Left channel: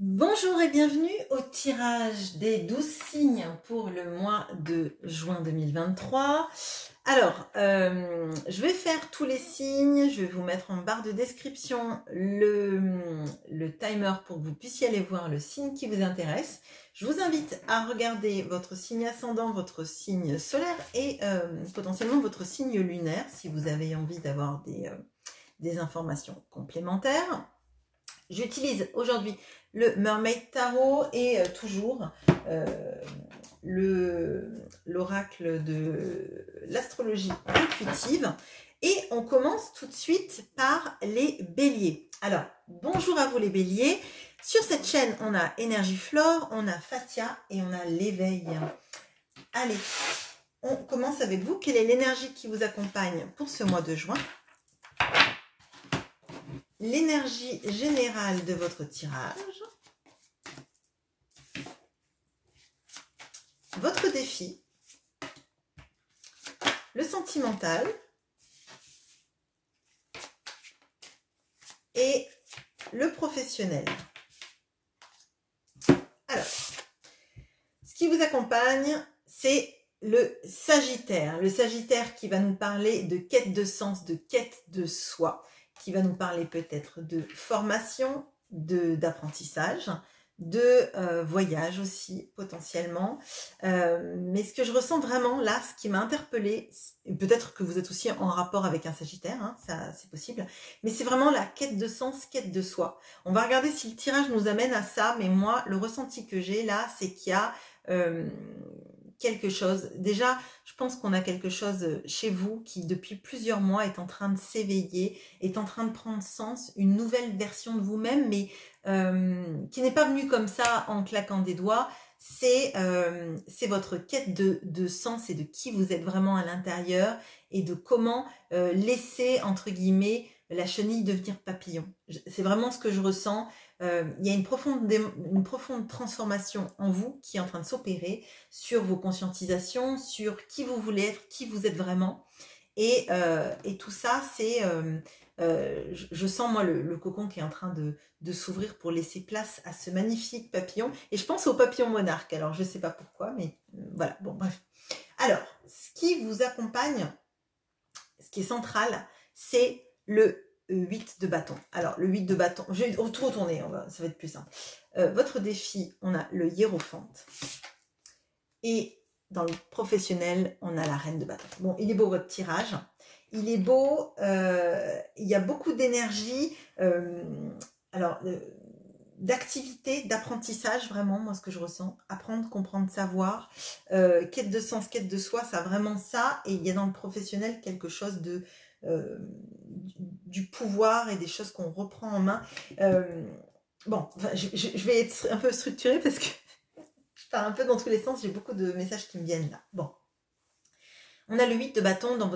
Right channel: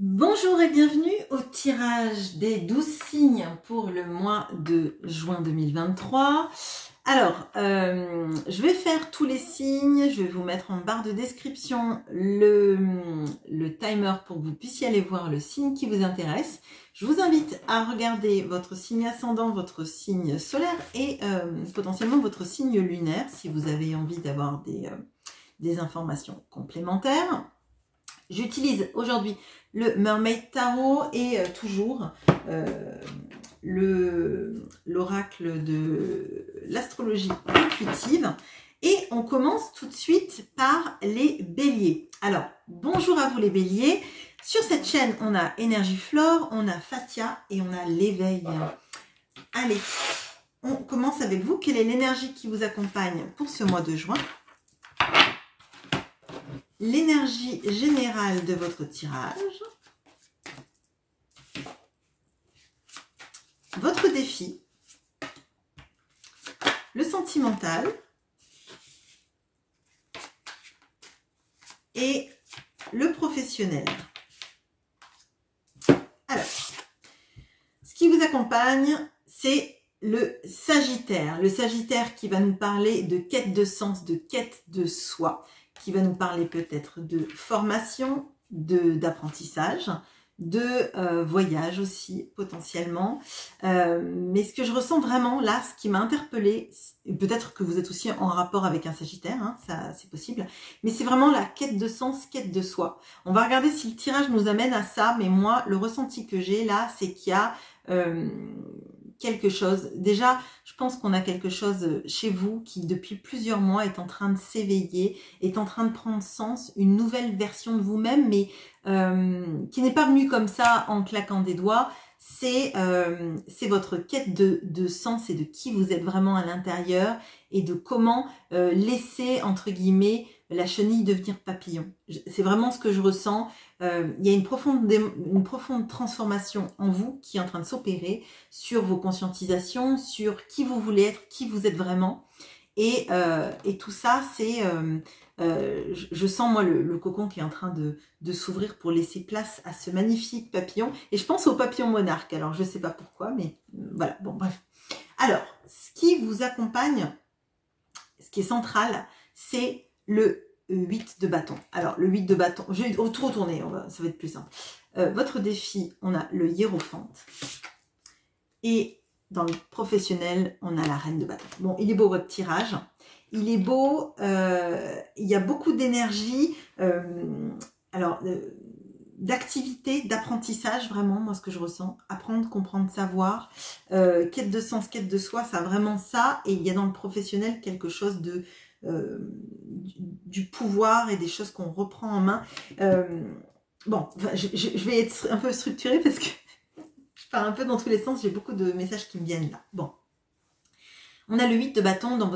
Bonjour et bienvenue au tirage des 12 signes pour le mois de juin 2023. Alors, je vais faire tous les signes, je vais vous mettre en barre de description le timer pour que vous puissiez aller voir le signe qui vous intéresse. Je vous invite à regarder votre signe ascendant, votre signe solaire et potentiellement votre signe lunaire si vous avez envie d'avoir des informations complémentaires. J'utilise aujourd'hui le Mermaid Tarot et toujours l'oracle de l'astrologie intuitive. Et on commence tout de suite par les béliers. Alors, bonjour à vous les béliers. Sur cette chaîne, on a Énergie Flore, on a Fatia et on a l'éveil. Allez, on commence avec vous. Quelle est l'énergie qui vous accompagne pour ce mois de juin ? L'énergie générale de votre tirage, votre défi, le sentimental et le professionnel. Alors, ce qui vous accompagne, c'est le Sagittaire. Le Sagittaire qui va nous parler de quête de sens, de quête de soi, qui va nous parler peut-être de formation, d'apprentissage, de voyage aussi potentiellement. Mais ce que je ressens vraiment là, ce qui m'a interpellée, peut-être que vous êtes aussi en rapport avec un Sagittaire, hein, ça c'est possible, mais c'est vraiment la quête de sens, quête de soi. On va regarder si le tirage nous amène à ça, mais moi, le ressenti que j'ai là, c'est qu'il y a quelque chose. Déjà, je pense qu'on a quelque chose chez vous qui, depuis plusieurs mois, est en train de s'éveiller, est en train de prendre sens, une nouvelle version de vous-même, mais qui n'est pas venue comme ça en claquant des doigts. C'est votre quête de sens et de qui vous êtes vraiment à l'intérieur et de comment laisser, entre guillemets, la chenille devenir papillon. C'est vraiment ce que je ressens. Il y a une profonde transformation en vous qui est en train de s'opérer sur vos conscientisations, sur qui vous voulez être, qui vous êtes vraiment. Et tout ça, c'est... je sens, moi, le cocon qui est en train de s'ouvrir pour laisser place à ce magnifique papillon. Et je pense au papillon monarque. Alors, je ne sais pas pourquoi, mais voilà. Bon, bref. Alors, ce qui vous accompagne, ce qui est central, c'est le 8 de bâton. Alors, le 8 de bâton, je vais tout retourner, ça va être plus simple. Votre défi, on a le hiérophante. Et dans le professionnel, on a la reine de bâton. Bon, il est beau votre tirage. Il est beau, il y a beaucoup d'énergie, d'activité, d'apprentissage, vraiment, moi, ce que je ressens. Apprendre, comprendre, savoir. Quête de sens, quête de soi, ça a vraiment ça. Et il y a dans le professionnel quelque chose de... du pouvoir et des choses qu'on reprend en main. Bon, enfin, je vais être un peu structurée parce que je parle un peu dans tous les sens, j'ai beaucoup de messages qui me viennent là. Bon, on a le 8 de bâton dans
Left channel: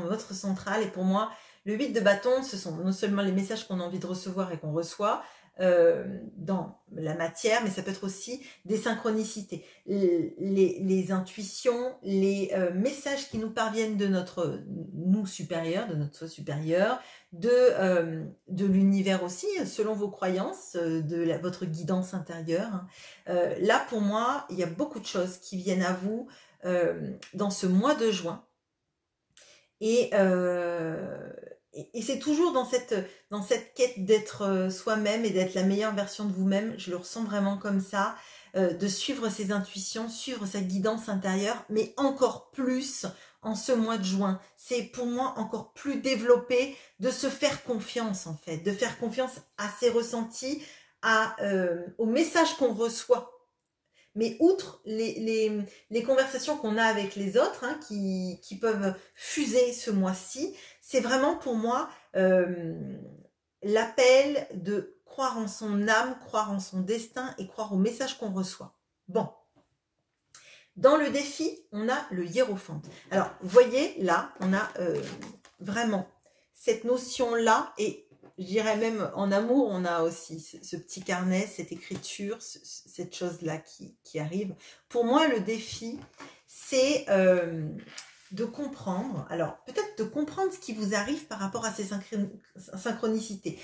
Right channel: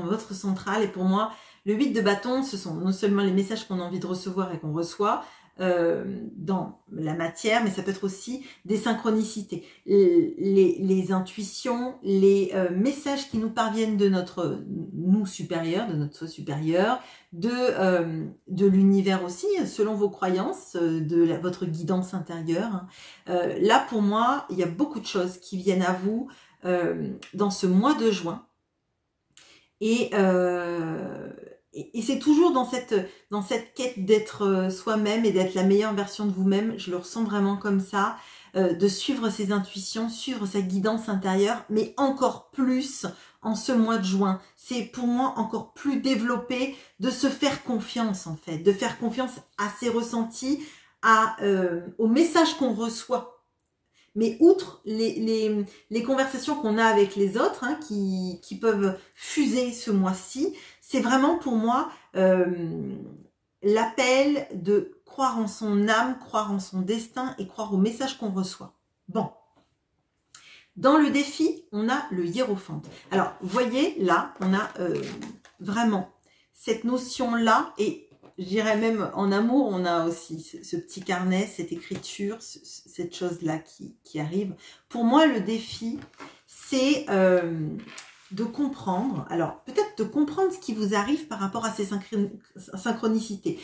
votre centrale et pour moi, le 8 de bâton, ce sont non seulement les messages qu'on a envie de recevoir et qu'on reçoit dans la matière, mais ça peut être aussi des synchronicités, les intuitions, les messages qui nous parviennent de notre nous supérieur, de notre soi supérieur, de l'univers aussi, selon vos croyances, votre guidance intérieure. Là, pour moi, il y a beaucoup de choses qui viennent à vous dans ce mois de juin. Et c'est toujours dans cette quête d'être soi-même et d'être la meilleure version de vous-même. Je le ressens vraiment comme ça, de suivre ses intuitions, suivre sa guidance intérieure, mais encore plus en ce mois de juin. C'est pour moi encore plus développé de se faire confiance en fait, de faire confiance à ses ressentis, aux messages qu'on reçoit. Mais outre les conversations qu'on a avec les autres, hein, qui peuvent fuser ce mois-ci, c'est vraiment pour moi l'appel de croire en son âme, croire en son destin et croire aux messages qu'on reçoit. Bon. Dans le défi, on a le hiérophante. Alors, vous voyez, là, on a vraiment cette notion-là et je dirais même en amour, on a aussi ce petit carnet, cette écriture, cette chose-là qui arrive. Pour moi, le défi, c'est de comprendre, alors peut-être de comprendre ce qui vous arrive par rapport à ces synchronicités.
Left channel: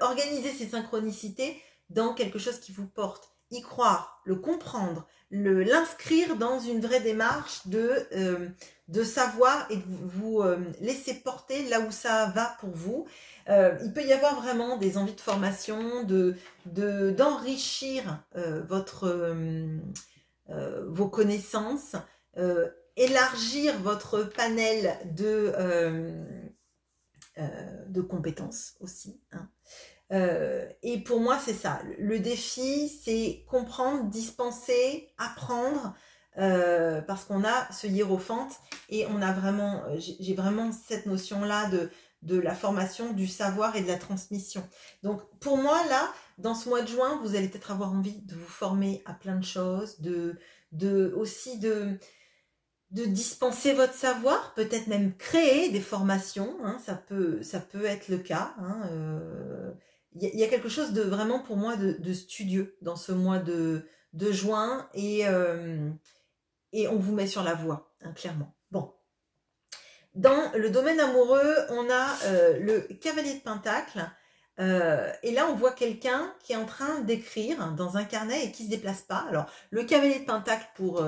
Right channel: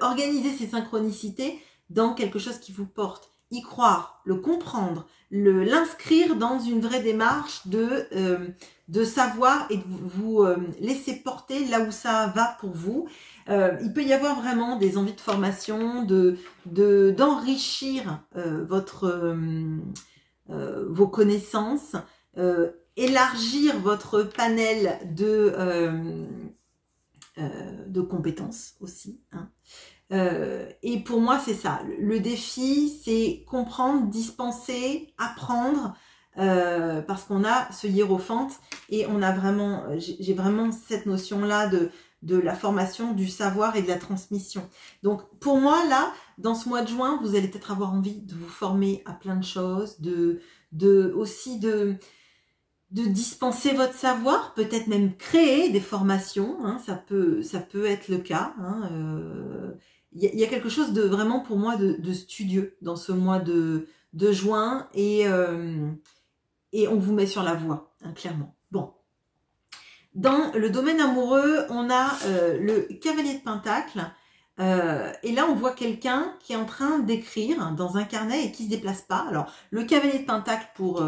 Organiser ces synchronicités, dans quelque chose qui vous porte, y croire, le comprendre, l'inscrire dans une vraie démarche de savoir et de vous laisser porter là où ça va pour vous. Il peut y avoir vraiment des envies de formation, d'enrichir vos connaissances, élargir votre panel de compétences aussi, hein. Et pour moi, c'est ça. Le défi, c'est comprendre, dispenser, apprendre, parce qu'on a ce hiérophante et on a vraiment, j'ai vraiment cette notion-là de la formation, du savoir et de la transmission. Donc, pour moi, là, dans ce mois de juin, vous allez peut-être avoir envie de vous former à plein de choses, aussi de dispenser votre savoir, peut-être même créer des formations, hein, ça peut être le cas, hein, y a quelque chose de vraiment pour moi de studieux dans ce mois de juin et on vous met sur la voie, hein, clairement. Bon. Dans le domaine amoureux, on a le cavalier de Pentacle. Et là, on voit quelqu'un qui est en train d'écrire dans un carnet et qui ne se déplace pas. Alors, le cavalier de Pentacle, pour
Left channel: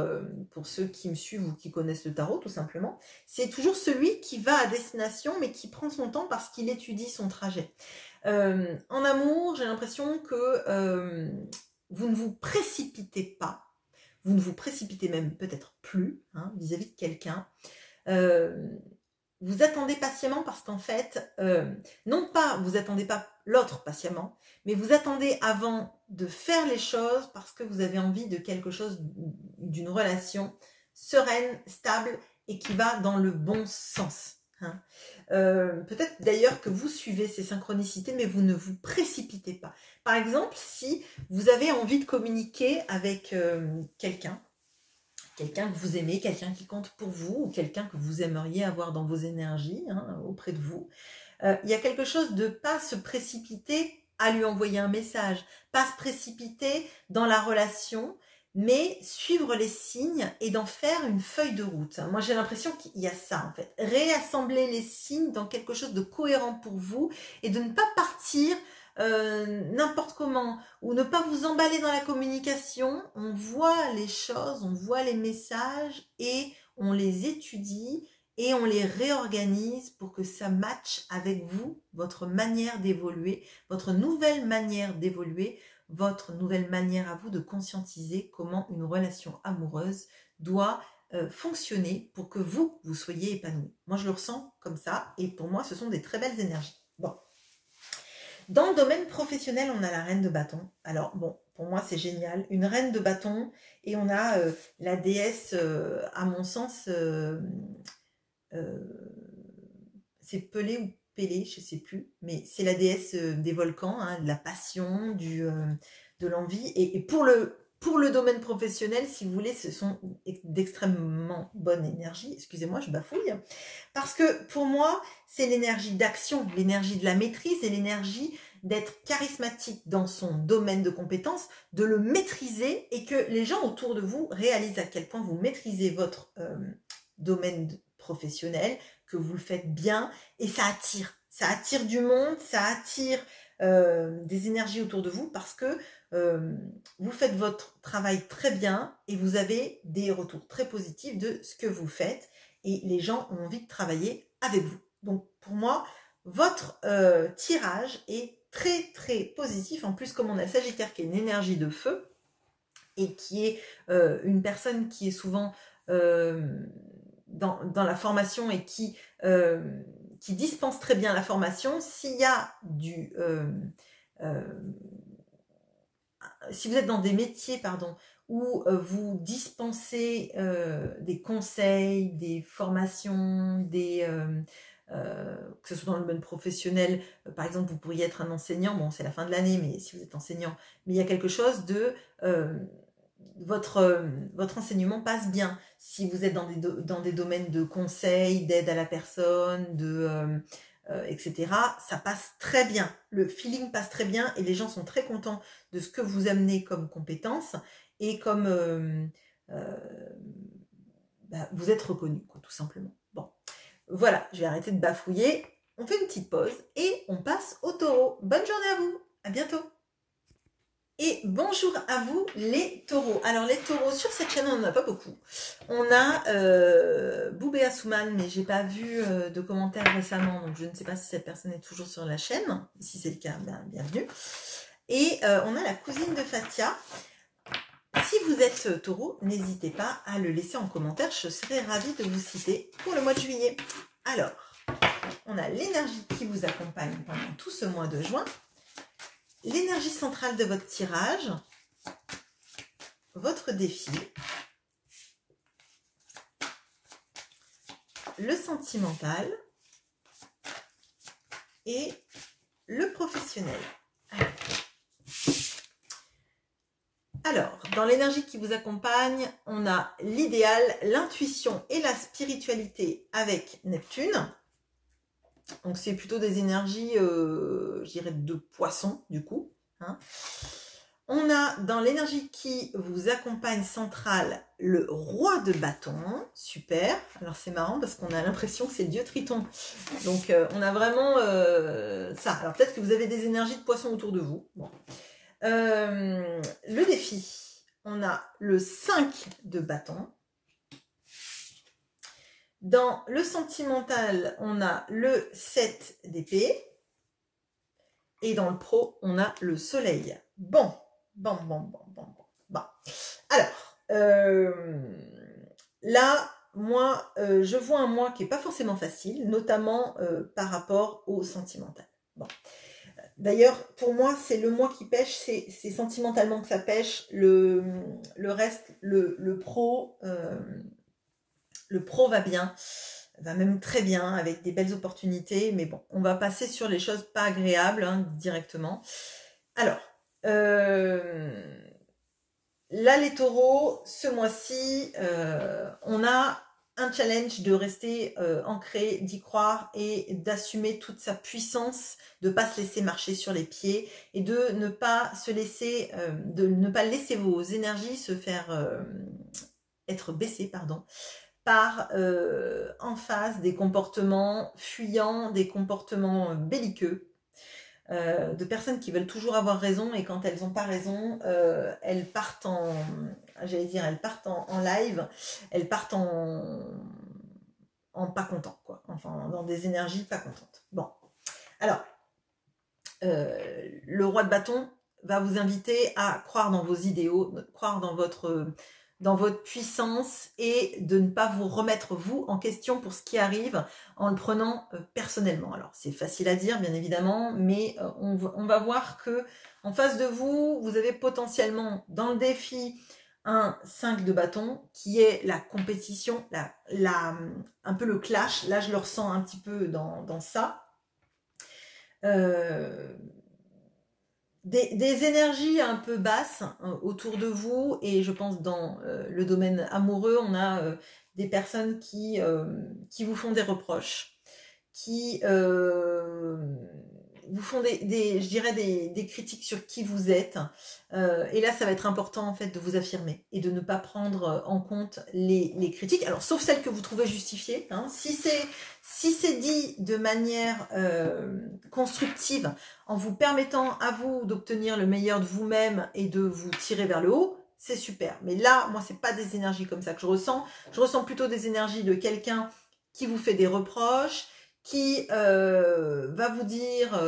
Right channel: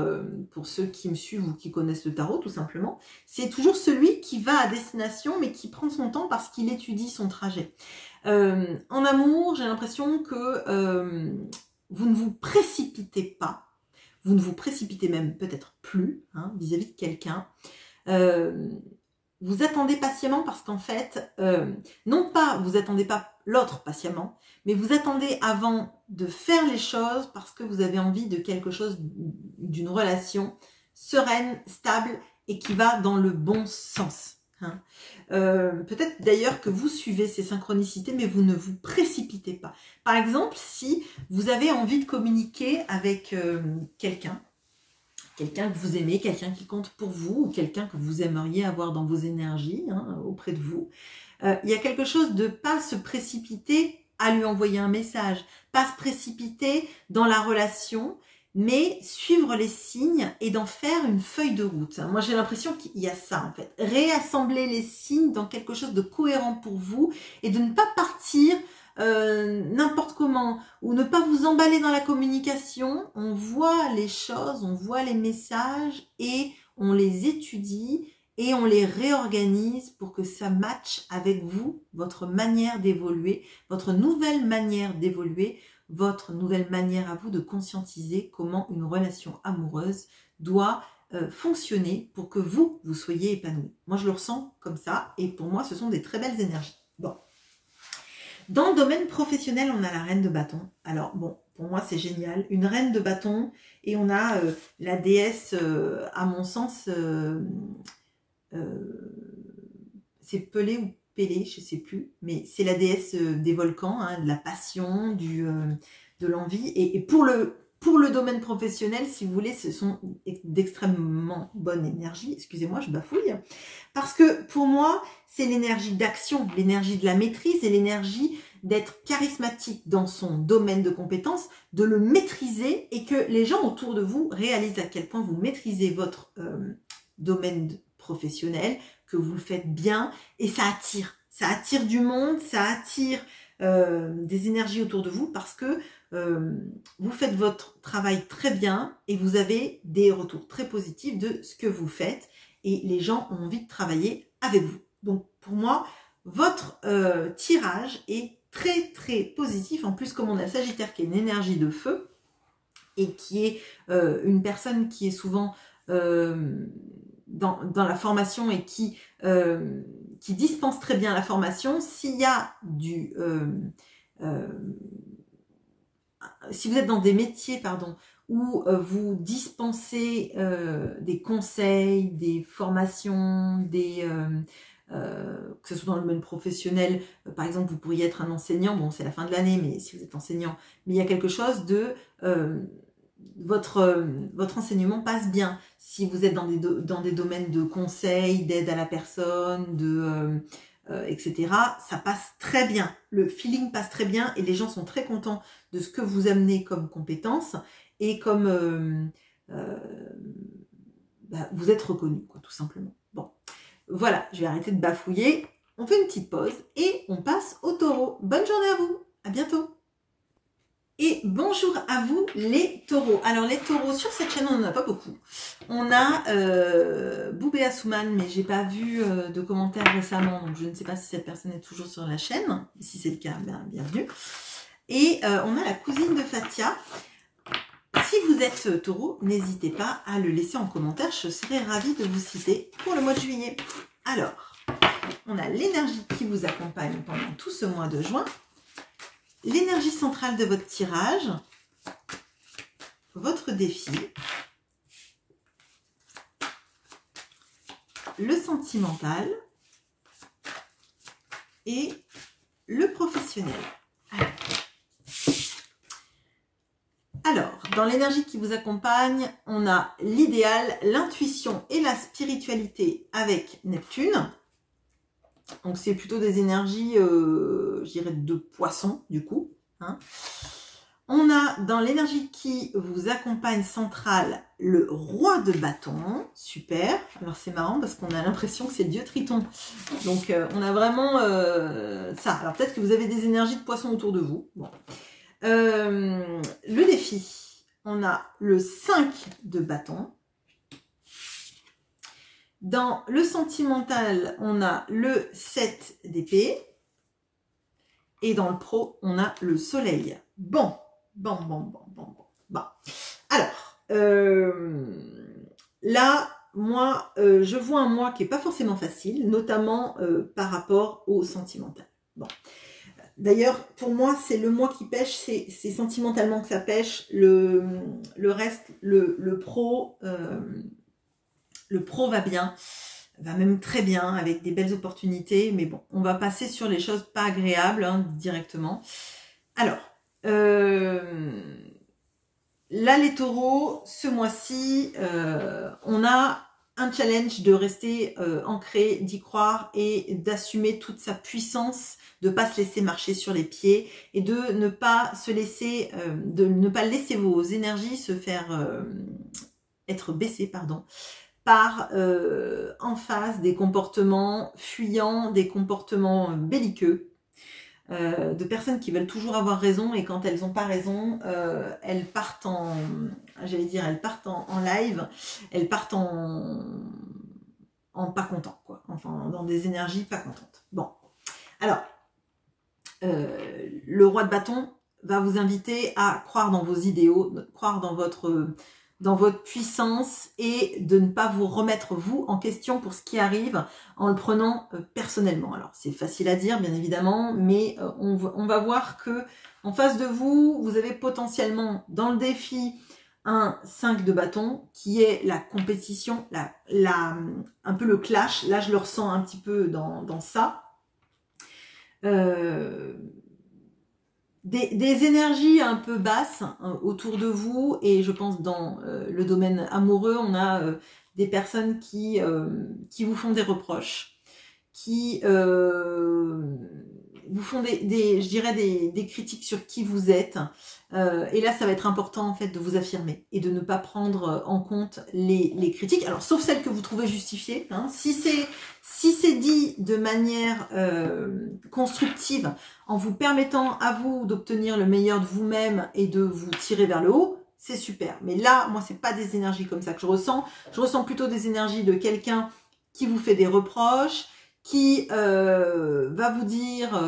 ceux qui me suivent ou qui connaissent le tarot, tout simplement, c'est toujours celui qui va à destination, mais qui prend son temps parce qu'il étudie son trajet. En amour, j'ai l'impression que vous ne vous précipitez pas. Vous ne vous précipitez même peut-être plus, hein, vis-à-vis de quelqu'un. Vous attendez patiemment parce qu'en fait, non pas vous attendez pas l'autre patiemment, mais vous attendez avant de faire les choses parce que vous avez envie de quelque chose, d'une relation sereine, stable et qui va dans le bon sens, hein. Peut-être d'ailleurs que vous suivez ces synchronicités, mais vous ne vous précipitez pas. Par exemple, si vous avez envie de communiquer avec quelqu'un que vous aimez, quelqu'un qui compte pour vous, ou quelqu'un que vous aimeriez avoir dans vos énergies, hein, auprès de vous, il y a quelque chose de pas se précipiter à lui envoyer un message, pas se précipiter dans la relation, mais suivre les signes et d'en faire une feuille de route. Moi, j'ai l'impression qu'il y a ça, en fait. Réassembler les signes dans quelque chose de cohérent pour vous et de ne pas partir n'importe comment, ou ne pas vous emballer dans la communication. On voit les choses, on voit les messages et on les étudie et on les réorganise pour que ça matche avec vous, votre manière d'évoluer, votre nouvelle manière d'évoluer, votre nouvelle manière à vous de conscientiser comment une relation amoureuse doit fonctionner pour que vous soyez épanoui. Moi, je le ressens comme ça et pour moi, ce sont des très belles énergies. Bon. Dans le domaine professionnel, on a la reine de bâton. Alors, bon, pour moi, c'est génial. Une reine de bâton et on a la déesse, à mon sens, c'est Pelée ou Pélée, je ne sais plus, mais c'est la déesse des volcans, hein, de la passion, de l'envie. Et pour le domaine professionnel, si vous voulez, ce sont d'extrêmement bonne énergie. Excusez-moi, je bafouille. Parce que pour moi, c'est l'énergie d'action, l'énergie de la maîtrise et l'énergie d'être charismatique dans son domaine de compétences, de le maîtriser et que les gens autour de vous réalisent à quel point vous maîtrisez votre domaine professionnel, que vous le faites bien et ça attire du monde, ça attire des énergies autour de vous parce que vous faites votre travail très bien et vous avez des retours très positifs de ce que vous faites et les gens ont envie de travailler avec vous. Donc pour moi, votre tirage est très très positif. En plus, comme on a Sagittaire qui est une énergie de feu et qui est une personne qui est souvent dans la formation et qui dispense très bien la formation, s'il y a si vous êtes dans des métiers, pardon, où vous dispensez des conseils, des formations, que ce soit dans le domaine professionnel, par exemple, vous pourriez être un enseignant, bon, c'est la fin de l'année, mais si vous êtes enseignant, mais il y a quelque chose de... votre enseignement passe bien. Si vous êtes dans des domaines de conseil, d'aide à la personne, etc., ça passe très bien. Le feeling passe très bien et les gens sont très contents de ce que vous amenez comme compétences et comme vous êtes reconnu, quoi, tout simplement. Bon, voilà, je vais arrêter de bafouiller. On fait une petite pause et on passe au taureau. Bonne journée à vous, à bientôt. Et bonjour à vous les taureaux. Alors les taureaux, sur cette chaîne on n'en a pas beaucoup. On a Boubé Assouman, mais j'ai pas vu de commentaires récemment, donc je ne sais pas si cette personne est toujours sur la chaîne. Si c'est le cas, bienvenue. Et on a la cousine de Fatia. Si vous êtes taureau, n'hésitez pas à le laisser en commentaire, je serai ravie de vous citer pour le mois de juillet. Alors, on a l'énergie qui vous accompagne pendant tout ce mois de juin. L'énergie centrale de votre tirage, votre défi, le sentimental et le professionnel. Alors, dans l'énergie qui vous accompagne, on a l'idéal, l'intuition et la spiritualité avec Neptune. Donc, c'est plutôt des énergies, je dirais, de poisson, du coup. Hein. On a dans l'énergie qui vous accompagne centrale, le roi de bâton. Super. Alors, c'est marrant parce qu'on a l'impression que c'est le dieu Triton. Donc, on a vraiment ça. Alors, peut-être que vous avez des énergies de poisson autour de vous. Bon. Le défi, on a le 5 de bâton. Dans le sentimental, on a le 7 d'épée. Et dans le pro, on a le soleil. Bon. Alors, là, moi, je vois un mois qui n'est pas forcément facile, notamment par rapport au sentimental. Bon. D'ailleurs, pour moi, c'est le mois qui pêche, c'est sentimentalement que ça pêche. Le reste, le pro va bien, va même très bien, avec des belles opportunités. Mais bon, on va passer sur les choses pas agréables hein, directement. Alors, là, les taureaux, ce mois-ci, on a un challenge de rester ancré, d'y croire et d'assumer toute sa puissance, de ne pas se laisser marcher sur les pieds et de ne pas se laisser, laisser vos énergies se faire être baissées, pardon, par en face des comportements fuyants, des comportements belliqueux, de personnes qui veulent toujours avoir raison et quand elles n'ont pas raison, elles partent en, j'allais dire, elles partent en live, elles partent en pas content, quoi. Enfin, dans des énergies pas contentes. Bon, alors, le roi de bâton va vous inviter à croire dans vos idéaux, croire dans votre puissance et de ne pas vous remettre vous en question pour ce qui arrive en le prenant personnellement. Alors c'est facile à dire bien évidemment, mais on va voir que en face de vous, vous avez potentiellement dans le défi un 5 de bâton qui est la compétition, un peu le clash. Là je le ressens un petit peu dans ça. Des énergies un peu basses autour de vous et je pense dans le domaine amoureux, on a des personnes qui vous font des reproches, qui vous font je dirais des critiques sur qui vous êtes et là ça va être important en fait de vous affirmer et de ne pas prendre en compte les critiques, alors sauf celles que vous trouvez justifiées hein. Si c'est dit de manière constructive en vous permettant à vous d'obtenir le meilleur de vous-même et de vous tirer vers le haut, c'est super. Mais là, moi, c'est pas des énergies comme ça que je ressens. Je ressens plutôt des énergies de quelqu'un qui vous fait des reproches, qui va vous dire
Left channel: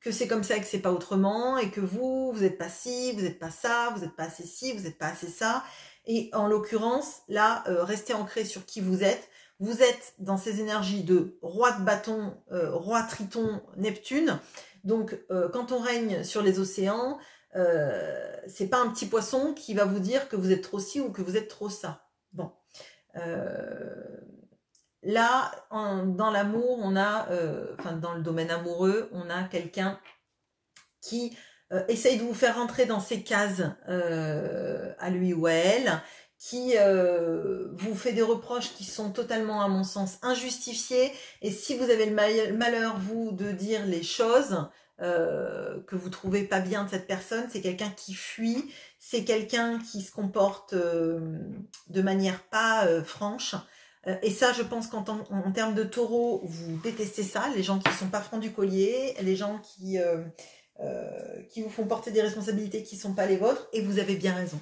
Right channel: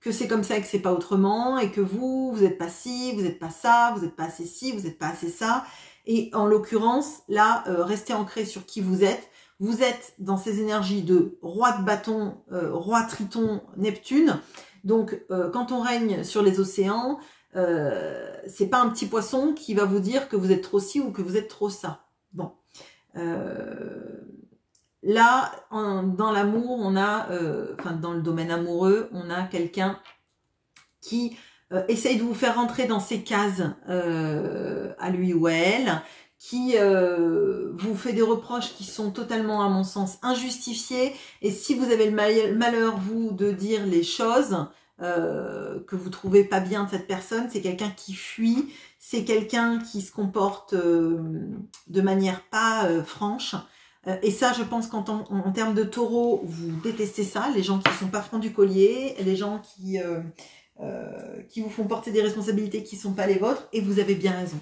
que c'est comme ça et que c'est pas autrement, et que vous n'êtes pas ci, vous n'êtes pas ça, vous n'êtes pas assez ci, vous n'êtes pas assez ça. Et en l'occurrence, là, restez ancré sur qui vous êtes. Vous êtes dans ces énergies de roi de bâton, roi Triton, Neptune. Donc, quand on règne sur les océans, c'est pas un petit poisson qui va vous dire que vous êtes trop ci ou que vous êtes trop ça. Bon. Là, dans l'amour, on a, enfin, dans le domaine amoureux, on a quelqu'un qui essaye de vous faire rentrer dans ses cases à lui ou à elle, qui vous fait des reproches qui sont totalement, à mon sens, injustifiés. Et si vous avez le malheur, vous, de dire les choses que vous trouvez pas bien de cette personne, c'est quelqu'un qui fuit, c'est quelqu'un qui se comporte de manière pas franche. Et ça, je pense qu'en termes de taureau, vous détestez ça, les gens qui ne sont pas francs du collier, les gens qui qui vous font porter des responsabilités qui ne sont pas les vôtres, et vous avez bien raison.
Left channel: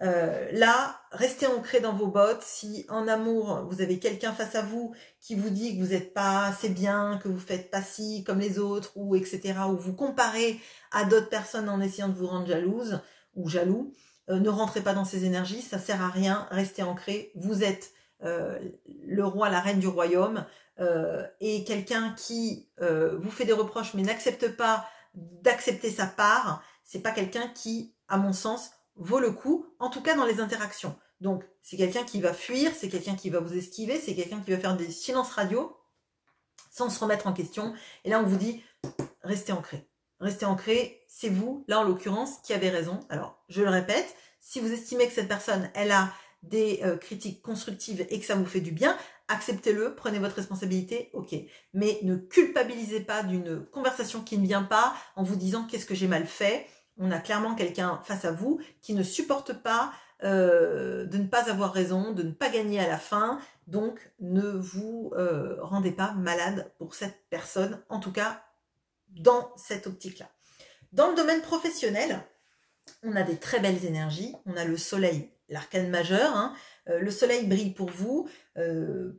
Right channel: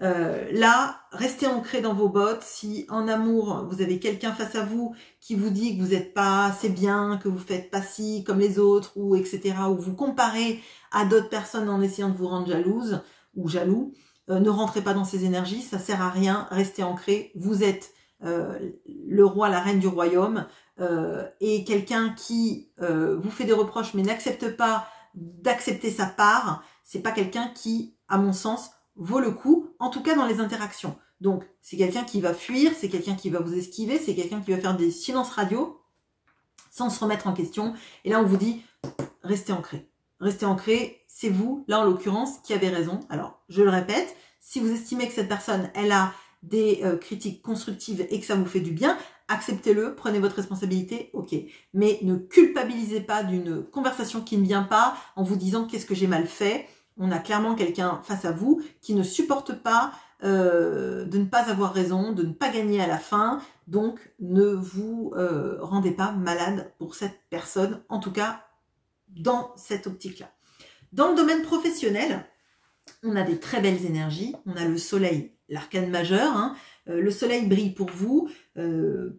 Là, restez ancré dans vos bottes. Si en amour, vous avez quelqu'un face à vous qui vous dit que vous n'êtes pas assez bien, que vous faites pas ci comme les autres, ou etc., ou vous comparez à d'autres personnes en essayant de vous rendre jalouse ou jaloux, ne rentrez pas dans ces énergies, ça sert à rien, restez ancré. Vous êtes le roi, la reine du royaume, et quelqu'un qui vous fait des reproches mais n'accepte pas d'accepter sa part, c'est pas quelqu'un qui, à mon sens, vaut le coup, en tout cas dans les interactions. Donc, c'est quelqu'un qui va fuir, c'est quelqu'un qui va vous esquiver, c'est quelqu'un qui va faire des silences radio sans se remettre en question. Et là, on vous dit, restez ancré. Restez ancré, c'est vous, là en l'occurrence, qui avez raison. Alors, je le répète, si vous estimez que cette personne, elle a des critiques constructives et que ça vous fait du bien, acceptez-le, prenez votre responsabilité, ok. Mais ne culpabilisez pas d'une conversation qui ne vient pas en vous disant qu'est-ce que j'ai mal fait. On a clairement quelqu'un face à vous qui ne supporte pas de ne pas avoir raison, de ne pas gagner à la fin. Donc, ne vous rendez pas malade pour cette personne, en tout cas dans cette optique-là. Dans le domaine professionnel, on a des très belles énergies. On a le soleil, l'arcane majeur. Hein. Le soleil brille pour vous.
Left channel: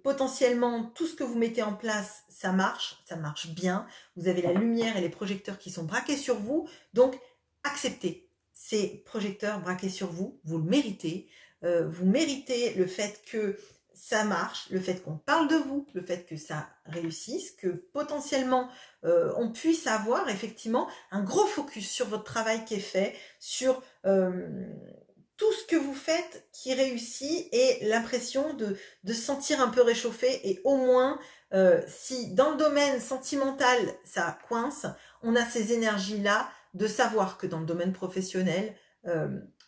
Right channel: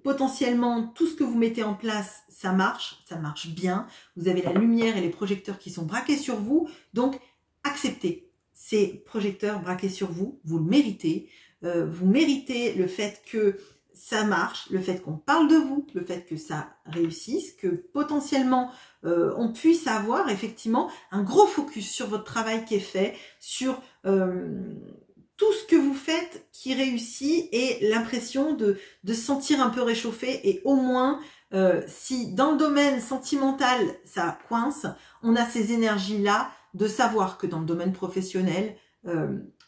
Potentiellement, tout ce que vous mettez en place, ça marche bien. Vous avez la lumière et les projecteurs qui sont braqués sur vous. Donc, acceptez ces projecteurs braqués sur vous, vous le méritez. Vous méritez le fait que ça marche, le fait qu'on parle de vous, le fait que ça réussisse, que potentiellement on puisse avoir effectivement un gros focus sur votre travail qui est fait, sur tout ce que vous faites qui réussit et l'impression de se sentir un peu réchauffé. Et au moins, si dans le domaine sentimental ça coince, on a ces énergies-là de savoir que dans le domaine professionnel,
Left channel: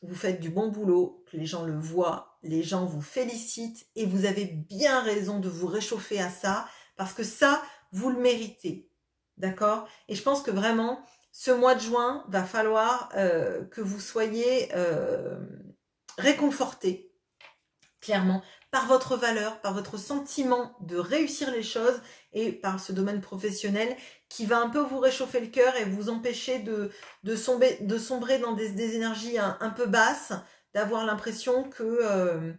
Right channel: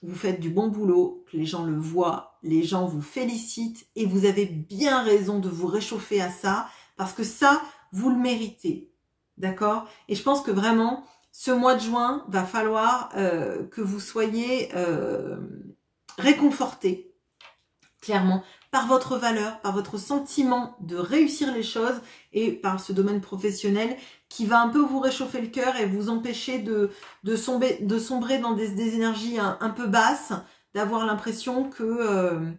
vous faites du bon boulot, que les gens le voient, les gens vous félicitent et vous avez bien raison de vous réchauffer à ça parce que ça, vous le méritez. D'accord? Et je pense que vraiment, ce mois de juin, va falloir que vous soyez réconfortés, clairement, par votre valeur, par votre sentiment de réussir les choses et par ce domaine professionnel qui va un peu vous réchauffer le cœur et vous empêcher de sombrer dans des énergies un peu basses, d'avoir l'impression que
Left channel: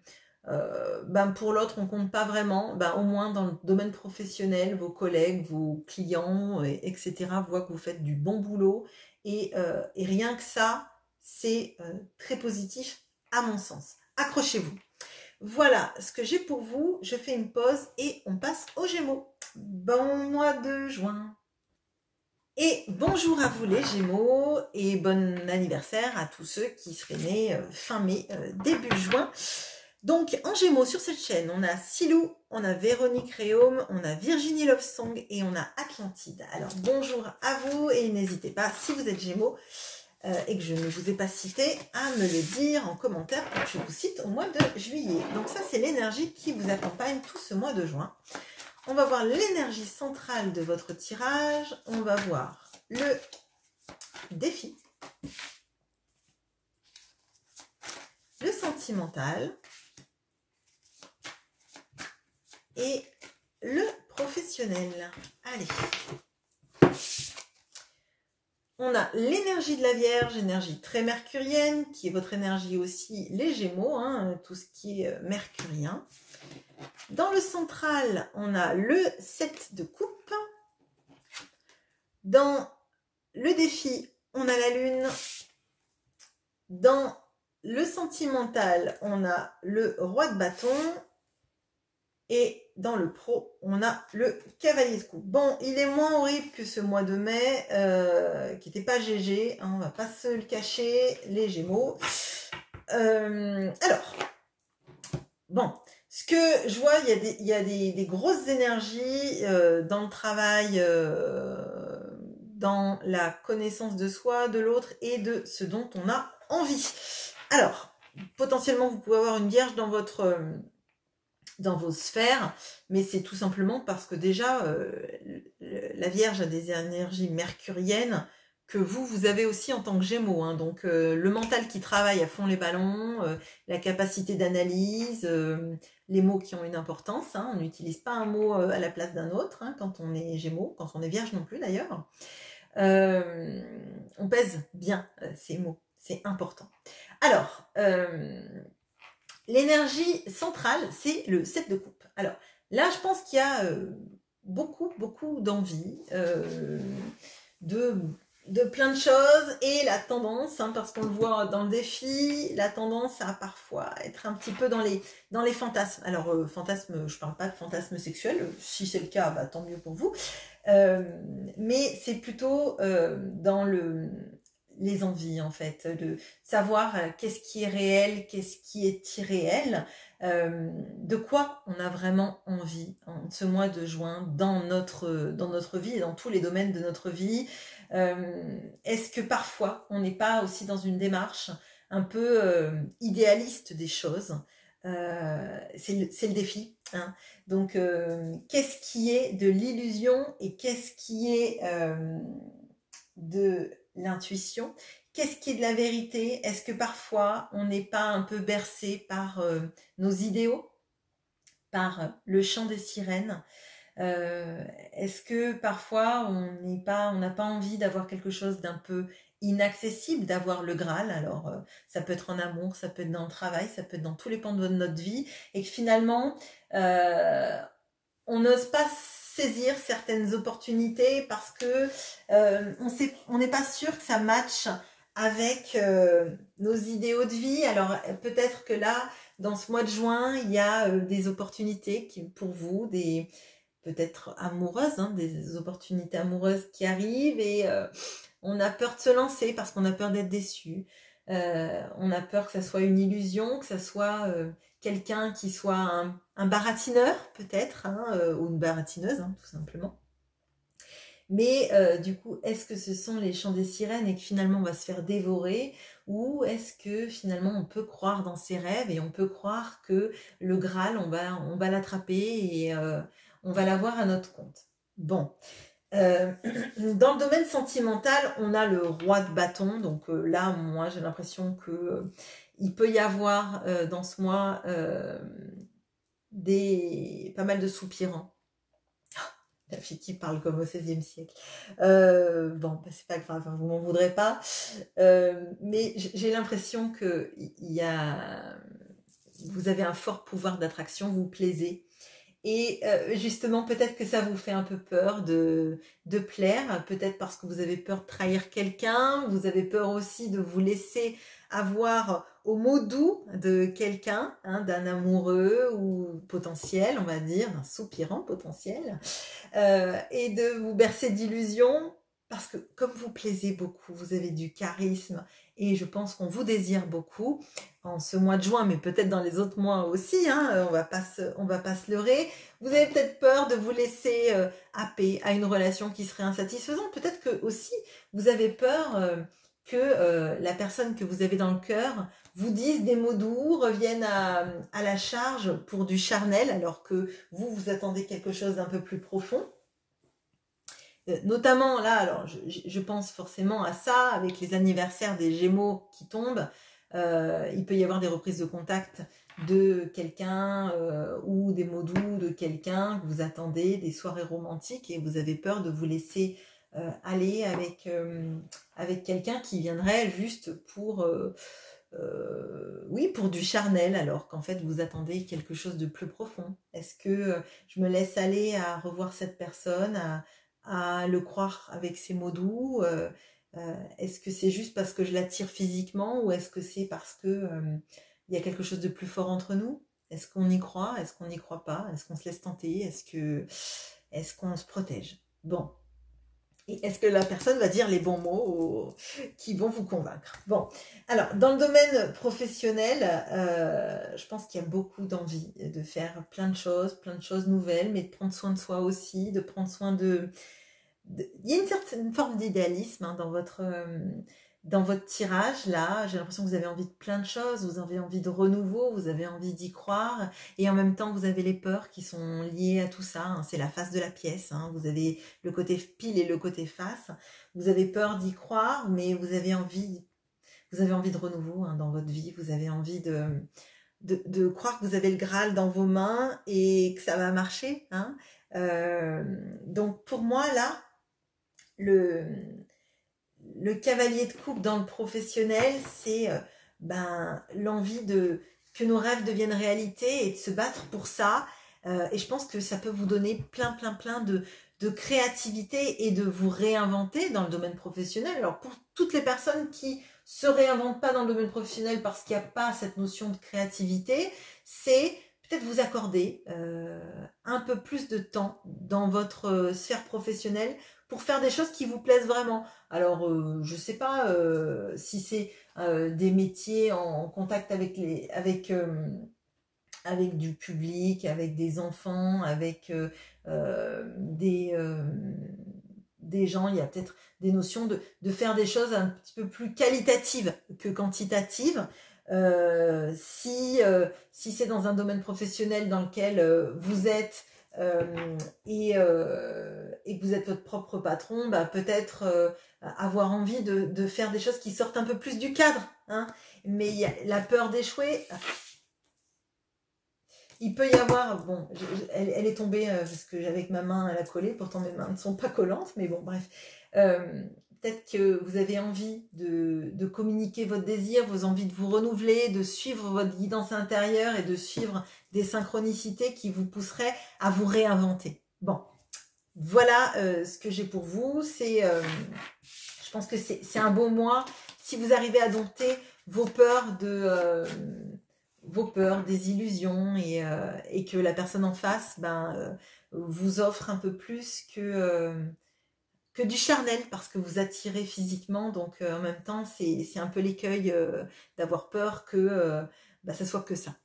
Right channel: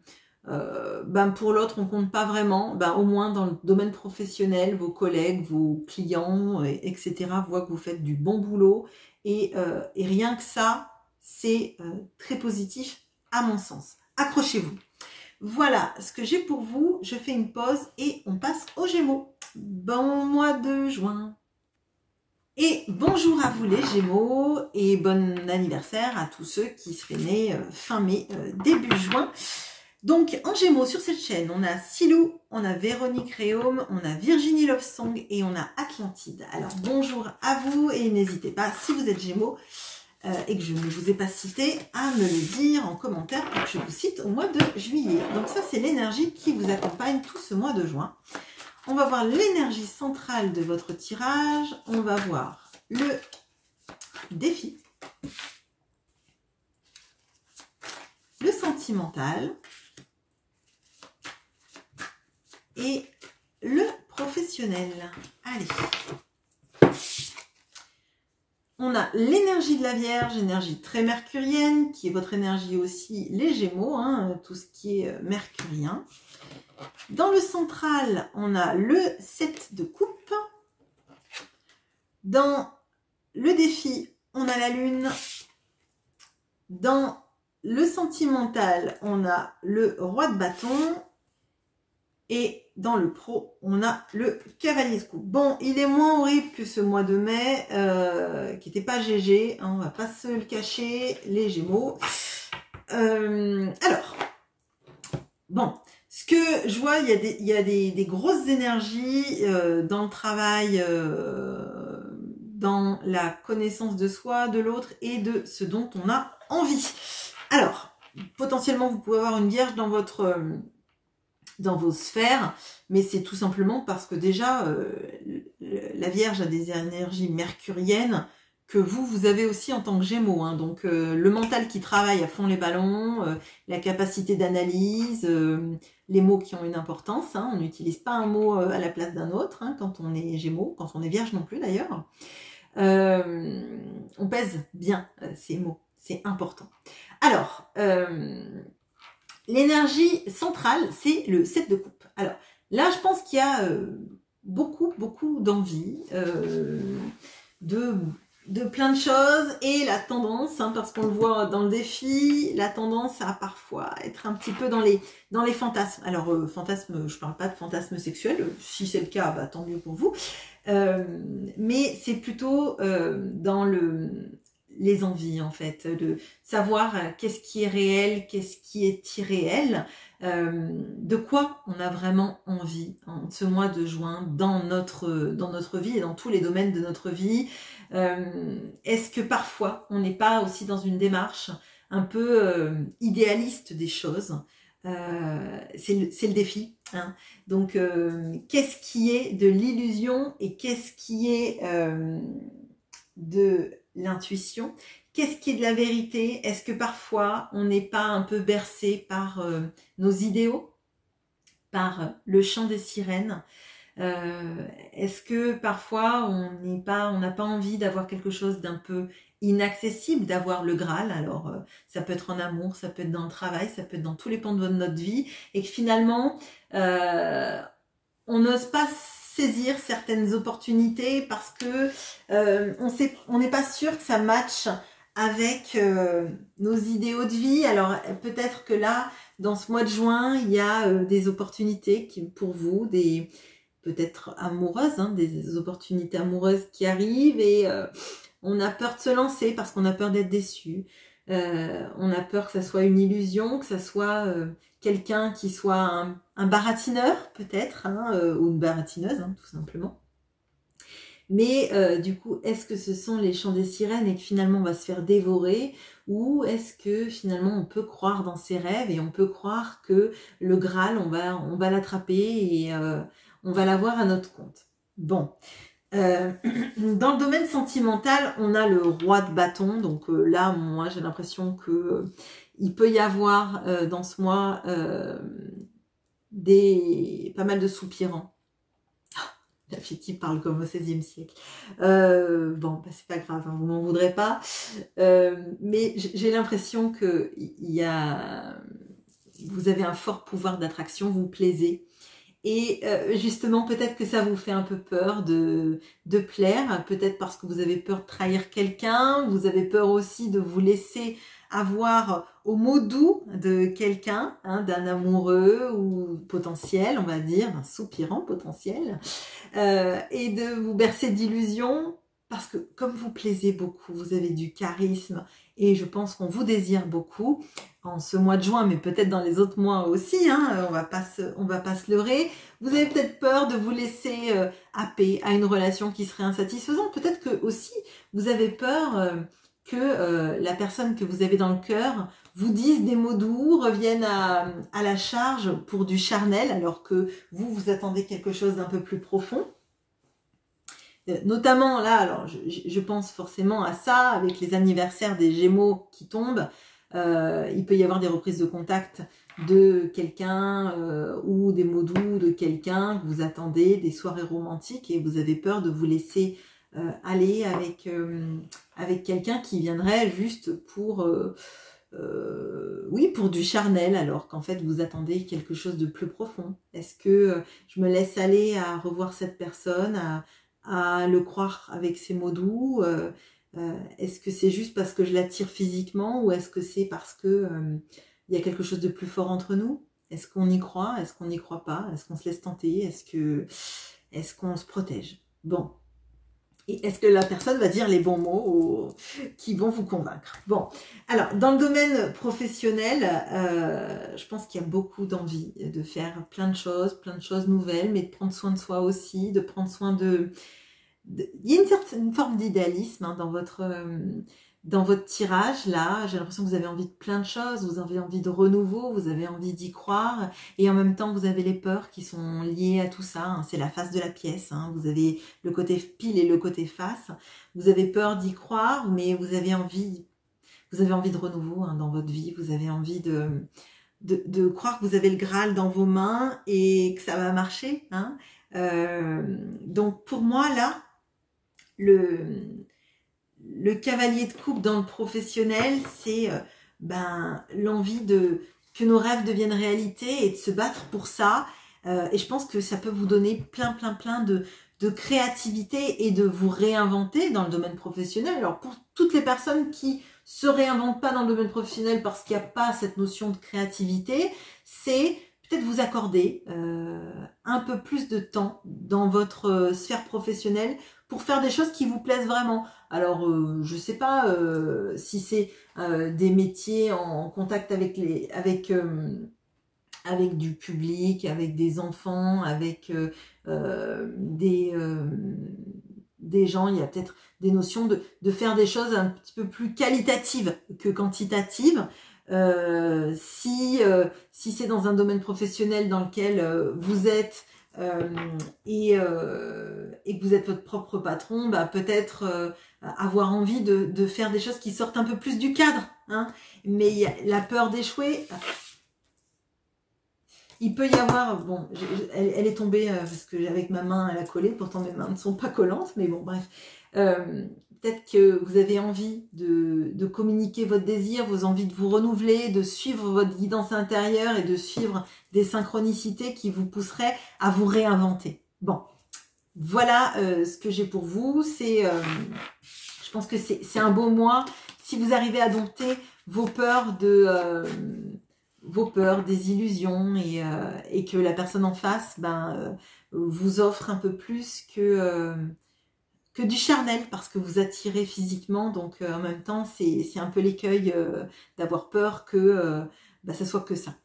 pour l'autre on compte pas vraiment. Au moins dans le domaine professionnel, vos collègues, vos clients, etc. voient que vous faites du bon boulot et rien que ça, c'est très positif à mon sens. Accrochez-vous. Voilà ce que j'ai pour vous. Je fais une pause et on passe aux Gémeaux. Bon mois de juin. Et bonjour à vous les Gémeaux et bon anniversaire à tous ceux qui seraient nés fin mai, début juin. Donc en Gémeaux sur cette chaîne, on a Silou, on a Véronique Réaume, on a Virginie Lovesong et on a Atlantide. Alors bonjour à vous et n'hésitez pas, si vous êtes Gémeaux et que je ne vous ai pas cité, à me le dire en commentaire pour que je vous cite au mois de juillet. Donc ça c'est l'énergie qui vous accompagne tout ce mois de juin. On va voir l'énergie centrale de votre tirage. On va voir le défi, le sentimental et le professionnel. Allez. On a l'énergie de la Vierge, énergie très mercurienne, qui est votre énergie aussi, les Gémeaux, hein, tout ce qui est mercurien. Dans le central, on a le 7 de coupe. Dans le défi, on a la lune. Dans le sentimental, on a le roi de bâton. Et dans le pro, on a le cavalier de coupe. Bon, il est moins horrible que ce mois de mai, qui n'était pas GG. Hein, on ne va pas se le cacher, les Gémeaux. Alors, bon... Ce que je vois, il y a des grosses énergies dans le travail, dans la connaissance de soi, de l'autre et de ce dont on a envie. Alors, potentiellement, vous pouvez avoir une vierge dans vos sphères, mais c'est tout simplement parce que déjà, la vierge a des énergies mercuriennes que vous avez aussi en tant que Gémeaux. Hein. Donc, le mental qui travaille à fond les ballons, la capacité d'analyse, les mots qui ont une importance. Hein. On n'utilise pas un mot à la place d'un autre hein, quand on est Gémeaux, quand on est Vierge non plus d'ailleurs. On pèse bien ces mots, c'est important. Alors, l'énergie centrale, c'est le 7 de coupe. Alors, là, je pense qu'il y a beaucoup d'envie de plein de choses et la tendance, hein, parce qu'on le voit dans le défi, la tendance à parfois être un petit peu dans les fantasmes. Alors, fantasmes, je parle pas de fantasmes sexuels, si c'est le cas, bah, tant mieux pour vous. Mais c'est plutôt dans les envies, en fait, de savoir qu'est-ce qui est réel, qu'est-ce qui est irréel, de quoi on a vraiment envie en ce mois de juin dans notre vie et dans tous les domaines de notre vie. Est-ce que parfois on n'est pas aussi dans une démarche un peu idéaliste des choses? C'est le défi, hein. Donc qu'est-ce qui est de l'illusion et qu'est-ce qui est de l'intuition? Qu'est-ce qui est de la vérité? Est-ce que parfois on n'est pas un peu bercé par nos idéaux, par le chant des sirènes? Est-ce que parfois on n'a pas envie d'avoir quelque chose d'un peu inaccessible, d'avoir le Graal? Alors ça peut être en amour, ça peut être dans le travail, ça peut être dans tous les pans de notre vie, et que finalement on n'ose pas saisir certaines opportunités parce que on n'est pas sûr que ça matche avec nos idéaux de vie. Alors peut-être que là, dans ce mois de juin, il y a des opportunités pour vous, peut-être amoureuses, hein, des opportunités amoureuses qui arrivent et on a peur de se lancer parce qu'on a peur d'être déçu. On a peur que ça soit une illusion, que ça soit quelqu'un qui soit un baratineur peut-être, hein, ou une baratineuse, hein, tout simplement. Mais du coup, est-ce que ce sont les chants des sirènes et que finalement on va se faire dévorer, ou est-ce que finalement on peut croire dans ses rêves et on peut croire que le Graal, on va l'attraper et on va l'avoir à notre compte? Bon. Dans le domaine sentimental, on a le roi de bâton. Donc là, moi, j'ai l'impression que il peut y avoir dans ce mois pas mal de soupirants. La fille qui parle comme au XVIe siècle. Bon, bah, c'est pas grave, hein, vous m'en voudrez pas. Mais j'ai l'impression que vous avez un fort pouvoir d'attraction, vous plaisez. Et justement, peut-être que ça vous fait un peu peur de plaire, peut-être parce que vous avez peur de trahir quelqu'un, vous avez peur aussi de vous laisser avoir au mot doux de quelqu'un, hein, d'un amoureux ou potentiel, on va dire, d'un soupirant potentiel, et de vous bercer d'illusions, parce que comme vous plaisez beaucoup, vous avez du charisme, et je pense qu'on vous désire beaucoup en ce mois de juin, mais peut-être dans les autres mois aussi, hein, on va pas se leurrer. Vous avez peut-être peur de vous laisser happer à une relation qui serait insatisfaisante. Peut-être que aussi vous avez peur que la personne que vous avez dans le cœur vous dise des mots doux, revienne à la charge pour du charnel, alors que vous attendez quelque chose d'un peu plus profond. Notamment là, alors je pense forcément à ça, avec les anniversaires des Gémeaux qui tombent, il peut y avoir des reprises de contact de quelqu'un ou des mots doux de quelqu'un que vous attendez, des soirées romantiques, et vous avez peur de vous laisser aller avec quelqu'un qui viendrait juste pour pour du charnel, alors qu'en fait vous attendez quelque chose de plus profond. Est-ce que je me laisse aller à revoir cette personne, à le croire avec ses mots doux? Est-ce que c'est juste parce que je l'attire physiquement, ou est-ce que c'est parce que il y a quelque chose de plus fort entre nous? Est-ce qu'on y croit? Est-ce qu'on n'y croit pas? Est-ce qu'on se laisse tenter? Est-ce qu'on se protège? Bon. Et est-ce que la personne va dire les bons mots qui vont vous convaincre? Bon, alors dans le domaine professionnel, je pense qu'il y a beaucoup d'envie de faire plein de choses nouvelles, mais de prendre soin de soi aussi, de prendre soin il y a une certaine forme d'idéalisme, hein, dans votre tirage là. J'ai l'impression que vous avez envie de plein de choses, vous avez envie de renouveau, vous avez envie d'y croire, et en même temps vous avez les peurs qui sont liées à tout ça, hein. C'est la face de la pièce, hein. Vous avez le côté pile et le côté face. Vous avez peur d'y croire, mais vous avez envie de renouveau, hein, dans votre vie. Vous avez envie de croire que vous avez le Graal dans vos mains et que ça va marcher, hein. Donc pour moi là, le cavalier de coupe dans le professionnel, c'est l'envie que nos rêves deviennent réalité et de se battre pour ça. Et je pense que ça peut vous donner plein de créativité et de vous réinventer dans le domaine professionnel. Alors pour toutes les personnes qui se réinventent pas dans le domaine professionnel parce qu'il n'y a pas cette notion de créativité, c'est peut-être vous accorder un peu plus de temps dans votre sphère professionnelle pour faire des choses qui vous plaisent vraiment. Alors, je sais pas si c'est des métiers en contact avec du public, avec des enfants, avec des gens. Il y a peut-être des notions de faire des choses un petit peu plus qualitatives que quantitatives. Si c'est dans un domaine professionnel dans lequel vous êtes et que vous êtes votre propre patron, peut-être avoir envie de faire des choses qui sortent un peu plus du cadre, hein. Mais la peur d'échouer, il peut y avoir, bon, elle est tombée parce que avec ma main elle a collé, pourtant mes mains ne sont pas collantes, mais bon bref, peut-être que vous avez envie de communiquer votre désir, vos envies de vous renouveler, de suivre votre guidance intérieure et de suivre des synchronicités qui vous pousseraient à vous réinventer. Bon, voilà ce que j'ai pour vous. Je pense que c'est un beau mois. Si vous arrivez à dompter vos peurs des illusions et que la personne en face vous offre un peu plus que du charnel parce que vous attirez physiquement. Donc en même temps, c'est un peu l'écueil d'avoir peur que ça soit que ça.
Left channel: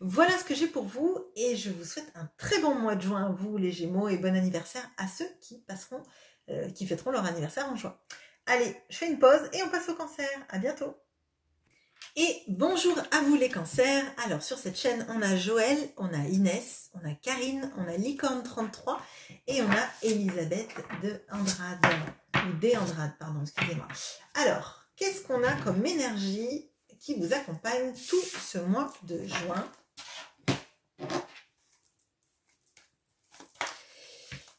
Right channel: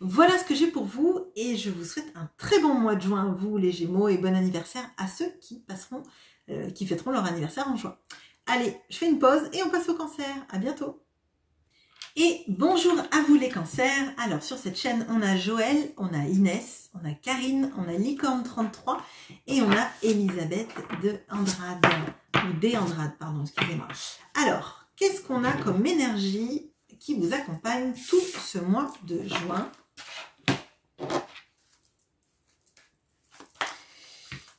Voilà ce que j'ai pour vous et je vous souhaite un très bon mois de juin, vous les Gémeaux, et bon anniversaire à ceux qui fêteront leur anniversaire en juin. Allez, je fais une pause et on passe au Cancer. À bientôt. Et bonjour à vous les Cancers. Alors sur cette chaîne, on a Joël, on a Inès, on a Karine, on a Licorne33 et on a Elisabeth de Andrade, ou des Andrade, pardon, excusez-moi. Alors, qu'est-ce qu'on a comme énergie qui vous accompagne tout ce mois de juin?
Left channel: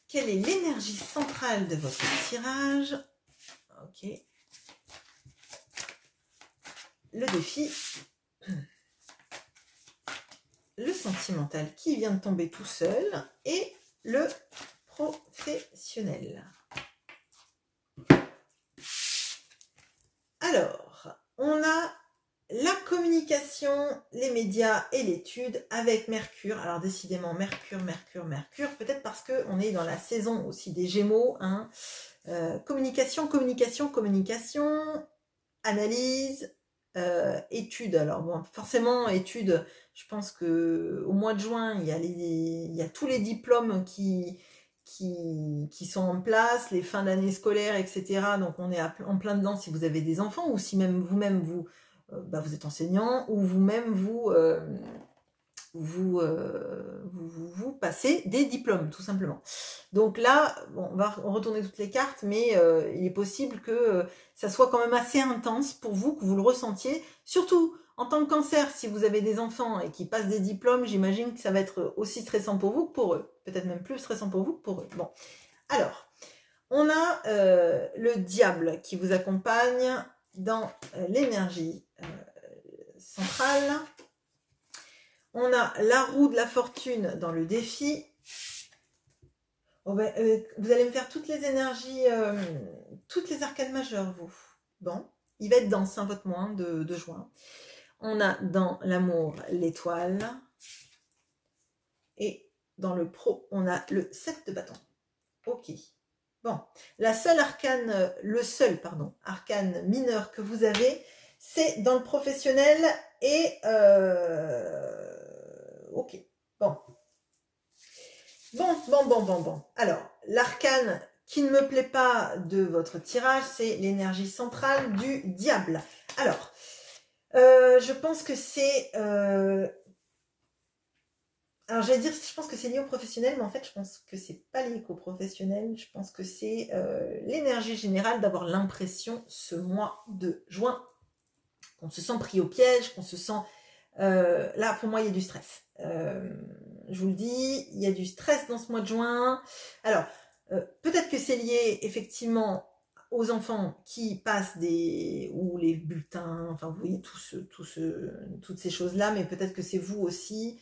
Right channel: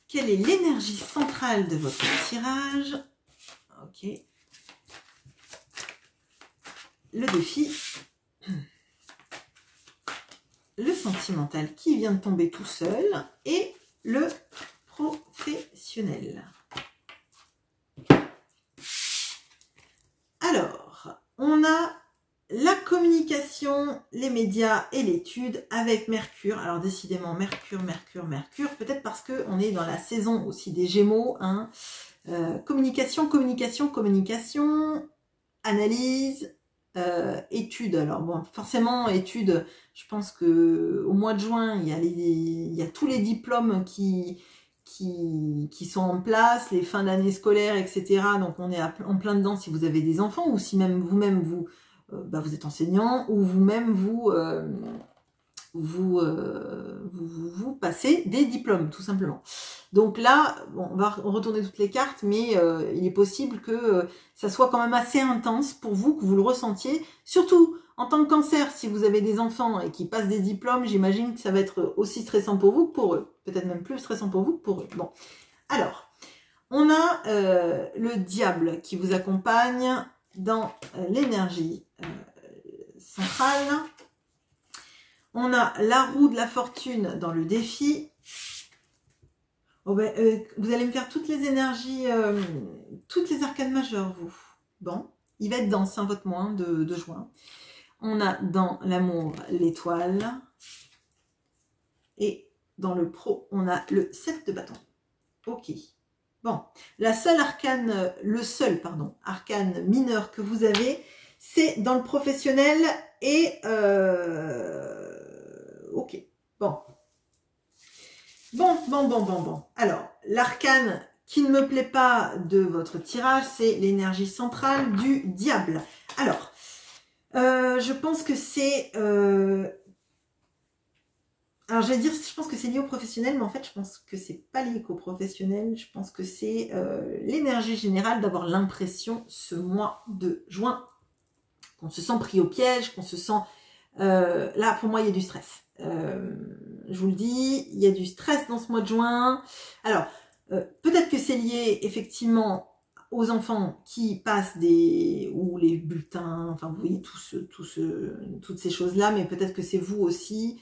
Quelle est l'énergie centrale de votre tirage? Ok. Le défi, le sentimental qui vient de tomber tout seul et le professionnel. Alors, on a la communication, les médias et l'étude avec Mercure. Alors décidément, Mercure, peut-être parce qu'on est dans la saison aussi des Gémeaux, hein. Communication, analyse, études. Alors bon, forcément études, je pense que au mois de juin il y a tous les diplômes qui sont en place, les fins d'année scolaire, etc. Donc on est en plein dedans si vous avez des enfants ou si même vous-même vous êtes enseignant ou vous-même vous passez des diplômes, tout simplement. Donc là, bon, on va retourner toutes les cartes, mais il est possible que ça soit quand même assez intense pour vous, que vous le ressentiez. Surtout, en tant que Cancer, si vous avez des enfants et qui passent des diplômes, j'imagine que ça va être aussi stressant pour vous que pour eux. Peut-être même plus stressant pour vous que pour eux. Bon, alors, on a le diable qui vous accompagne dans l'énergie centrale. On a la roue de la fortune dans le défi. Vous allez me faire toutes les énergies, toutes les arcanes majeures, vous. Bon, il va être dense, hein, votre mois de juin. On a dans l'amour l'étoile. Et dans le pro, on a le 7 de bâton. Ok. Bon, le seul arcane mineur que vous avez, c'est dans le professionnel et... ok, bon. Bon. Alors, l'arcane qui ne me plaît pas de votre tirage, c'est l'énergie centrale du diable. Alors, je pense que c'est... alors, j'allais dire, je pense que c'est lié au professionnel, mais en fait, je pense que c'est pas lié qu'au professionnel. Je pense que c'est l'énergie générale d'avoir l'impression, ce mois de juin, qu'on se sent pris au piège, qu'on se sent... là, pour moi, il y a du stress. Je vous le dis, il y a du stress dans ce mois de juin. Alors, Peut-être que c'est lié effectivement aux enfants qui passent ou les bulletins, enfin vous voyez toutes ces choses-là, mais peut-être que c'est vous aussi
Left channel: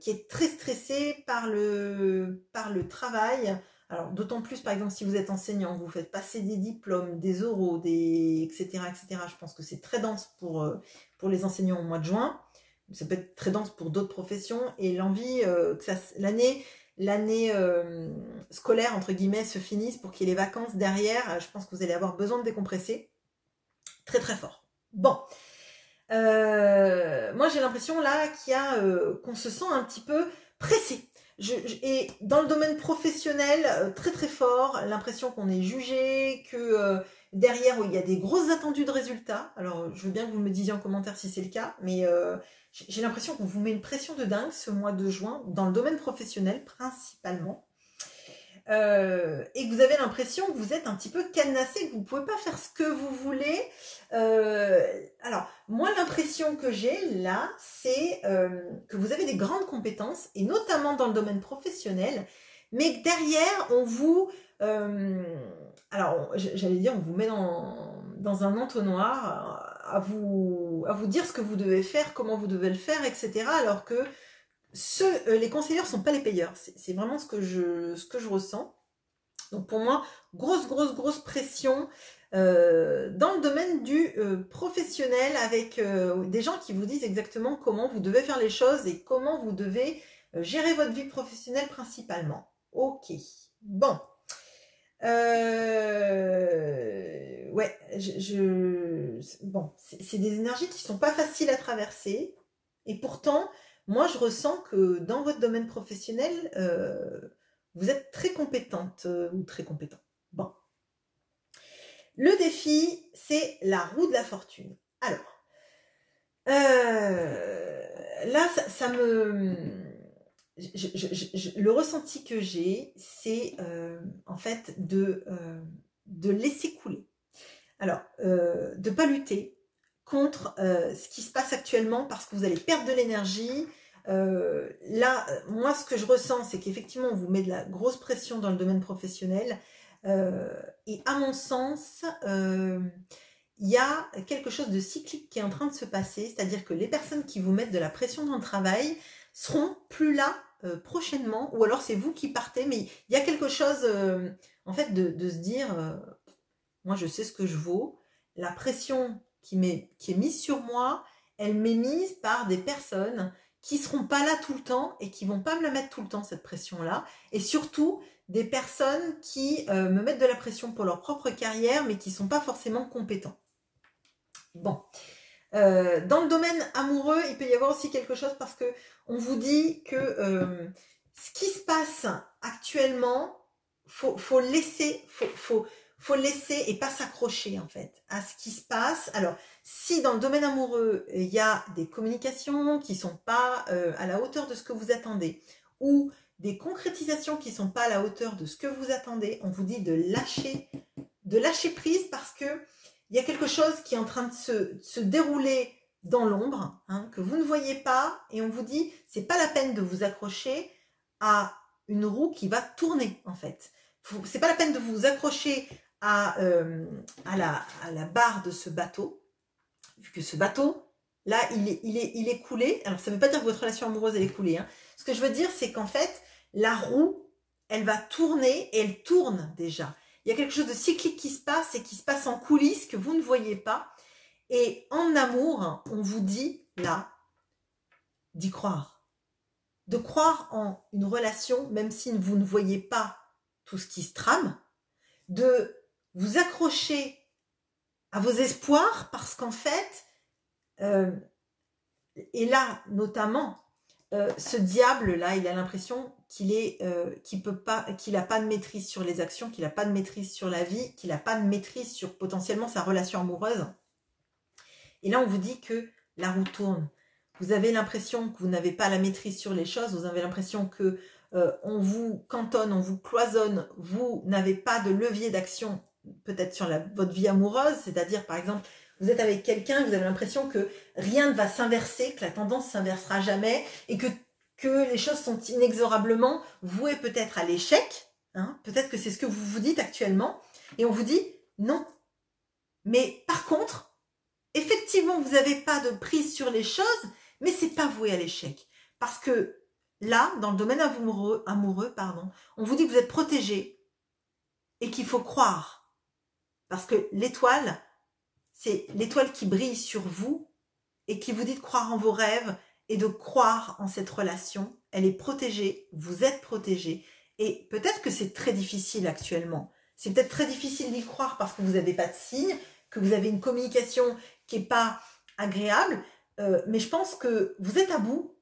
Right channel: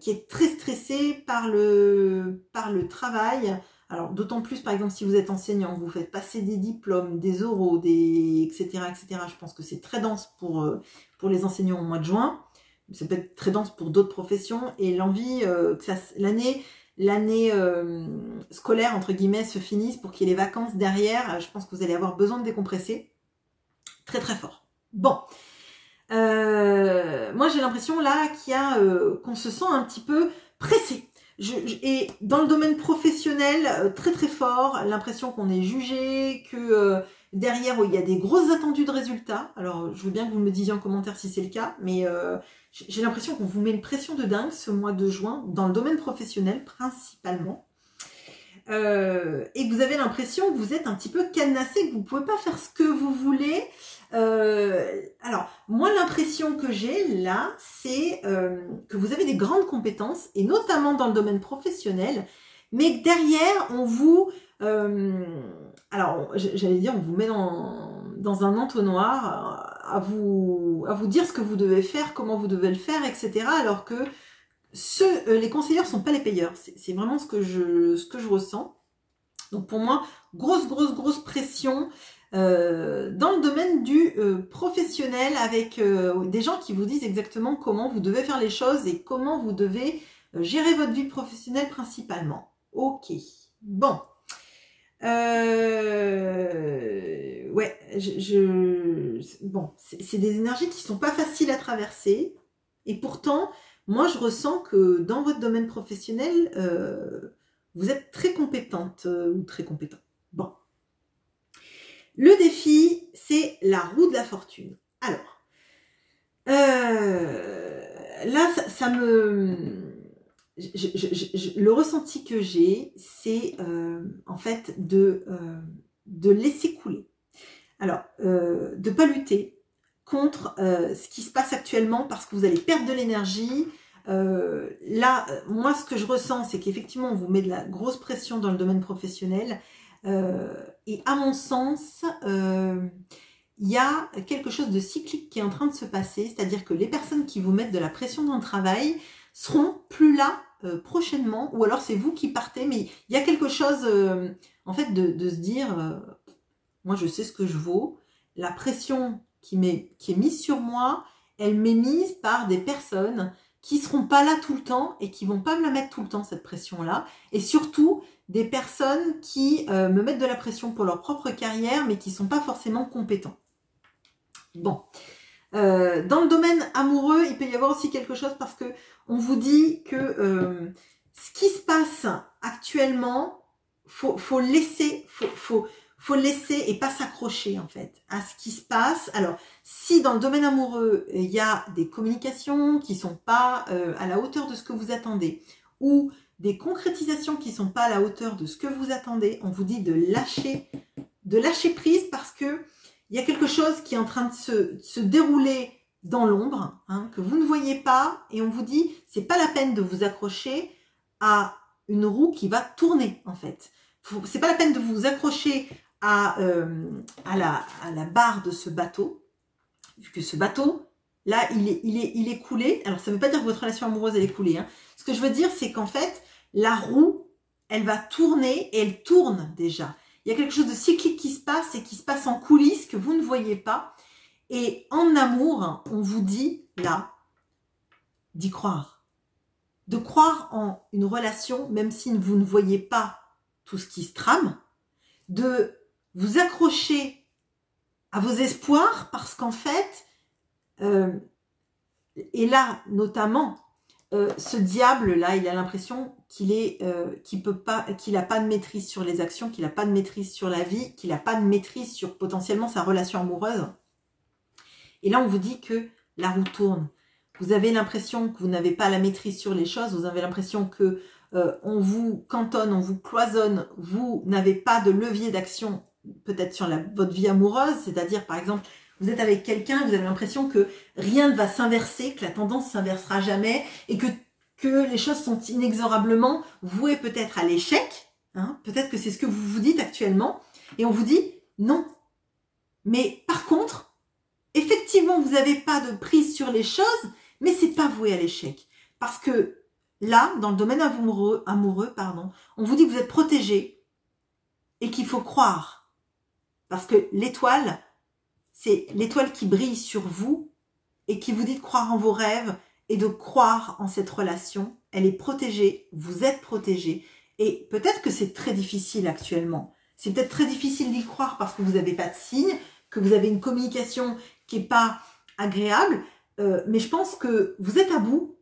qui êtes très stressé par le travail. Alors d'autant plus par exemple si vous êtes enseignant, vous faites passer des diplômes, des oraux, etc., etc. Je pense que c'est très dense pour les enseignants au mois de juin. Ça peut être très dense pour d'autres professions et l'envie que l'année scolaire, entre guillemets, se finisse pour qu'il y ait les vacances derrière. Je pense que vous allez avoir besoin de décompresser très très fort. Bon, moi j'ai l'impression là qu'on se sent un petit peu pressé. Et dans le domaine professionnel, très très fort, l'impression qu'on est jugé, que derrière il y a des grosses attendues de résultats. Alors je veux bien que vous me disiez en commentaire si c'est le cas, mais j'ai l'impression qu'on vous met une pression de dingue ce mois de juin, dans le domaine professionnel principalement. Et que vous avez l'impression que vous êtes un petit peu cadenassé, que vous ne pouvez pas faire ce que vous voulez. Alors, moi, l'impression que j'ai là, c'est que vous avez des grandes compétences, et notamment dans le domaine professionnel, mais que derrière, on vous... alors, j'allais dire, on vous met dans un entonnoir à vous dire ce que vous devez faire, comment vous devez le faire, etc. Alors que les conseillers ne sont pas les payeurs. C'est vraiment ce que je ressens. Donc pour moi, grosse pression dans le domaine du professionnel avec des gens qui vous disent exactement comment vous devez faire les choses et comment vous devez gérer votre vie professionnelle principalement. Ok, bon. Ouais, bon, c'est des énergies qui sont pas faciles à traverser. Et pourtant, moi, je ressens que dans votre domaine professionnel, vous êtes très compétente ou très compétent. Bon. Le défi, c'est la roue de la fortune. Alors, là, ça me... le ressenti que j'ai, c'est en fait de laisser couler. Alors, de ne pas lutter contre ce qui se passe actuellement parce que vous allez perdre de l'énergie. Là, moi, ce que je ressens, c'est qu'effectivement, on vous met de la grosse pression dans le domaine professionnel. Et à mon sens, il y a quelque chose de cyclique qui est en train de se passer. C'est-à-dire que les personnes qui vous mettent de la pression dans le travail seront plus là prochainement, ou alors c'est vous qui partez, mais il y a quelque chose en fait de se dire moi je sais ce que je vaux, la pression qui est mise sur moi, elle m'est mise par des personnes qui seront pas là tout le temps et qui vont pas me la mettre tout le temps, cette pression-là, et surtout des personnes qui me mettent de la pression pour leur propre carrière mais qui sont pas forcément compétents. Bon, dans le domaine amoureux, il peut y avoir aussi quelque chose parce que on vous dit que ce qui se passe actuellement, faut laisser et pas s'accrocher en fait à ce qui se passe. Alors, si dans le domaine amoureux, il y a des communications qui sont pas à la hauteur de ce que vous attendez, ou des concrétisations qui sont pas à la hauteur de ce que vous attendez, on vous dit de lâcher prise parce que il y a quelque chose qui est en train de se dérouler dans l'ombre, hein, que vous ne voyez pas, et on vous dit, c'est pas la peine de vous accrocher à une roue qui va tourner, en fait. C'est pas la peine de vous accrocher à la barre de ce bateau, vu que ce bateau, là, il est coulé. Alors, ça ne veut pas dire que votre relation amoureuse, elle est coulée. Hein. Ce que je veux dire, c'est qu'en fait, la roue, elle va tourner, et elle tourne déjà. Il y a quelque chose de cyclique qui se passe et qui se passe en coulisses que vous ne voyez pas. Et en amour, on vous dit, là, d'y croire. De croire en une relation, même si vous ne voyez pas tout ce qui se trame. De vous accrocher à vos espoirs parce qu'en fait, et là, notamment, ce diable-là, il a l'impression qu'il n'a pas de maîtrise sur les actions, qu'il n'a pas de maîtrise sur la vie, qu'il n'a pas de maîtrise sur potentiellement sa relation amoureuse. Et là, on vous dit que la roue tourne. Vous avez l'impression que vous n'avez pas la maîtrise sur les choses, vous avez l'impression que on vous cantonne, on vous cloisonne, vous n'avez pas de levier d'action peut-être sur votre vie amoureuse, c'est-à-dire par exemple, vous êtes avec quelqu'un, vous avez l'impression que rien ne va s'inverser, que la tendance ne s'inversera jamais et que les choses sont inexorablement vouées peut-être à l'échec, hein. Peut-être que c'est ce que vous vous dites actuellement. Et on vous dit non. Mais par contre, effectivement, vous n'avez pas de prise sur les choses, mais c'est pas voué à l'échec. Parce que là, dans le domaine amoureux, on vous dit que vous êtes protégé et qu'il faut croire. Parce que l'étoile, c'est l'étoile qui brille sur vous et qui vous dit de croire en vos rêves et de croire en cette relation. Elle est protégée, vous êtes protégé. Et peut-être que c'est très difficile actuellement. C'est peut-être très difficile d'y croire parce que vous n'avez pas de signe, que vous avez une communication qui n'est pas agréable. Mais je pense que vous êtes à bout,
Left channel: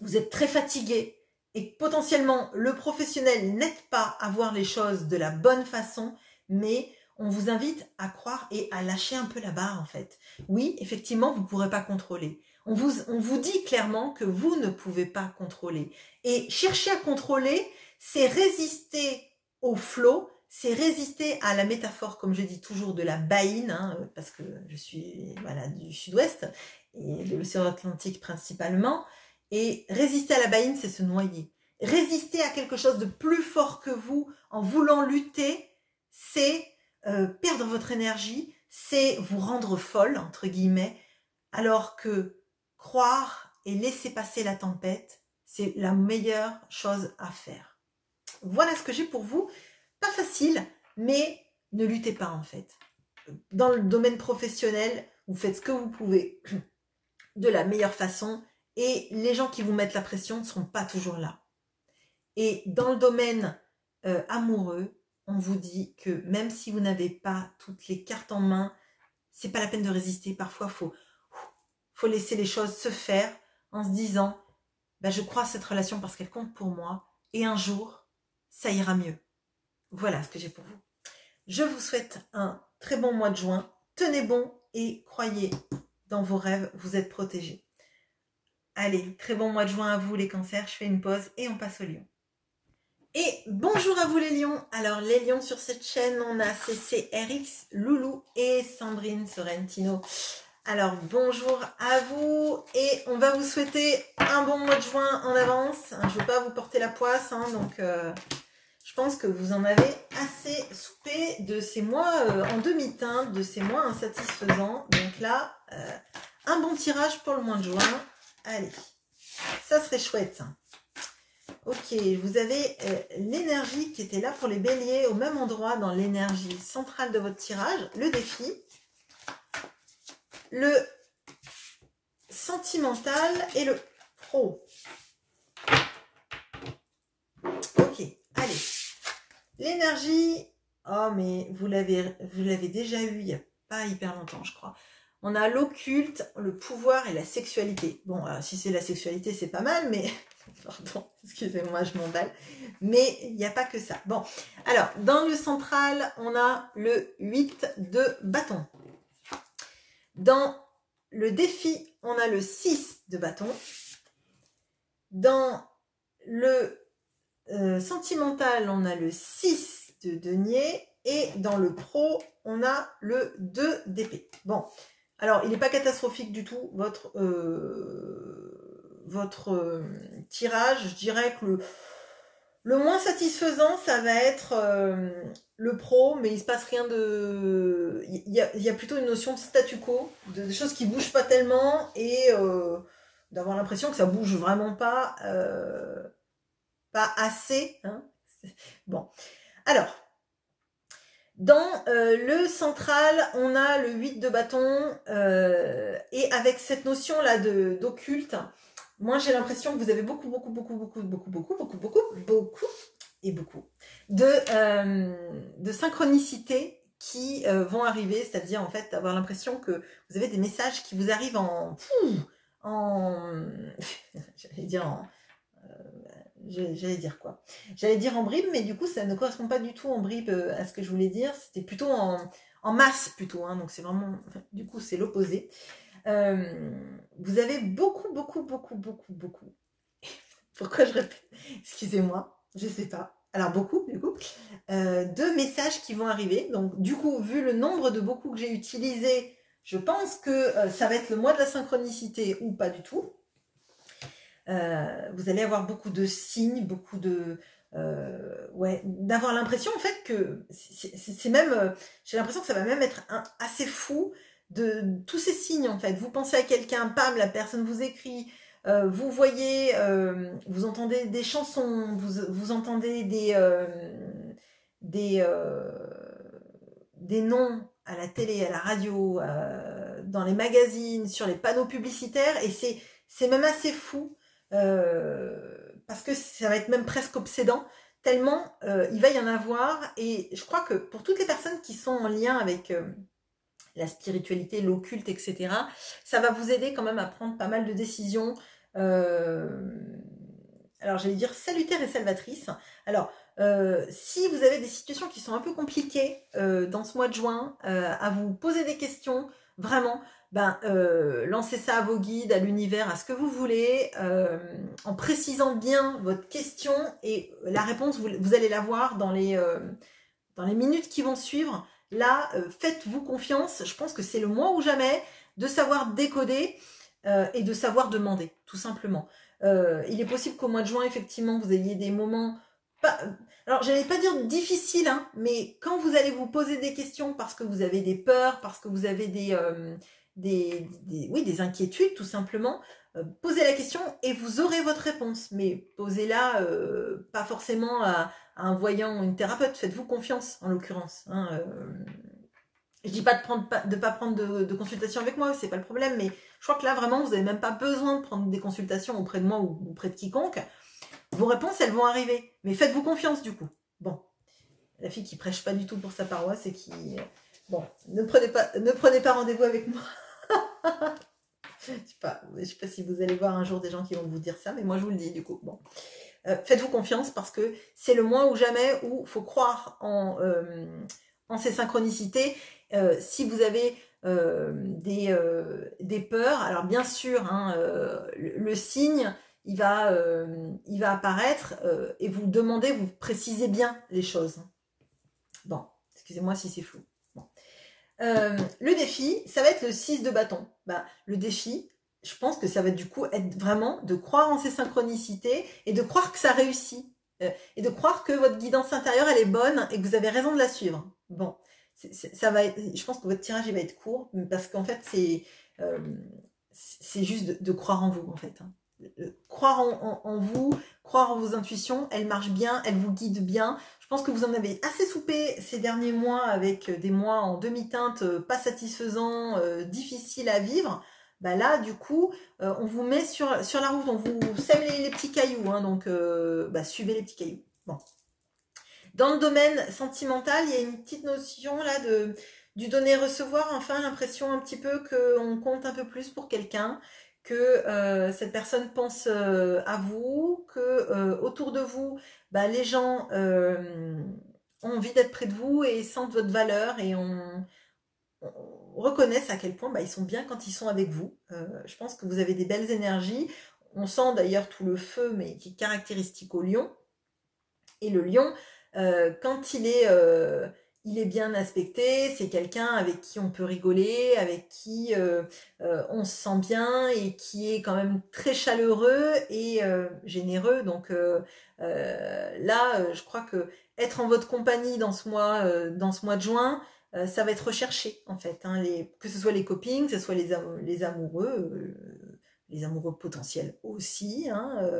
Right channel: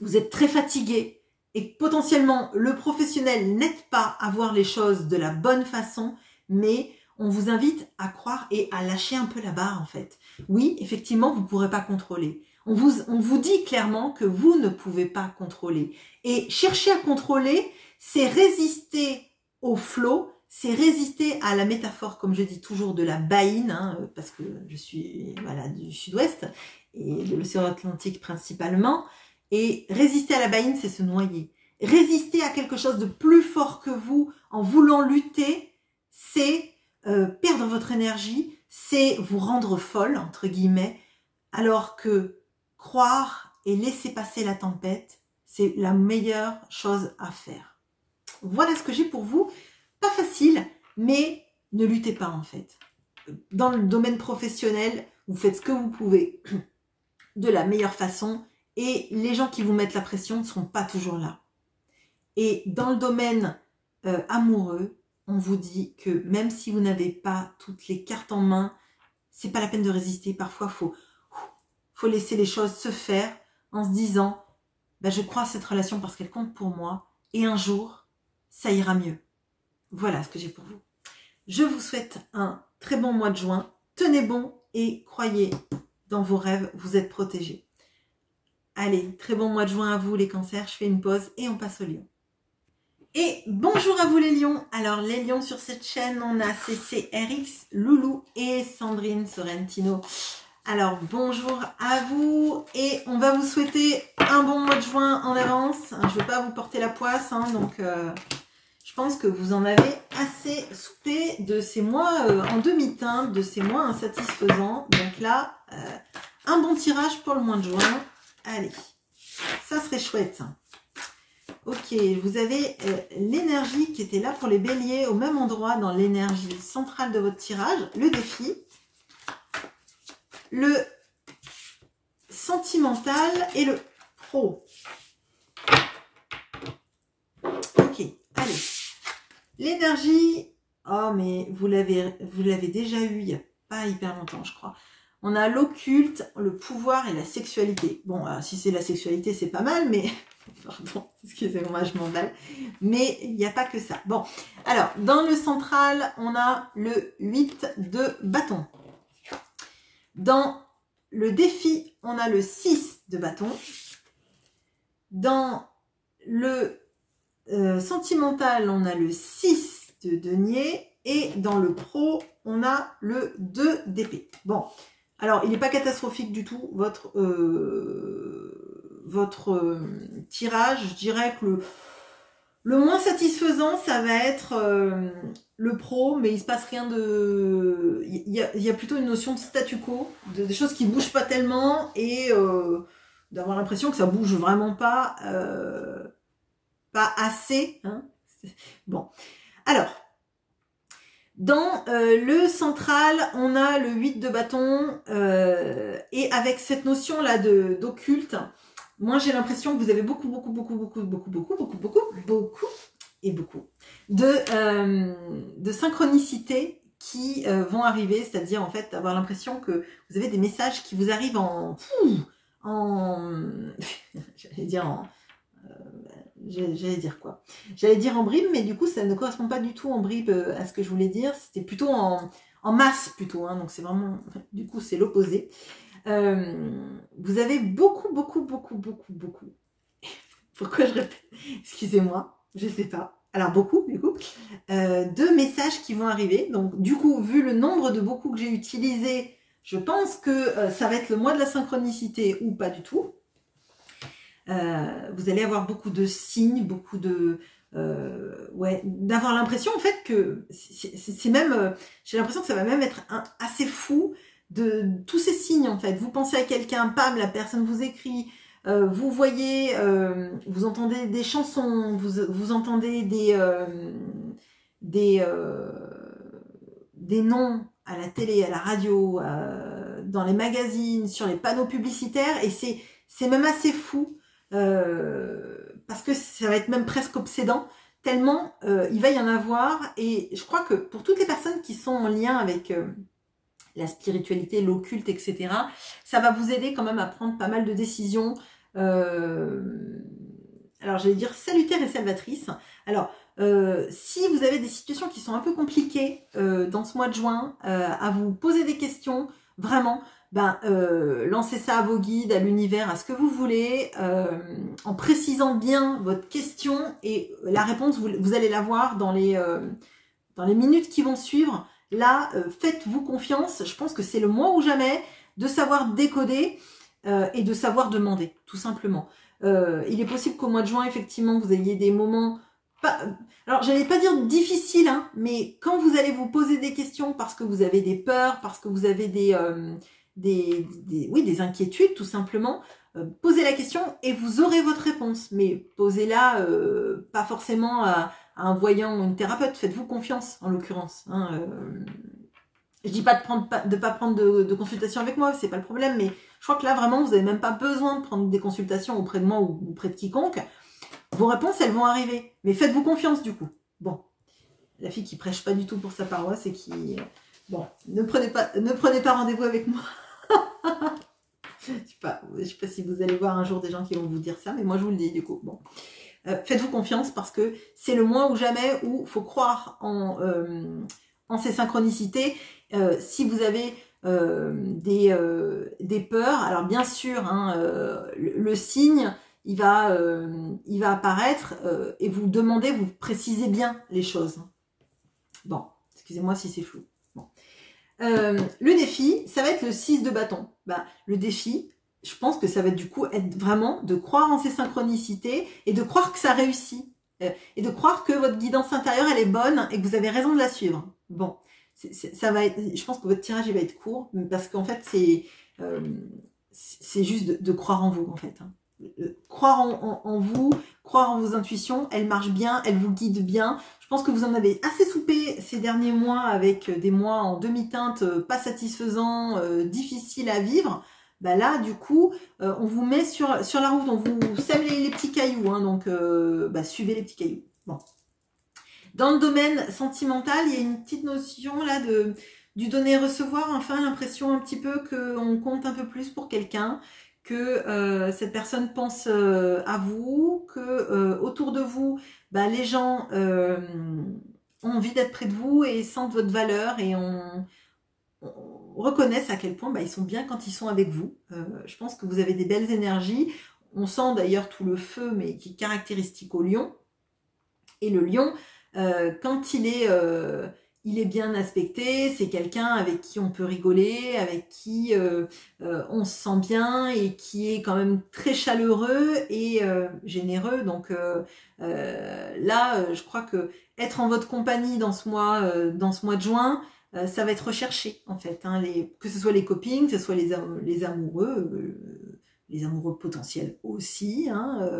vous êtes très fatigué et potentiellement le professionnel n'aide pas à voir les choses de la bonne façon, mais on vous invite à croire et à lâcher un peu la barre en fait. Oui, effectivement, vous ne pourrez pas contrôler. On vous dit clairement que vous ne pouvez pas contrôler. Et chercher à contrôler, c'est résister au flot, c'est résister à la métaphore, comme je dis toujours, de la baïne, hein, parce que je suis voilà, du sud-ouest et de l'océan Atlantique principalement. Et résister à la baïne, c'est se noyer. Résister à quelque chose de plus fort que vous en voulant lutter, c'est perdre votre énergie, c'est vous rendre folle, entre guillemets, alors que croire et laisser passer la tempête, c'est la meilleure chose à faire. Voilà ce que j'ai pour vous. Pas facile, mais ne luttez pas en fait. Dans le domaine professionnel, vous faites ce que vous pouvez de la meilleure façon et les gens qui vous mettent la pression ne seront pas toujours là. Et dans le domaine amoureux, on vous dit que même si vous n'avez pas toutes les cartes en main, c'est pas la peine de résister. Parfois, faut laisser les choses se faire en se disant bah, je crois à cette relation parce qu'elle compte pour moi et un jour, ça ira mieux. Voilà ce que j'ai pour vous. Je vous souhaite un très bon mois de juin. Tenez bon et croyez dans vos rêves, vous êtes protégés. Allez, très bon mois de juin à vous les cancers. Je fais une pause et on passe aux lions. Et bonjour à vous les lions. Alors les lions sur cette chaîne, on a CCRX, Loulou et Sandrine Sorrentino. Alors bonjour à vous et on va vous souhaiter un bon mois de juin en avance. Je ne vais pas vous porter la poisse, hein, donc je pense que vous en avez assez soupé de ces mois en demi-teinte, de ces mois insatisfaisants. Donc là, un bon tirage pour le mois de juin. Allez, ça serait chouette. Ok, vous avez l'énergie qui était là pour les béliers au même endroit dans l'énergie centrale de votre tirage, le défi, le sentimental et le pro. Ok, allez. L'énergie, oh mais vous l'avez déjà eu il n'y a pas hyper longtemps je crois. On a l'occulte, le pouvoir et la sexualité. Bon, si c'est la sexualité c'est pas mal, mais... Pardon, excusez-moi, je m'emballe. Mais il n'y a pas que ça. Bon, alors, dans le central, on a le 8 de bâton. Dans le défi, on a le 6 de bâton. Dans le sentimental, on a le 6 de denier. Et dans le pro, on a le 2 d'épée. Bon, alors, il n'est pas catastrophique du tout, votre tirage. Je dirais que le moins satisfaisant, ça va être le pro, mais il se passe rien de... Il y a plutôt une notion de statu quo, des choses qui ne bougent pas tellement, et d'avoir l'impression que ça bouge vraiment pas assez. Hein. Bon, alors... Dans le central, on a le 8 de bâton et avec cette notion-là d'occulte, moi j'ai l'impression que vous avez beaucoup de synchronicité qui vont arriver, c'est-à-dire en fait avoir l'impression que vous avez des messages qui vous arrivent j'allais dire quoi? J'allais dire en bribe, mais du coup, ça ne correspond pas du tout en bribe à ce que je voulais dire. C'était plutôt en masse, plutôt. Hein, donc, c'est vraiment... Du coup, c'est l'opposé. Vous avez beaucoup... Pourquoi je répète? Excusez-moi, je ne sais pas. Alors, beaucoup, du coup. De messages qui vont arriver. Donc, du coup, vu le nombre de beaucoup que j'ai utilisé, je pense que ça va être le mois de la synchronicité ou pas du tout. Vous allez avoir beaucoup de signes, beaucoup de ouais, d'avoir l'impression en fait que c'est même, j'ai l'impression que ça va même être assez fou de tous ces signes en fait. Vous pensez à quelqu'un, pam, la personne vous écrit, vous voyez, vous entendez des chansons, vous entendez des, euh, des noms à la télé, à la radio, dans les magazines, sur les panneaux publicitaires, et c'est même assez fou, parce que ça va être même presque obsédant, tellement il va y en avoir, et je crois que pour toutes les personnes qui sont en lien avec la spiritualité, l'occulte, etc., ça va vous aider quand même à prendre pas mal de décisions, alors j'allais dire salutaires et salvatrices. Alors, si vous avez des situations qui sont un peu compliquées dans ce mois de juin, à vous poser des questions, vraiment, ben, lancez ça à vos guides, à l'univers, à ce que vous voulez, en précisant bien votre question, et la réponse, vous allez la voir dans les minutes qui vont suivre. Là, faites-vous confiance, je pense que c'est le mois ou jamais de savoir décoder et de savoir demander, tout simplement. Il est possible qu'au mois de juin, effectivement, vous ayez des moments... Alors, j'allais pas dire difficiles, hein, mais quand vous allez vous poser des questions parce que vous avez des peurs, parce que vous avez oui, des inquiétudes, tout simplement, posez la question et vous aurez votre réponse. Mais posez-la pas forcément à un voyant ou une thérapeute. Faites-vous confiance, en l'occurrence. Hein, je dis pas de pas prendre de consultation avec moi, c'est pas le problème, mais je crois que là, vraiment, vous n'avez même pas besoin de prendre des consultations auprès de moi ou auprès de quiconque. Vos réponses, elles vont arriver. Mais faites-vous confiance, du coup. Bon, la fille qui prêche pas du tout pour sa paroisse et qui... Bon, ne prenez pas rendez-vous avec moi. Je sais pas si vous allez voir un jour des gens qui vont vous dire ça, mais moi, je vous le dis, du coup. Bon. Faites-vous confiance parce que c'est le mois ou jamais où il faut croire en ces synchronicités. Si vous avez des peurs, alors bien sûr, hein, le signe, il va apparaître et vous demandez, vous précisez bien les choses. Bon, excusez-moi si c'est flou. Bon. Le défi, ça va être le 6 de bâton. Bah, le défi, je pense que ça va du coup être vraiment de croire en ces synchronicités et de croire que ça réussit. Et de croire que votre guidance intérieure, elle est bonne et que vous avez raison de la suivre. Bon, ça va être, je pense que votre tirage, il va être court parce qu'en fait, c'est juste de croire en vous, en fait. Hein. Croire en vous, croire en vos intuitions, elles marchent bien, elles vous guident bien. Je pense que vous en avez assez soupé ces derniers mois avec des mois en demi-teinte pas satisfaisants, difficiles à vivre. Bah là, du coup, on vous met sur la route, on vous sème les petits cailloux, hein, donc suivez les petits cailloux. Bon. Dans le domaine sentimental, il y a une petite notion là du donner-recevoir, enfin l'impression un petit peu qu'on compte un peu plus pour quelqu'un, que cette personne pense à vous, que autour de vous, bah, les gens ont envie d'être près de vous et sentent votre valeur et on reconnaissent à quel point bah, ils sont bien quand ils sont avec vous. Je pense que vous avez des belles énergies. On sent d'ailleurs tout le feu, mais qui est caractéristique au lion. Et le lion, quand il est bien aspecté, c'est quelqu'un avec qui on peut rigoler, avec qui on se sent bien et qui est quand même très chaleureux et généreux. Donc là, je crois que être en votre compagnie dans ce mois de juin, ça va être recherché en fait, hein, que ce soit les copines, que ce soit les amoureux, les amoureux potentiels aussi, hein,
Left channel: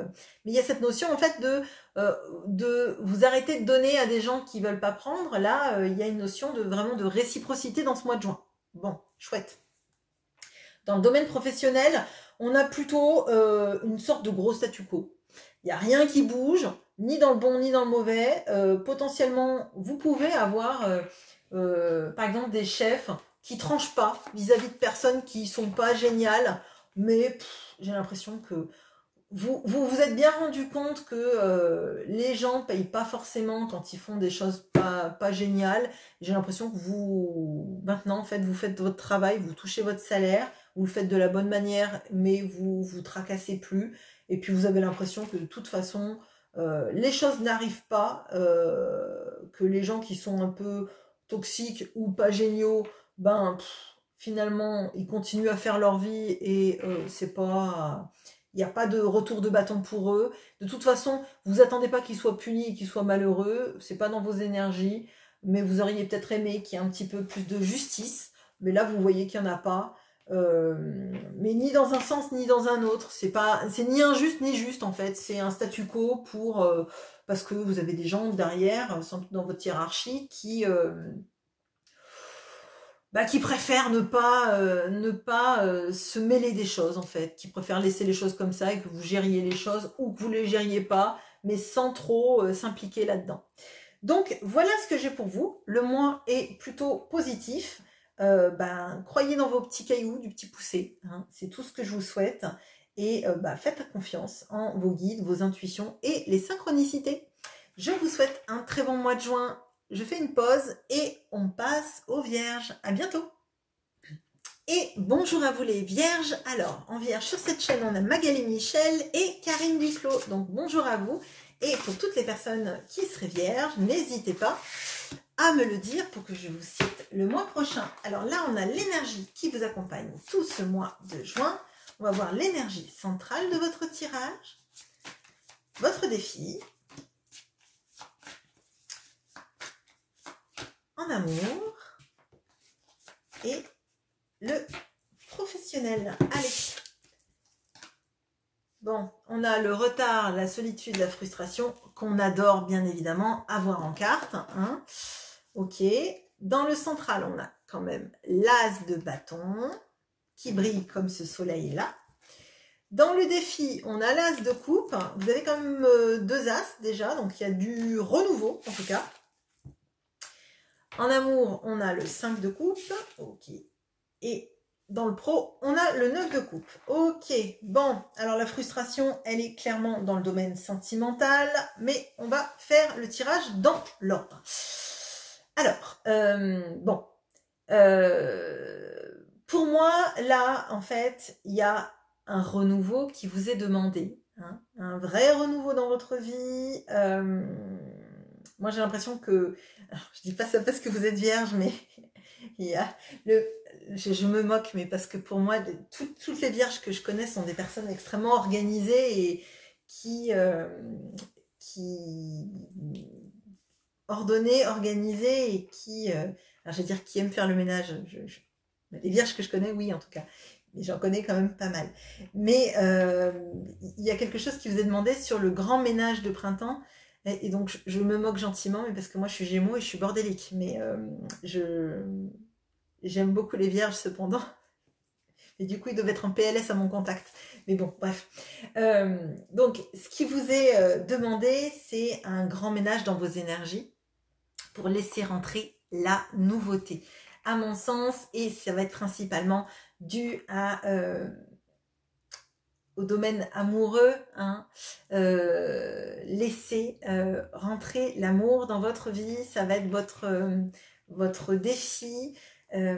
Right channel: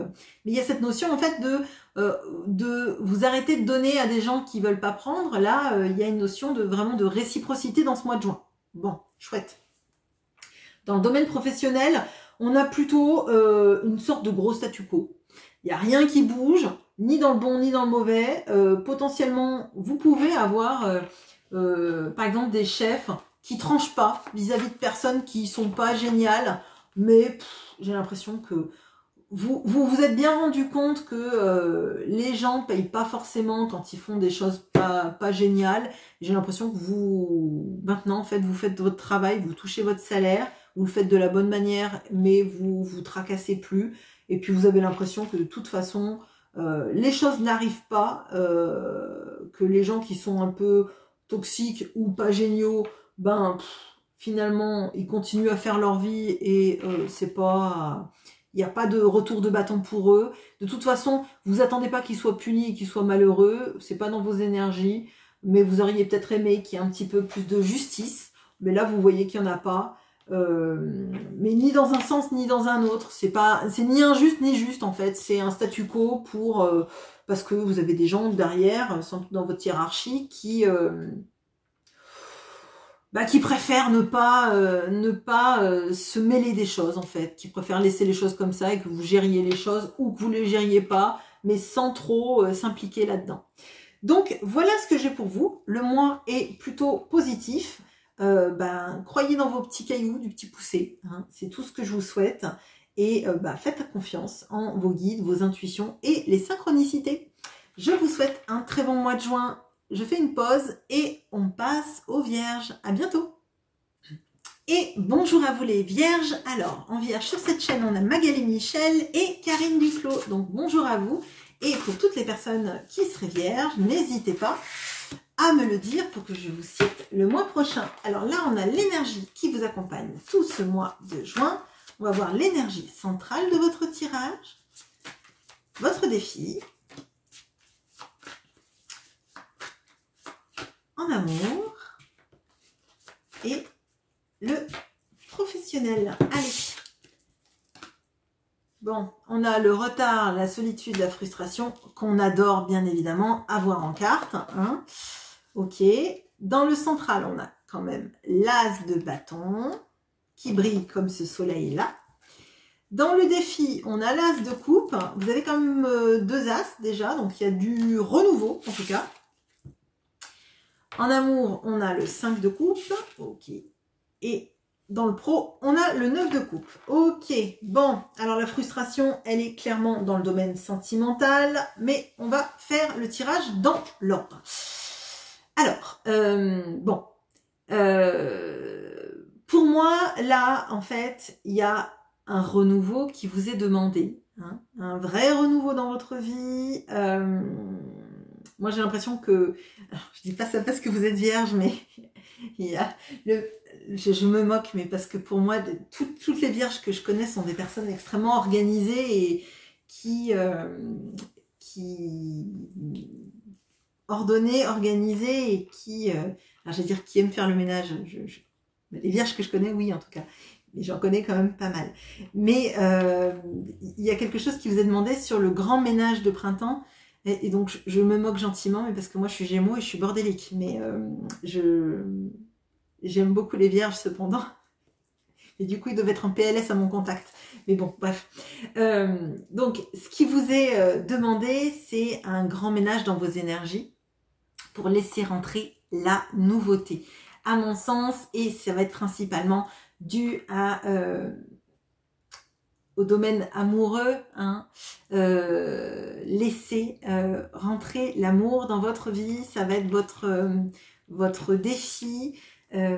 mais il y a cette notion en fait de vous arrêter de donner à des gens qui veulent pas prendre. Là, il y a une notion vraiment de réciprocité dans ce mois de juin. Bon, chouette. Dans le domaine professionnel, on a plutôt une sorte de gros statu quo. Il n'y a rien qui bouge, ni dans le bon ni dans le mauvais. Potentiellement, vous pouvez avoir par exemple des chefs qui tranchent pas vis-à-vis de personnes qui sont pas géniales, mais j'ai l'impression que vous êtes bien rendu compte que les gens payent pas forcément quand ils font des choses pas géniales. J'ai l'impression que vous, maintenant, en fait, vous faites votre travail, vous touchez votre salaire, vous le faites de la bonne manière, mais vous tracassez plus. Et puis vous avez l'impression que de toute façon, les choses n'arrivent pas, que les gens qui sont un peu toxiques ou pas géniaux, finalement, ils continuent à faire leur vie et c'est pas... Il n'y a pas de retour de bâton pour eux. De toute façon, vous attendez pas qu'ils soient punis, qu'ils soient malheureux. C'est pas dans vos énergies. Mais vous auriez peut-être aimé qu'il y ait un petit peu plus de justice. Mais là, vous voyez qu'il n'y en a pas. Mais ni dans un sens, ni dans un autre. C'est ni injuste, ni juste, en fait. C'est un statu quo parce que vous avez des gens derrière, dans votre hiérarchie, qui préfèrent ne pas se mêler des choses, en fait, qui préfèrent laisser les choses comme ça et que vous gériez les choses ou que vous ne les gériez pas, mais sans trop s'impliquer là-dedans. Donc, voilà ce que j'ai pour vous. Le mois est plutôt positif. Croyez dans vos petits cailloux, du petit poussé. Hein, c'est tout ce que je vous souhaite. Et faites confiance en vos guides, vos intuitions et les synchronicités. Je vous souhaite un très bon mois de juin. Je fais une pause et on passe aux Vierges. À bientôt. Et bonjour à vous les Vierges. Alors, en Vierge, sur cette chaîne, on a Magali Michel et Karine Duclos. Donc, bonjour à vous. Et pour toutes les personnes qui seraient Vierges, n'hésitez pas à me le dire pour que je vous cite le mois prochain. Alors là, on a l'énergie qui vous accompagne tout ce mois de juin. On va voir l'énergie centrale de votre tirage, votre défi, en amour et le professionnel. Allez. Bon, on a le retard, la solitude, la frustration qu'on adore bien évidemment avoir en carte. Hein. Ok. Dans le central, on a quand même l'as de bâton qui brille comme ce soleil-là. Dans le défi, on a l'as de coupe. Vous avez quand même 2 as déjà, donc il y a du renouveau en tout cas. En amour, on a le 5 de coupe. Ok. Et dans le pro, on a le 9 de coupe. Ok, bon, alors la frustration, elle est clairement dans le domaine sentimental, mais on va faire le tirage dans l'ordre. Alors, pour moi, là, en fait, il y a un renouveau qui vous est demandé, hein, un vrai renouveau dans votre vie. Moi, j'ai l'impression que, alors, je dis pas ça parce que vous êtes vierge, mais il y a je me moque, mais parce que pour moi, toutes les vierges que je connais sont des personnes extrêmement organisées et qui ordonnées, organisées et qui, alors je vais dire qui aiment faire le ménage. Les vierges que je connais, oui, en tout cas. Mais j'en connais quand même pas mal. Mais il y a quelque chose qui vous est demandé sur le grand ménage de printemps. Et donc, je me moque gentiment, mais parce que moi, je suis Gémeaux et je suis bordélique. Mais j'aime beaucoup les vierges, cependant. Et du coup, ils doivent être en PLS à mon contact. Mais bon, bref. Donc, ce qui vous est demandé, c'est un grand ménage dans vos énergies pour laisser rentrer la nouveauté. À mon sens, et ça va être principalement dû au domaine amoureux, hein, laisser rentrer l'amour dans votre vie, ça va être votre défi. Ce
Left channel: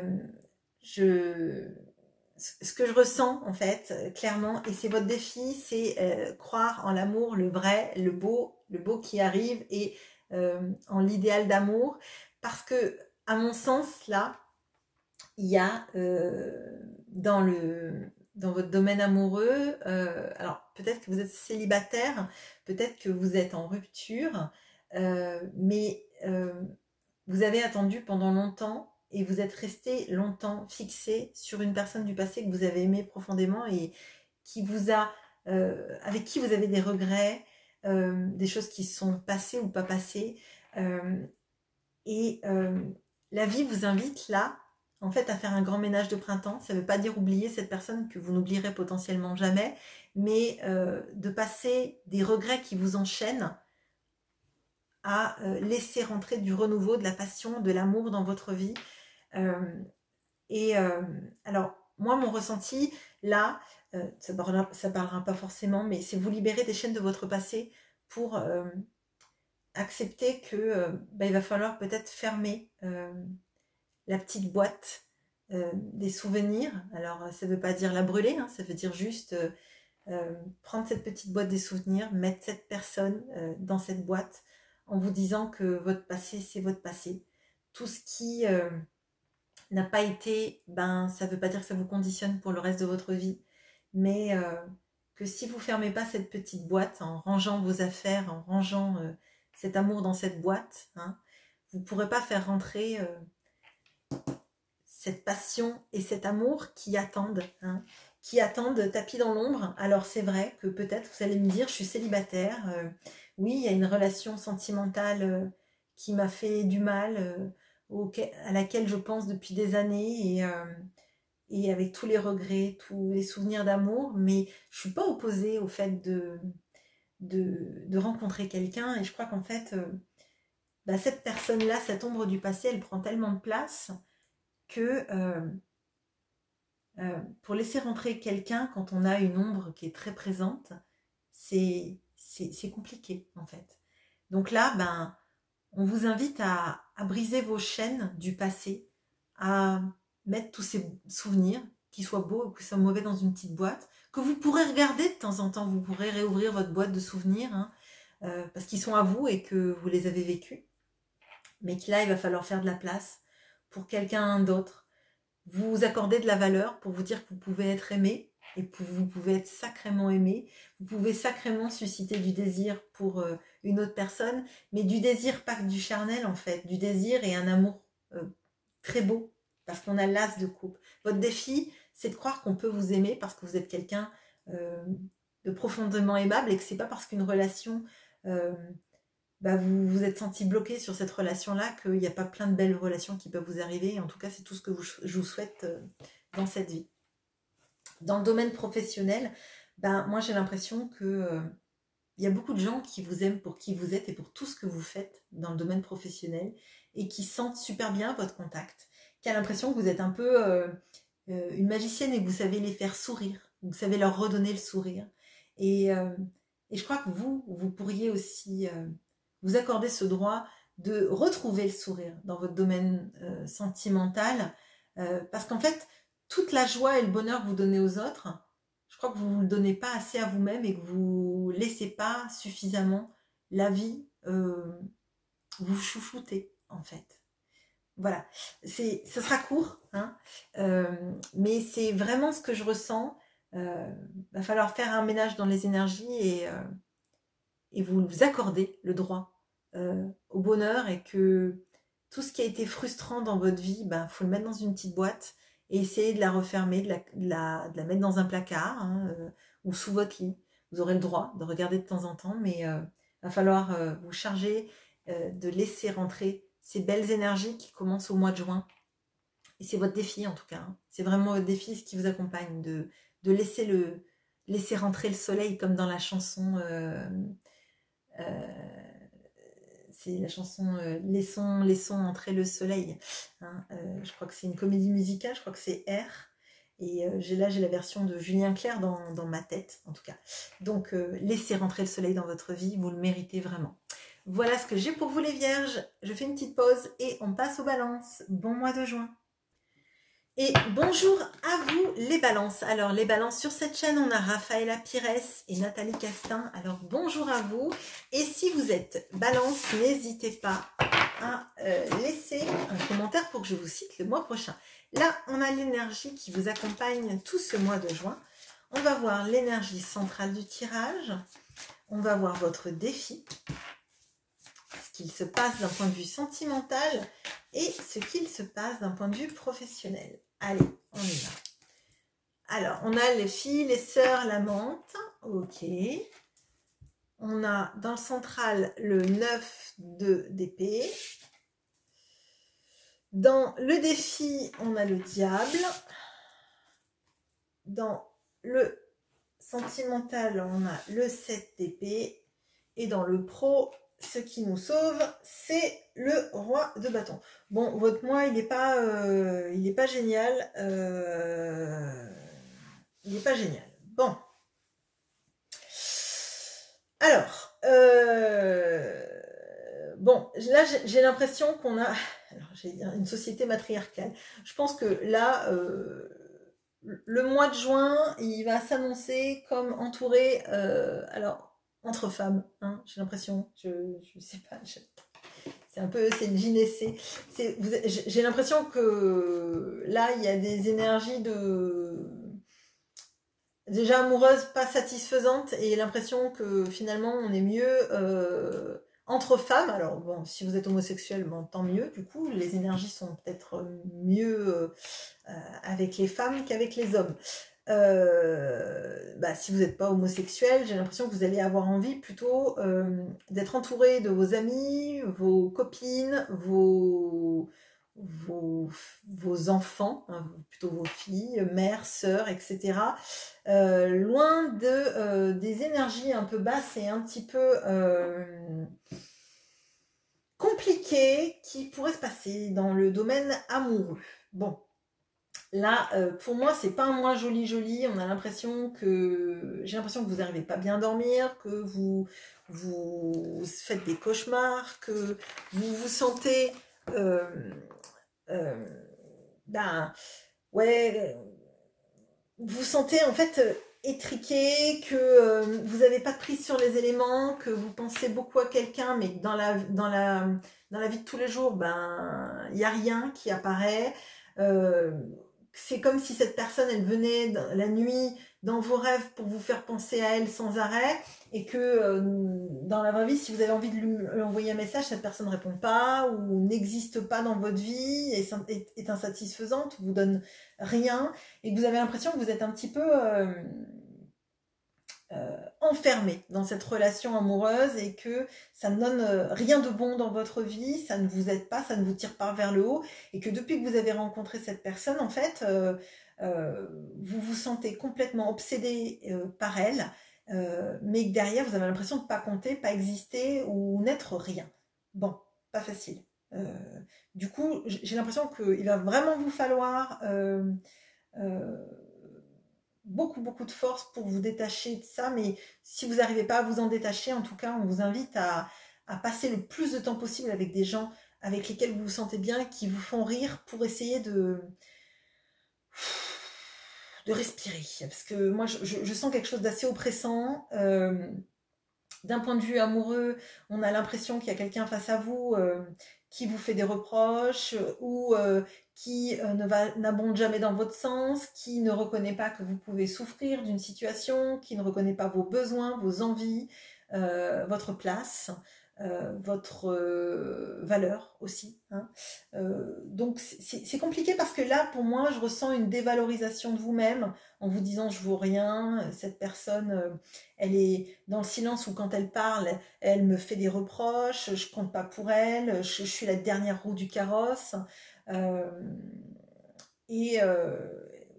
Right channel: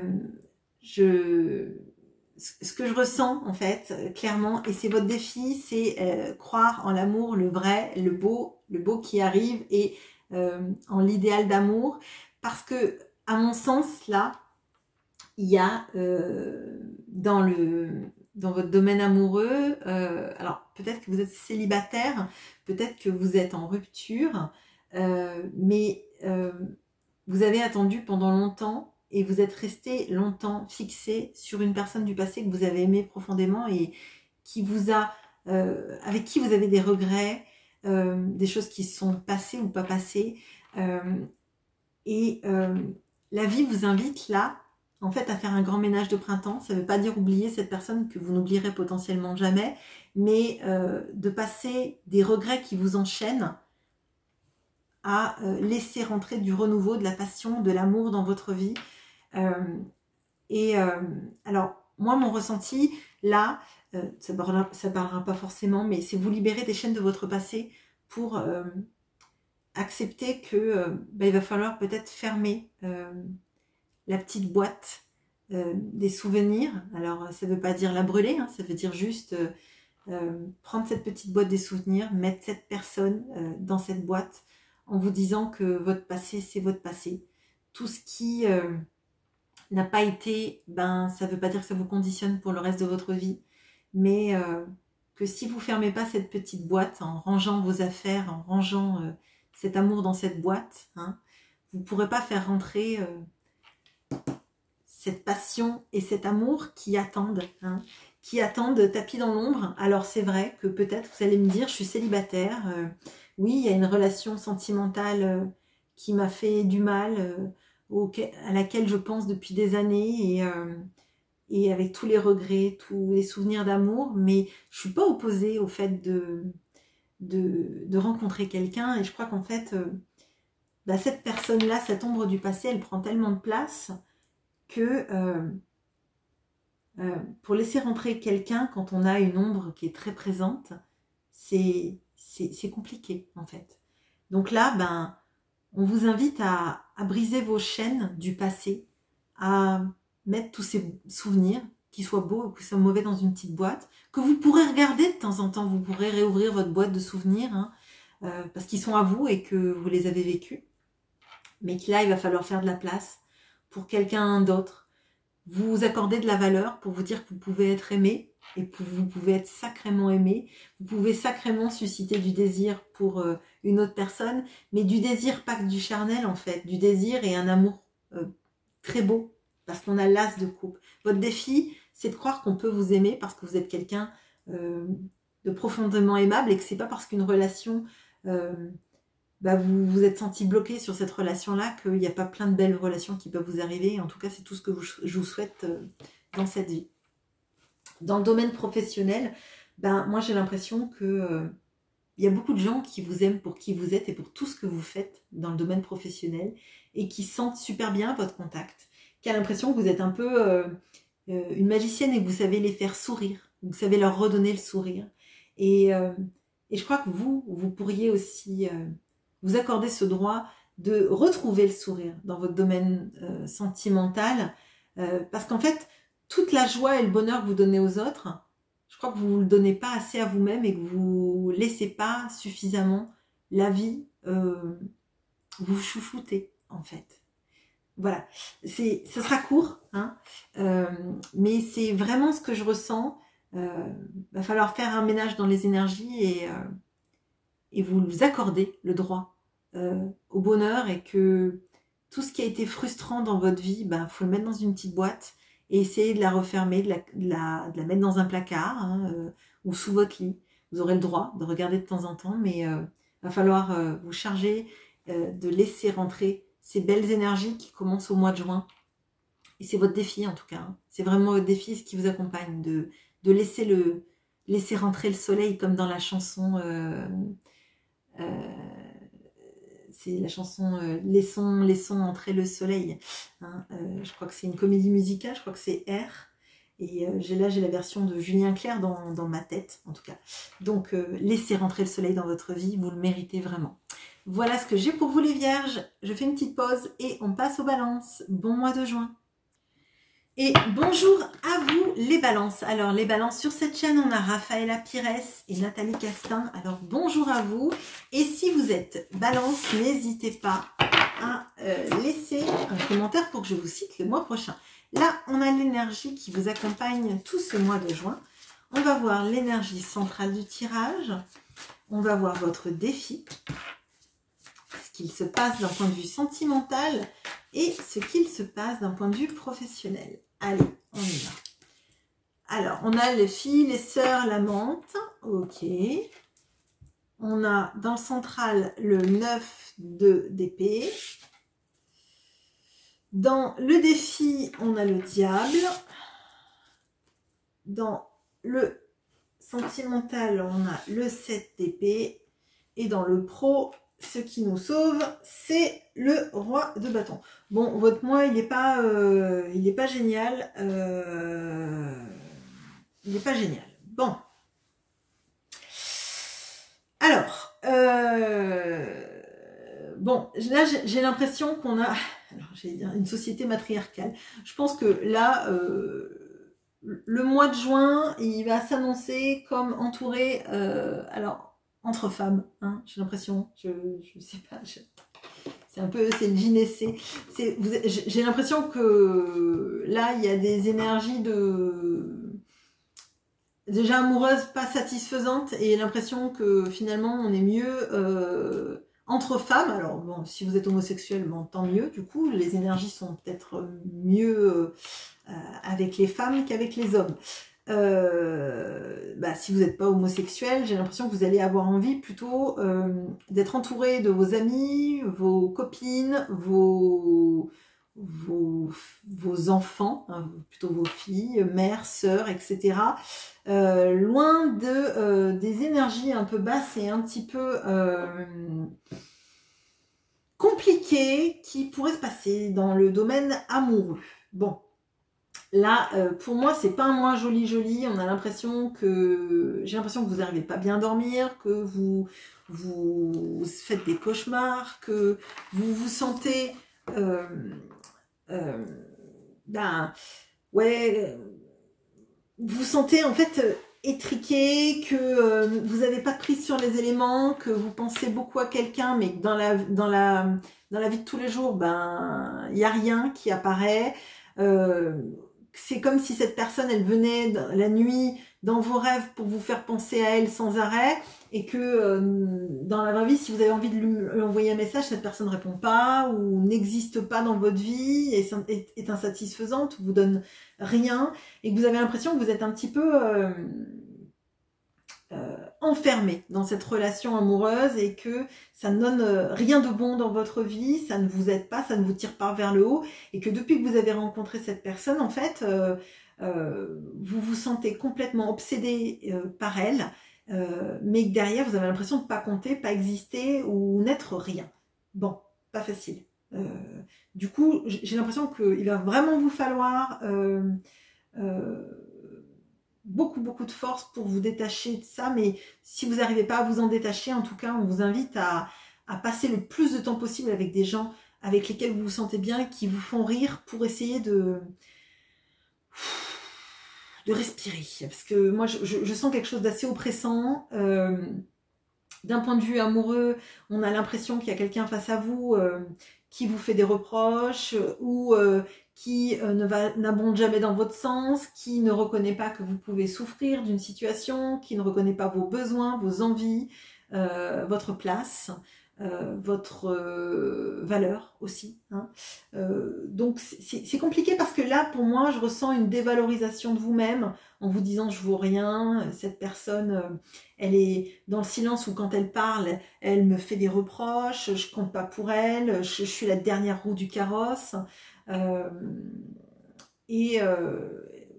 que je ressens en fait, clairement, et c'est votre défi, c'est croire en l'amour, le vrai, le beau qui arrive, et en l'idéal d'amour, parce que, à mon sens, là, il y a dans votre domaine amoureux, alors peut-être que vous êtes célibataire, peut-être que vous êtes en rupture, mais vous avez attendu pendant longtemps et vous êtes resté longtemps fixé sur une personne du passé que vous avez aimé profondément et qui vous a, avec qui vous avez des regrets, des choses qui sont passées ou pas passées, et la vie vous invite là, en fait, à faire un grand ménage de printemps. Ça ne veut pas dire oublier cette personne que vous n'oublierez potentiellement jamais, mais de passer des regrets qui vous enchaînent à laisser rentrer du renouveau, de la passion, de l'amour dans votre vie. Alors, moi, mon ressenti, là, ça parlera pas forcément, mais c'est vous libérer des chaînes de votre passé pour accepter que il va falloir peut-être fermer la petite boîte des souvenirs. Alors, ça ne veut pas dire la brûler, hein, ça veut dire juste prendre cette petite boîte des souvenirs, mettre cette personne dans cette boîte en vous disant que votre passé, c'est votre passé. Tout ce qui n'a pas été, ça ne veut pas dire que ça vous conditionne pour le reste de votre vie, mais que si vous ne fermez pas cette petite boîte, en rangeant vos affaires, en rangeant cet amour dans cette boîte, hein, vous ne pourrez pas faire rentrer cette passion et cet amour qui attendent, hein, qui attendent tapis dans l'ombre. Alors c'est vrai que peut-être vous allez me dire, je suis célibataire, oui, il y a une relation sentimentale qui m'a fait du mal, à laquelle je pense depuis des années, et avec tous les regrets, tous les souvenirs d'amour, mais je ne suis pas opposée au fait de rencontrer quelqu'un, et je crois qu'en fait, cette personne-là, cette ombre du passé, elle prend tellement de place que pour laisser rentrer quelqu'un quand on a une ombre qui est très présente, c'est compliqué en fait. Donc là, on vous invite à briser vos chaînes du passé, à mettre tous ces souvenirs, qu'ils soient beaux ou qu'ils soient mauvais, dans une petite boîte, que vous pourrez regarder de temps en temps. Vous pourrez réouvrir votre boîte de souvenirs, hein, parce qu'ils sont à vous et que vous les avez vécus. Mais que là, il va falloir faire de la place pour quelqu'un d'autre. Vous accorder de la valeur pour vous dire que vous pouvez être aimé et que vous pouvez être sacrément aimé. Vous pouvez sacrément susciter du désir pour une autre personne, mais du désir pas que du charnel en fait, du désir et un amour très beau, parce qu'on a l'as de coupe. Votre défi, c'est de croire qu'on peut vous aimer parce que vous êtes quelqu'un de profondément aimable et que c'est pas parce qu'une relation... vous vous êtes senti bloqué sur cette relation-là, qu'il n'y a pas plein de belles relations qui peuvent vous arriver. En tout cas, c'est tout ce que je vous souhaite dans cette vie. Dans le domaine professionnel, moi j'ai l'impression que il y a beaucoup de gens qui vous aiment pour qui vous êtes et pour tout ce que vous faites dans le domaine professionnel et qui sentent super bien votre contact, qui a l'impression que vous êtes un peu une magicienne et que vous savez les faire sourire, vous savez leur redonner le sourire. Et je crois que vous pourriez aussi... vous accordez ce droit de retrouver le sourire dans votre domaine sentimental, parce qu'en fait, toute la joie et le bonheur que vous donnez aux autres, je crois que vous ne le donnez pas assez à vous-même et que vous ne laissez pas suffisamment la vie vous chouchouter, en fait. Voilà, ce sera court, hein, mais c'est vraiment ce que je ressens. Va falloir faire un ménage dans les énergies et vous accordez le droit au bonheur, et que tout ce qui a été frustrant dans votre vie, faut le mettre dans une petite boîte et essayer de la refermer, de la mettre dans un placard, hein, ou sous votre lit. Vous aurez le droit de regarder de temps en temps, mais va falloir vous charger de laisser rentrer ces belles énergies qui commencent au mois de juin. Et c'est votre défi en tout cas, hein. C'est vraiment votre défi, ce qui vous accompagne, de laisser rentrer le soleil, comme dans la chanson... c'est la chanson laissons entrer le soleil, hein. Je crois que c'est une comédie musicale, je crois que c'est R, et j'ai la version de Julien Clerc dans ma tête en tout cas. Donc laissez rentrer le soleil dans votre vie, vous le méritez vraiment. Voilà ce que j'ai pour vous les vierges. Je fais une petite pause et on passe aux balances. Bon mois de juin. Et bonjour à vous les balances. Alors les balances, sur cette chaîne, on a Raphaëla Pires et Nathalie Castin. Alors bonjour à vous. Et si vous êtes balance, n'hésitez pas à laisser un commentaire pour que je vous cite le mois prochain. Là, on a l'énergie qui vous accompagne tout ce mois de juin. On va voir l'énergie centrale du tirage. On va voir votre défi, ce qu'il se passe d'un point de vue sentimental et ce qu'il se passe d'un point de vue professionnel. Allez, on y va. Alors, on a les filles, les sœurs, la menthe. Ok. On a dans le central le 9 d'épée. Dans le défi, on a le diable. Dans le sentimental, on a le 7 d'épée. Et dans le pro, ce qui nous sauve, c'est le roi de bâton. Bon, votre mois, il n'est pas génial. Il n'est pas génial. Bon. Alors, bon, là, j'ai l'impression qu'on a... Alors, j'ai une société matriarcale. Je pense que là, le mois de juin, il va s'annoncer comme entouré... alors, entre femmes, hein, j'ai l'impression, je sais pas, c'est un peu, c'est le gynécée. J'ai l'impression que là, il y a des énergies déjà amoureuse, pas satisfaisante, et l'impression que finalement on est mieux entre femmes. Alors bon, si vous êtes homosexuel, bon, tant mieux, du coup, les énergies sont peut-être mieux avec les femmes qu'avec les hommes. Si vous n'êtes pas homosexuel, j'ai l'impression que vous allez avoir envie plutôt d'être entouré de vos amis, vos copines, vos enfants, hein, plutôt vos filles, mères, sœurs, etc. Loin des énergies un peu basses et un petit peu compliquées qui pourraient se passer dans le domaine amoureux. Bon. Là, pour moi, c'est pas un mois joli. On a l'impression que j'ai l'impression que vous n'arrivez pas bien à dormir, que vous faites des cauchemars, que vous vous sentez, euh, ben, ouais, vous sentez en fait étriqué, que vous n'avez pas de prise sur les éléments, que vous pensez beaucoup à quelqu'un, mais que dans la vie de tous les jours, ben, il n'y a rien qui apparaît. C'est comme si cette personne, elle venait la nuit dans vos rêves pour vous faire penser à elle sans arrêt, et que dans la vraie vie, si vous avez envie de lui envoyer un message, cette personne ne répond pas ou n'existe pas dans votre vie, est insatisfaisante, vous donne rien, et que vous avez l'impression que vous êtes un petit peu enfermé dans cette relation amoureuse, et que ça ne donne rien de bon dans votre vie, ça ne vous aide pas, ça ne vous tire pas vers le haut, et que depuis que vous avez rencontré cette personne, en fait, vous vous sentez complètement obsédé par elle, mais que derrière, vous avez l'impression de ne pas compter, pas exister ou n'être rien. Bon, pas facile. Du coup, j'ai l'impression qu'il va vraiment vous falloir beaucoup de force pour vous détacher de ça, mais si vous n'arrivez pas à vous en détacher, en tout cas, on vous invite à passer le plus de temps possible avec des gens avec lesquels vous vous sentez bien, qui vous font rire, pour essayer de respirer. Parce que moi, je sens quelque chose d'assez oppressant. D'un point de vue amoureux, on a l'impression qu'il y a quelqu'un face à vous qui vous fait des reproches, ou qui n'abonde jamais dans votre sens, qui ne reconnaît pas que vous pouvez souffrir d'une situation, qui ne reconnaît pas vos besoins, vos envies, votre place, votre valeur aussi. Hein. Donc c'est compliqué, parce que là, pour moi, je ressens une dévalorisation de vous-même en vous disant je vaux rien, cette personne, elle est dans le silence, ou quand elle parle, elle me fait des reproches, je compte pas pour elle, je suis la dernière roue du carrosse.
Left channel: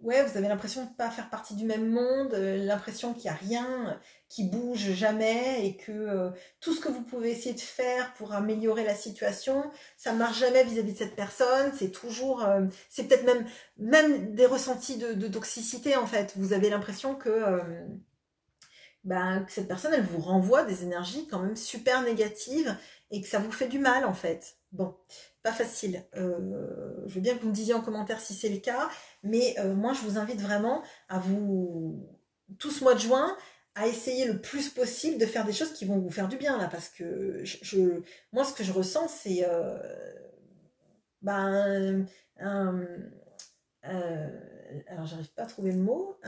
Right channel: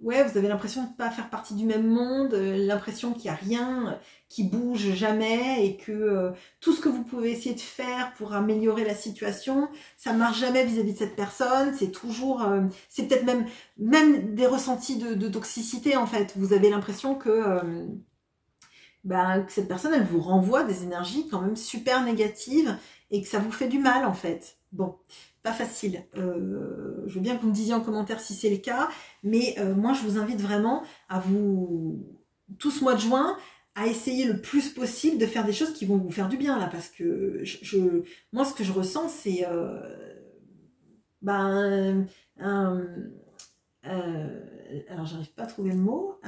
Ouais, vous avez l'impression de ne pas faire partie du même monde, l'impression qu'il n'y a rien qui bouge jamais, et que tout ce que vous pouvez essayer de faire pour améliorer la situation, ça ne marche jamais vis-à-vis de cette personne. C'est toujours, c'est peut-être même des ressentis de toxicité, en fait. Vous avez l'impression que cette personne, elle vous renvoie des énergies quand même super négatives, et que ça vous fait du mal, en fait. Bon, pas facile. Je veux bien que vous me disiez en commentaire si c'est le cas, mais moi, je vous invite vraiment à tout ce mois de juin, à essayer le plus possible de faire des choses qui vont vous faire du bien, là, parce que moi, ce que je ressens, c'est alors, j'arrive pas à trouver le mot,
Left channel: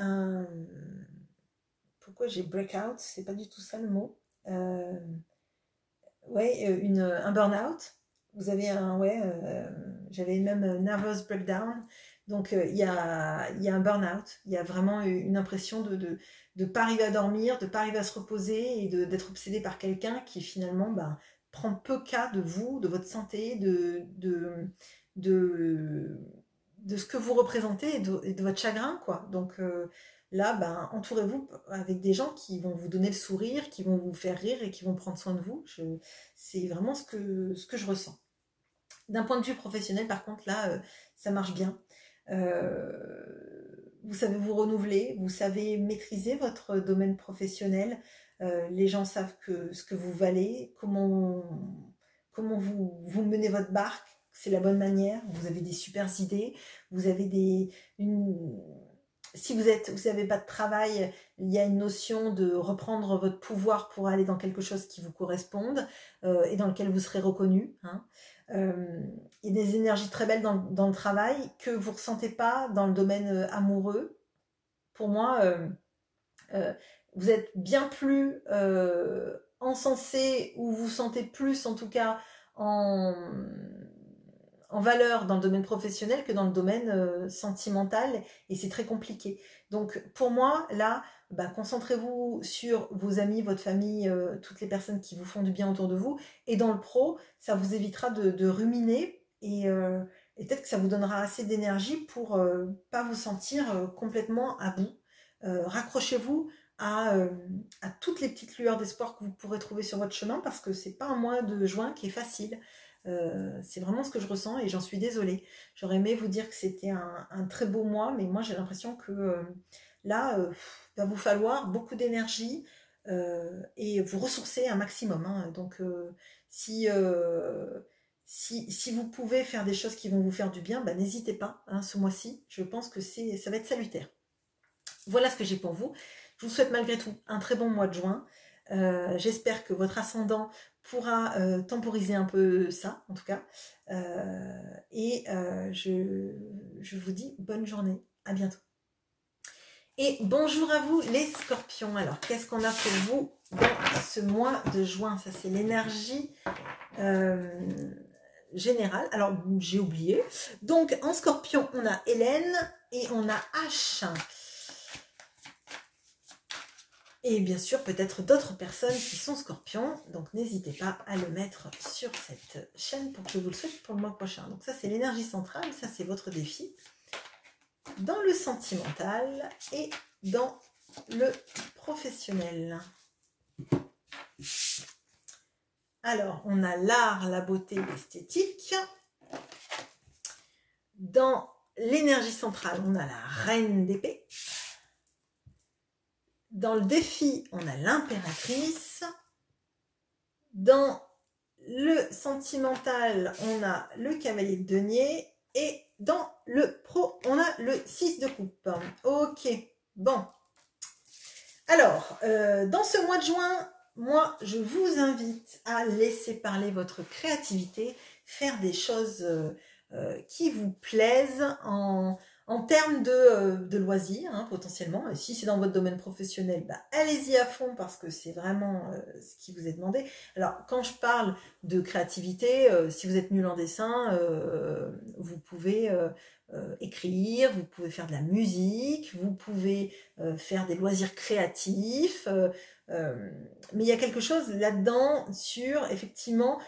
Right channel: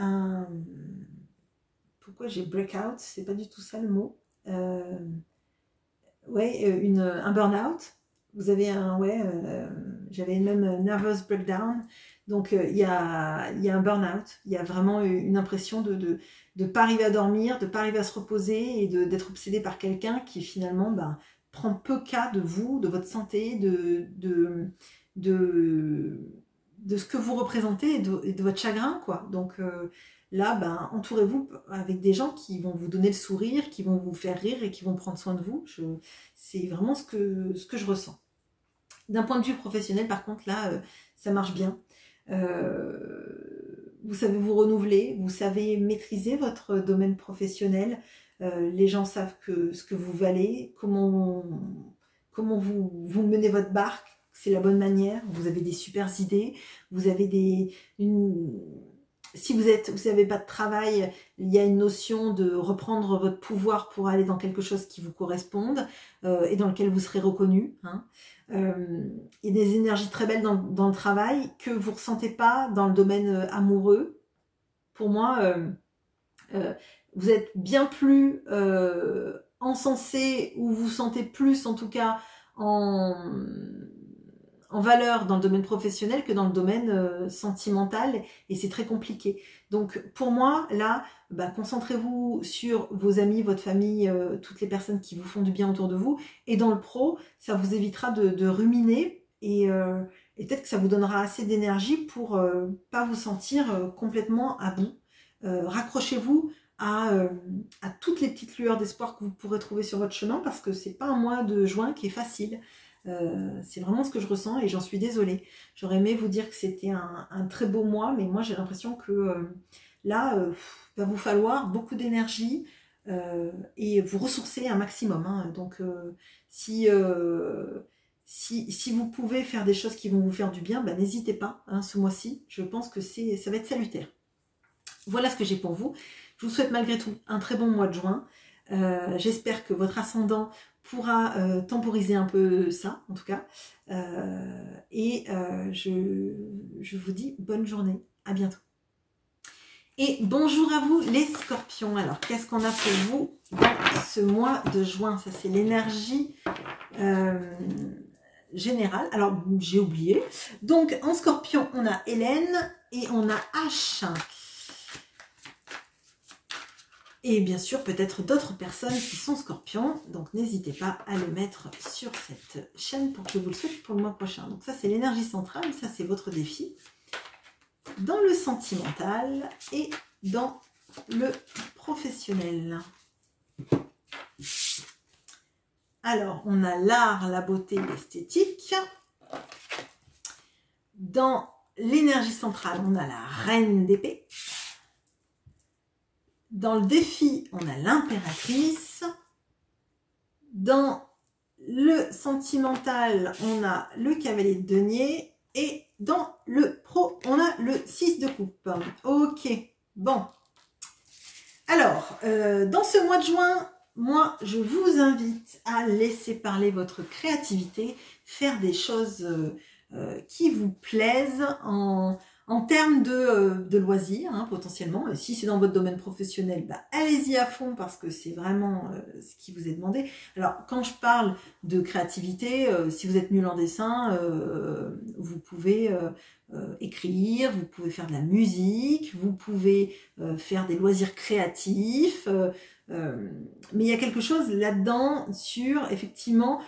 pourquoi j'ai breakout, c'est pas du tout ça le mot. Un burn-out. Vous avez j'avais même nervous breakdown. Donc il y a un burn-out. Il y a vraiment une impression de ne pas arriver à dormir, de ne pas arriver à se reposer, et d'être obsédé par quelqu'un qui finalement prend peu cas de vous, de votre santé, de ce que vous représentez, et de votre chagrin, quoi. Donc là, entourez-vous avec des gens qui vont vous donner le sourire, qui vont vous faire rire et qui vont prendre soin de vous. C'est vraiment ce que je ressens. D'un point de vue professionnel, par contre, là, ça marche bien. Vous savez vous renouveler, vous savez maîtriser votre domaine professionnel. Les gens savent ce que vous valez, comment vous menez votre barque. C'est la bonne manière. Vous avez des super idées. Vous avez si vous n'avez pas de travail, il y a une notion de reprendre votre pouvoir pour aller dans quelque chose qui vous corresponde, et dans lequel vous serez reconnu. Hein. Il y a des énergies très belles dans le travail que vous ne ressentez pas dans le domaine amoureux. Pour moi, vous êtes bien plus encensé, ou vous sentez plus en tout cas en valeur dans le domaine professionnel que dans le domaine sentimental, et c'est très compliqué. Donc pour moi, là, concentrez-vous sur vos amis, votre famille, toutes les personnes qui vous font du bien autour de vous, et dans le pro, ça vous évitera de ruminer, et peut-être que ça vous donnera assez d'énergie pour pas vous sentir complètement à bout. Raccrochez-vous à toutes les petites lueurs d'espoir que vous pourrez trouver sur votre chemin, parce que c'est pas un mois de juin qui est facile. C'est vraiment ce que je ressens, et j'en suis désolée. J'aurais aimé vous dire que c'était un très beau mois, mais moi j'ai l'impression que là, va vous falloir beaucoup d'énergie et vous ressourcer un maximum, hein. Donc si vous pouvez faire des choses qui vont vous faire du bien, n'hésitez pas, hein, ce mois-ci. Je pense que ça va être salutaire. Voilà ce que j'ai pour vous. Je vous souhaite malgré tout un très bon mois de juin. J'espère que votre ascendant pourra temporiser un peu ça, en tout cas. Je vous dis bonne journée. À bientôt. Et bonjour à vous les scorpions. Alors, qu'est-ce qu'on a pour vous dans ce mois de juin? Ça, c'est l'énergie générale. Alors, j'ai oublié. Donc, en scorpion, on a Hélène et on a H. Et bien sûr, peut-être d'autres personnes qui sont scorpions. Donc, n'hésitez pas à le mettre sur cette chaîne pour que je vous le souhaite pour le mois prochain. Donc, ça, c'est l'énergie centrale. Ça, c'est votre défi. Dans le sentimental et dans le professionnel. Alors, on a l'art, la beauté, l'esthétique. Dans l'énergie centrale, on a la reine d'épée. Dans le défi, on a l'impératrice. Dans le sentimental, on a le cavalier de denier. Et dans le pro, on a le 6 de coupe. Ok, bon. Alors, dans ce mois de juin, moi, je vous invite à laisser parler votre créativité, faire des choses qui vous plaisent en termes de loisirs, hein, potentiellement. Si c'est dans votre domaine professionnel, allez-y à fond, parce que c'est vraiment ce qui vous est demandé. Alors, quand je parle de créativité, si vous êtes nul en dessin, vous pouvez écrire, vous pouvez faire de la musique, vous pouvez faire des loisirs créatifs, mais il y a quelque chose là-dedans sur, effectivement,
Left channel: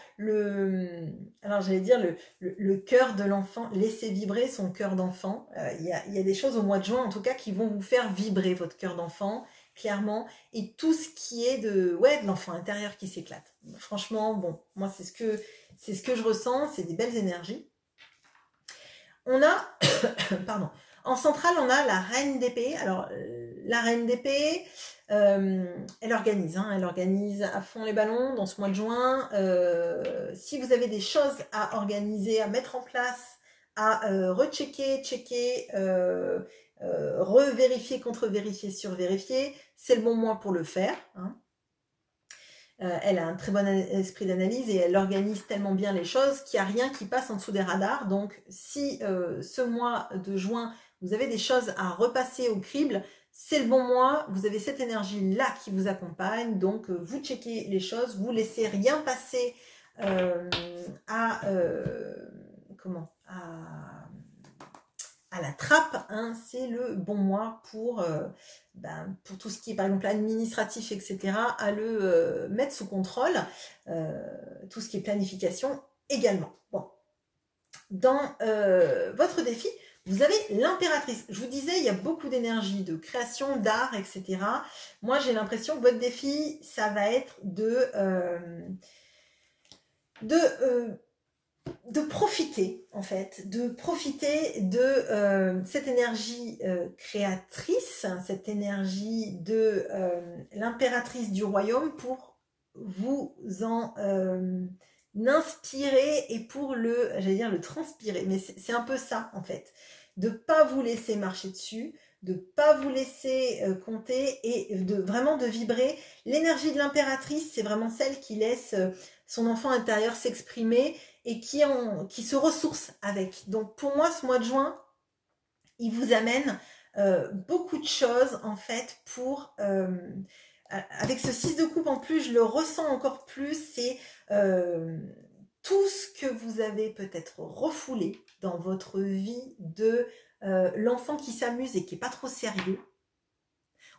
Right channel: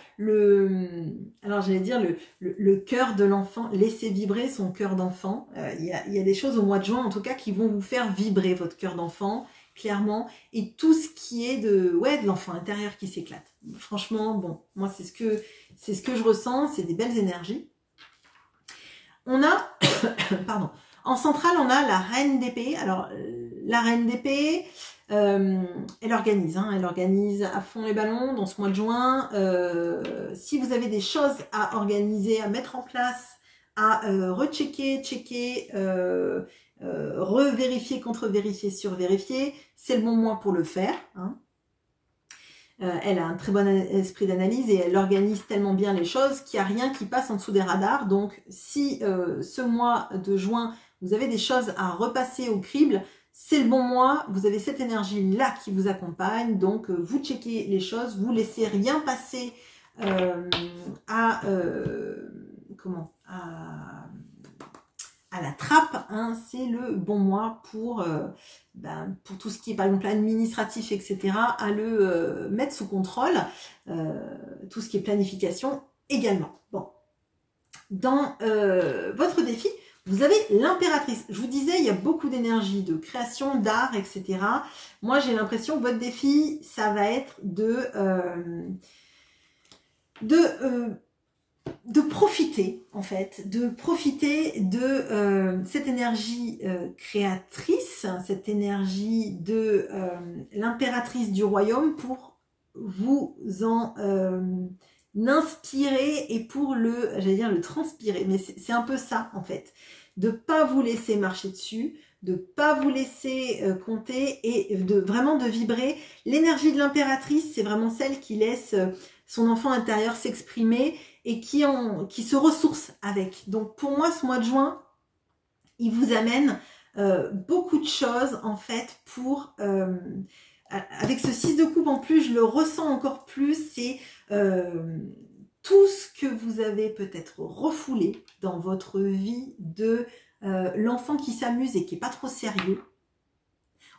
alors j'allais dire le cœur de l'enfant, laisser vibrer son cœur d'enfant. Il y a des choses au mois de juin, en tout cas, qui vont vous faire vibrer votre cœur d'enfant, clairement, et tout ce qui est de l'enfant intérieur qui s'éclate. Franchement, bon, moi c'est ce que je ressens, c'est des belles énergies. On a, pardon, en centrale, on a la reine d'épée. Alors, la reine d'épée, elle organise à fond les ballons dans ce mois de juin. Si vous avez des choses à organiser, à mettre en place, à rechecker, checker, revérifier, contre-vérifier, survérifier, c'est le bon mois pour le faire, hein. Elle a un très bon esprit d'analyse et elle organise tellement bien les choses qu'il n'y a rien qui passe en dessous des radars. Donc, si ce mois de juin, vous avez des choses à repasser au crible, c'est le bon mois. Vous avez cette énergie-là qui vous accompagne. Donc, vous checkez les choses, vous laissez rien passer à la trappe, hein. C'est le bon mois pour tout ce qui est, par exemple, administratif, etc., à le mettre sous contrôle. Tout ce qui est planification également. Bon. Dans votre défi, vous avez l'impératrice. Je vous disais, il y a beaucoup d'énergie, de création, d'art, etc. Moi, j'ai l'impression que votre défi, ça va être de profiter, en fait, de profiter de cette énergie créatrice, cette énergie de l'impératrice du royaume pour vous en inspirer et pour le transpirer. Mais c'est un peu ça, en fait, de pas vous laisser marcher dessus, de pas vous laisser compter et vraiment de vibrer. L'énergie de l'impératrice, c'est vraiment celle qui laisse son enfant intérieur s'exprimer et qui se ressource avec. Donc pour moi, ce mois de juin, il vous amène beaucoup de choses en fait pour... avec ce 6 de coupe en plus, je le ressens encore plus, c'est tout ce que vous avez peut-être refoulé dans votre vie de l'enfant qui s'amuse et qui n'est pas trop sérieux.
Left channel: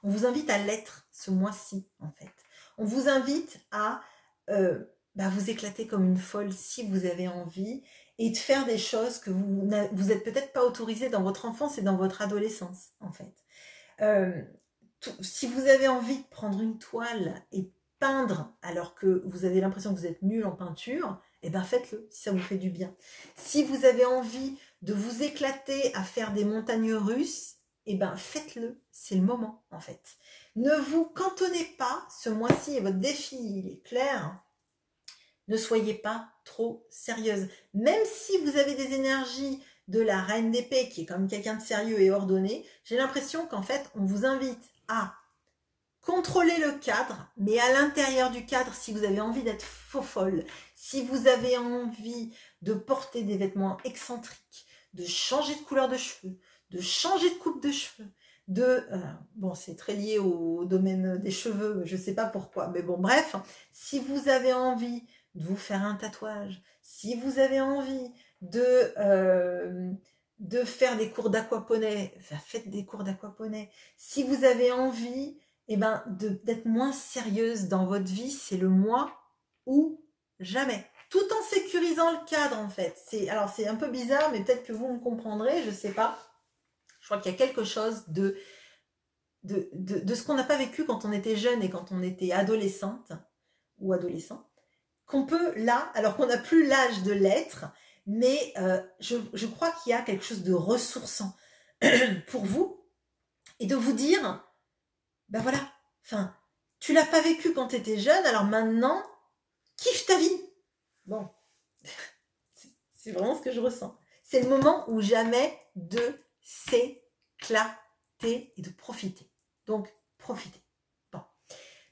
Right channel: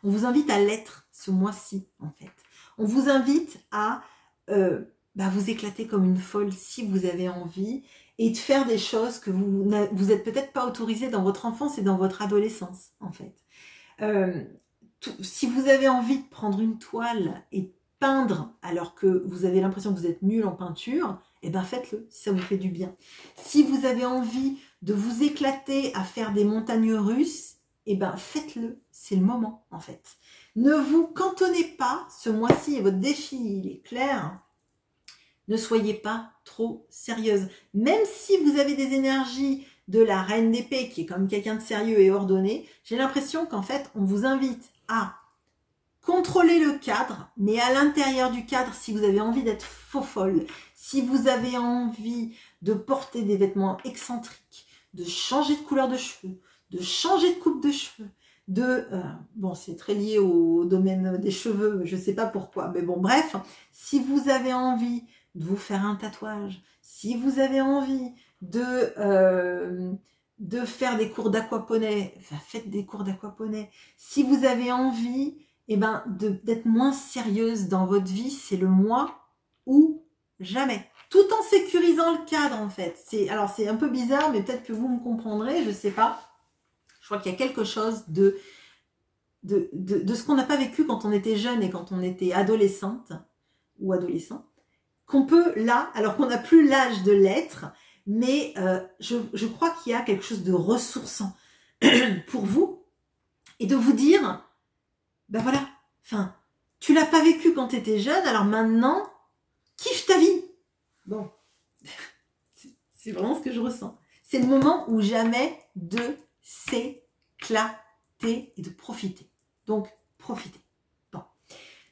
On vous invite à l'être ce mois-ci en fait. On vous invite à vous éclater comme une folle si vous avez envie et de faire des choses que vous n'êtes peut-être pas autorisé dans votre enfance et dans votre adolescence en fait. Si vous avez envie de prendre une toile et peindre alors que vous avez l'impression que vous êtes nul en peinture, eh ben faites-le si ça vous fait du bien. Si vous avez envie de vous éclater à faire des montagnes russes, eh ben faites-le, c'est le moment en fait. Ne vous cantonnez pas ce mois-ci et votre défi il est clair. Ne soyez pas trop sérieuse. Même si vous avez des énergies de la reine d'épée qui est comme quelqu'un de sérieux et ordonné, j'ai l'impression qu'en fait on vous invite à contrôler le cadre, mais à l'intérieur du cadre, si vous avez envie d'être faux folle, si vous avez envie de porter des vêtements excentriques, de changer de couleur de cheveux, de changer de coupe de cheveux, bon c'est très lié au domaine des cheveux, je ne sais pas pourquoi, mais bon bref, si vous avez envie de vous faire un tatouage, si vous avez envie de faire des cours d'aquaponie, faites des cours d'aquaponie. Si vous avez envie d'être moins sérieuse dans votre vie, c'est le mois ou jamais. Tout en sécurisant le cadre en fait. Alors c'est un peu bizarre, mais peut-être que vous me comprendrez, je ne sais pas. Je crois qu'il y a quelque chose de ce qu'on n'a pas vécu quand on était jeune et quand on était adolescente ou adolescent, qu'on peut là, alors qu'on n'a plus l'âge de l'être, mais je crois qu'il y a quelque chose de ressourçant pour vous et de vous dire, ben voilà, enfin, tu l'as pas vécu quand tu étais jeune, alors maintenant, kiffe ta vie. Bon, c'est vraiment ce que je ressens. C'est le moment ou jamais de s'éclater et de profiter. Donc, profitez. Bon.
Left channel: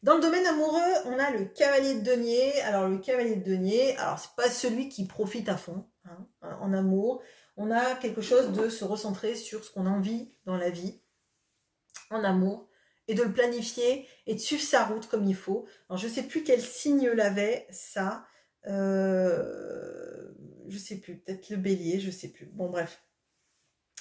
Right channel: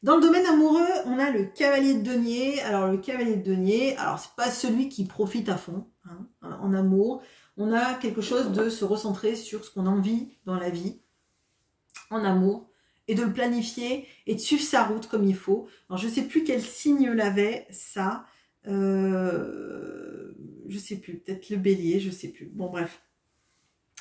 Dans le domaine amoureux, on a le cavalier de denier. Alors, le cavalier de denier, alors c'est pas celui qui profite à fond hein, en amour. On a quelque chose de se recentrer sur ce qu'on a envie dans la vie, en amour, et de le planifier et de suivre sa route comme il faut. Alors, je ne sais plus quel signe l'avait, ça. Je sais plus, peut-être le bélier, je sais plus. Bon, bref.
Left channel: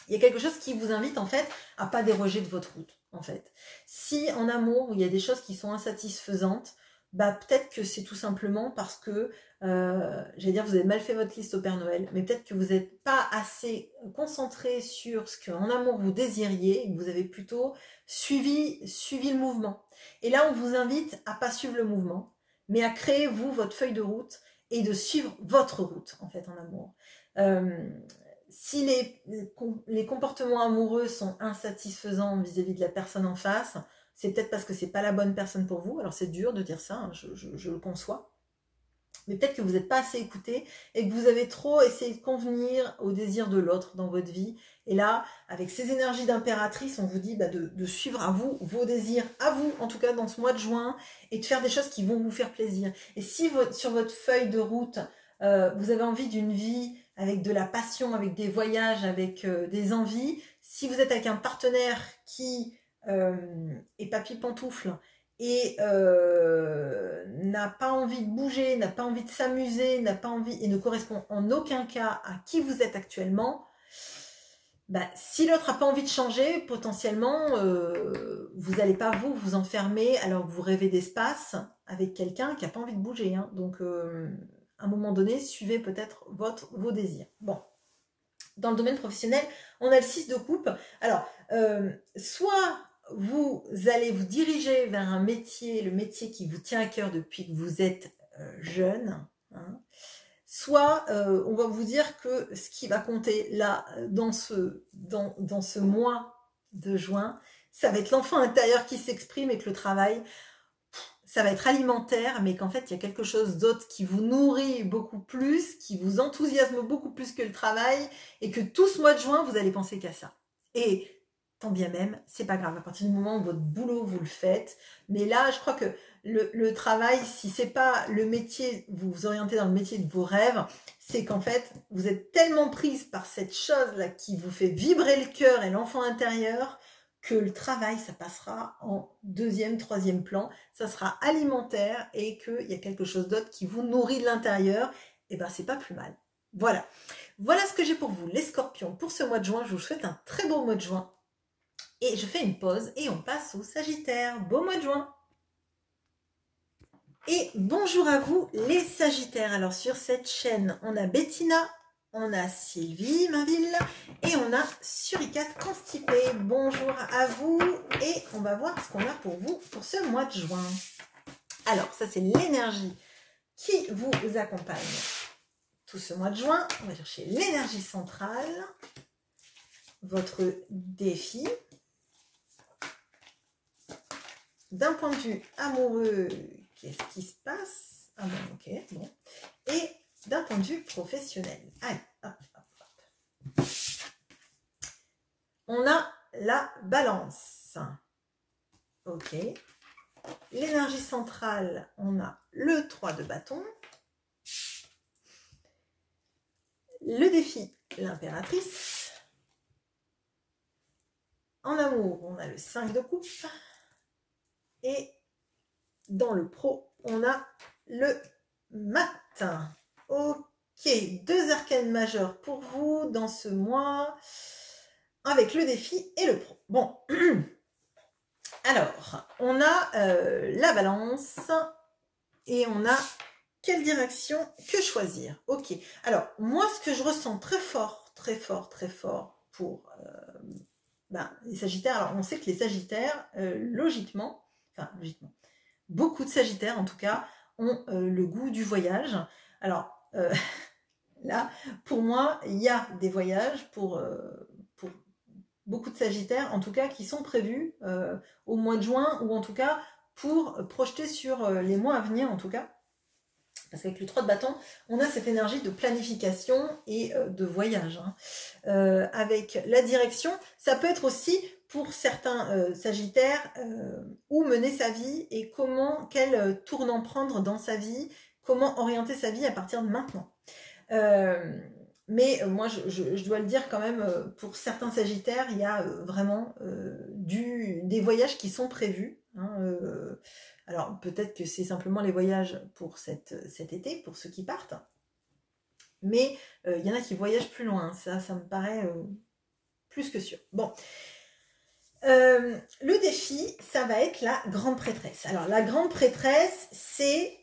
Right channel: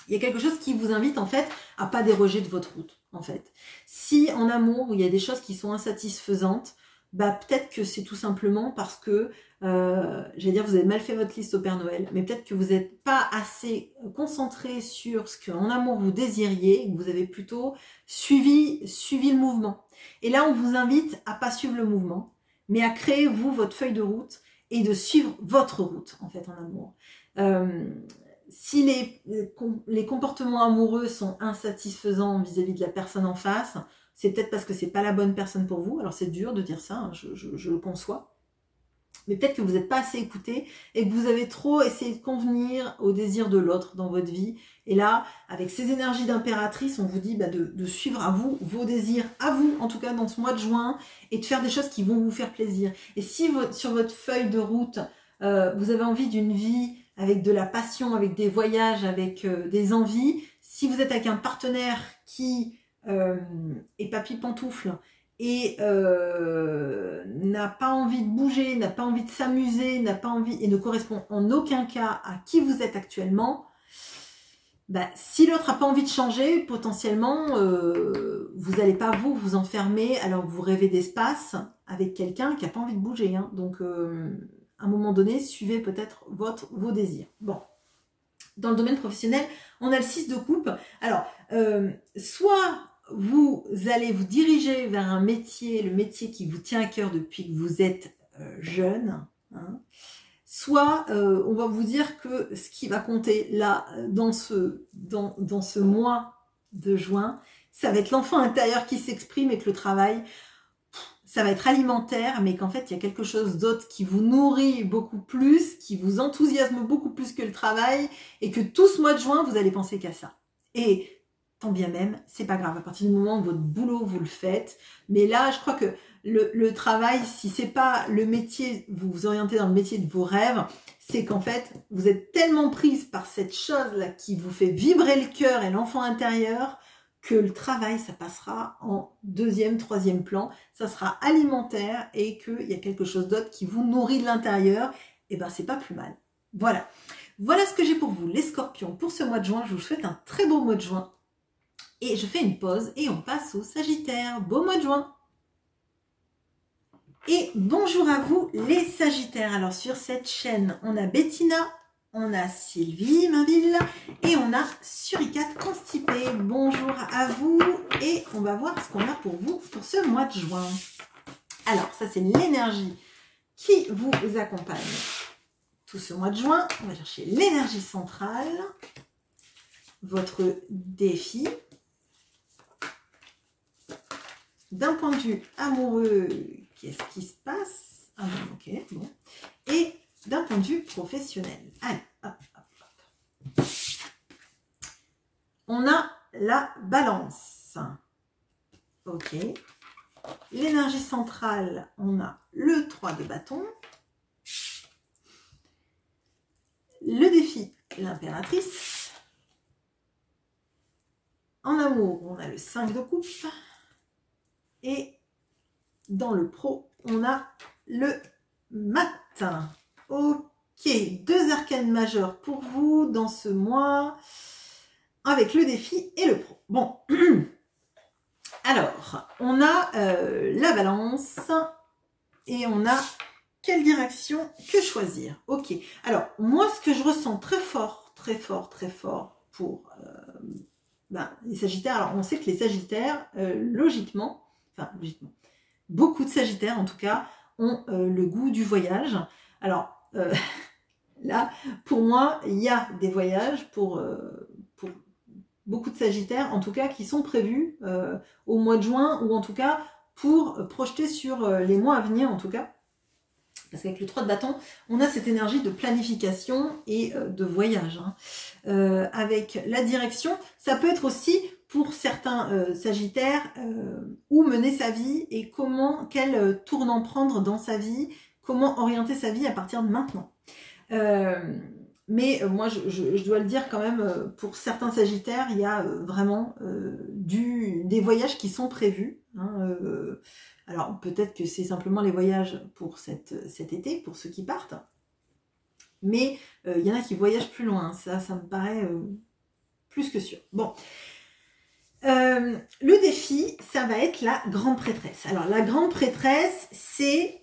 Il y a quelque chose qui vous invite, en fait, à pas déroger de votre route, en fait. Si, en amour, il y a des choses qui sont insatisfaisantes, peut-être que c'est tout simplement parce que, j'allais dire, vous avez mal fait votre liste au Père Noël, mais peut-être que vous n'êtes pas assez concentré sur ce qu'en amour vous désiriez, et que vous avez plutôt suivi le mouvement. Et là, on vous invite à pas suivre le mouvement, mais à créer, vous, votre feuille de route et de suivre votre route, en fait, en amour. Si les comportements amoureux sont insatisfaisants vis-à-vis de la personne en face, c'est peut-être parce que c'est pas la bonne personne pour vous. Alors c'est dur de dire ça, hein, je le conçois. Mais peut-être que vous n'êtes pas assez écouté et que vous avez trop essayé de convenir au désir de l'autre dans votre vie. Et là, avec ces énergies d'impératrice, on vous dit de suivre à vous vos désirs, à vous en tout cas dans ce mois de juin, et de faire des choses qui vont vous faire plaisir. Et si sur votre feuille de route, vous avez envie d'une vie avec de la passion, avec des voyages, avec des envies, si vous êtes avec un partenaire qui est papy pantoufle et n'a pas envie de bouger, n'a pas envie de s'amuser, n'a pas envie et ne correspond en aucun cas à qui vous êtes actuellement, si l'autre n'a pas envie de changer, potentiellement, vous n'allez pas vous enfermer alors que vous rêvez d'espace avec quelqu'un qui n'a pas envie de bouger. Hein. Donc, à un moment donné, suivez peut-être vos désirs. Bon, dans le domaine professionnel, on a le 6 de coupe. Alors, soit vous allez vous diriger vers un métier, le métier qui vous tient à cœur depuis que vous êtes jeune, hein, soit on va vous dire que ce qui va compter là, dans ce mois de juin, ça va être l'enfant intérieur qui s'exprime et que le travail, ça va être alimentaire, mais qu'en fait, il y a quelque chose d'autre qui vous nourrit beaucoup plus, qui vous enthousiasme beaucoup plus que le travail, et que tout ce mois de juin, vous allez penser qu'à ça. Et tant bien même, c'est pas grave, à partir du moment où votre boulot, vous le faites. Mais là, je crois que le travail, si c'est pas le métier, vous vous orientez dans le métier de vos rêves, c'est qu'en fait, vous êtes tellement prise par cette chose-là qui vous fait vibrer le cœur et l'enfant intérieur, que le travail, ça passera en deuxième, troisième plan, ça sera alimentaire et qu'il y a quelque chose d'autre qui vous nourrit de l'intérieur, et ben c'est pas plus mal. Voilà. Voilà ce que j'ai pour vous, les scorpions, pour ce mois de juin. Je vous souhaite un très beau mois de juin. Et je fais une pause et on passe au Sagittaire. Beau mois de juin. Et bonjour à vous les Sagittaires. Alors sur cette chaîne, on a Bettina, on a Sylvie Mainville et on a Suricate Constipée. Bonjour à vous et on va voir ce qu'on a pour vous pour ce mois de juin. Alors ça c'est l'énergie qui vous accompagne tout ce mois de juin. On va chercher l'énergie centrale, votre défi. D'un point de vue amoureux, qu'est-ce qui se passe? Ah bon, ok, bon. Et d'un point de vue professionnel. Allez, hop, hop, hop. On a la balance. Ok. L'énergie centrale, on a le 3 de bâton. Le défi, l'impératrice. En amour, on a le 5 de coupe. Et dans le pro, on a le matin. Ok, 2 arcanes majeures pour vous dans ce mois, avec le défi et le pro. Bon, alors, on a la balance et on a quelle direction que choisir. Ok, alors, moi, ce que je ressens très fort pour les Sagittaires, alors on sait que les Sagittaires, logiquement, beaucoup de Sagittaires en tout cas ont le goût du voyage. Alors là, pour moi, il y a des voyages pour beaucoup de Sagittaires, en tout cas qui sont prévus au mois de juin, ou en tout cas pour projeter sur les mois à venir en tout cas. Parce qu'avec le 3 de bâton, on a cette énergie de planification et de voyage. Avec la direction, ça peut être aussi pour certains Sagittaires où mener sa vie et quel tournant prendre dans sa vie, comment orienter sa vie à partir de maintenant. Mais moi, je dois le dire quand même, pour certains Sagittaires, il y a vraiment des voyages qui sont prévus. Alors, peut-être que c'est simplement les voyages pour cet été, pour ceux qui partent. Mais il y en a qui voyagent plus loin. Ça me paraît plus que sûr. Bon. Le défi, ça va être la grande prêtresse. Alors, la grande prêtresse, c'est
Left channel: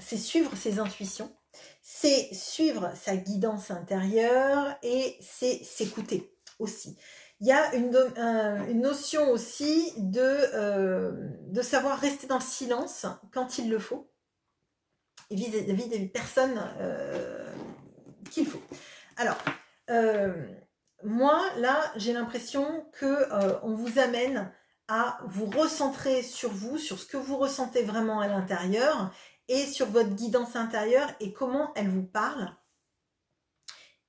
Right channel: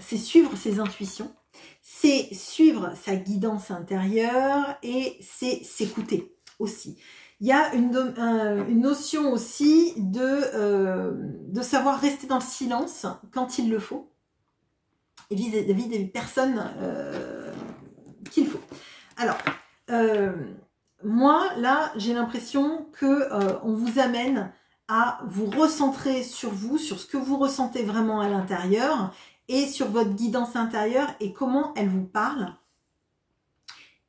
suivre ses intuitions. C'est suivre sa guidance intérieure et c'est s'écouter aussi. Il y a une notion aussi de savoir rester dans le silence quand il le faut et vis-à-vis des personnes qu'il faut. Alors, moi, là, j'ai l'impression qu'on vous amène à vous recentrer sur vous, sur ce que vous ressentez vraiment à l'intérieur et sur votre guidance intérieure et comment elle vous parle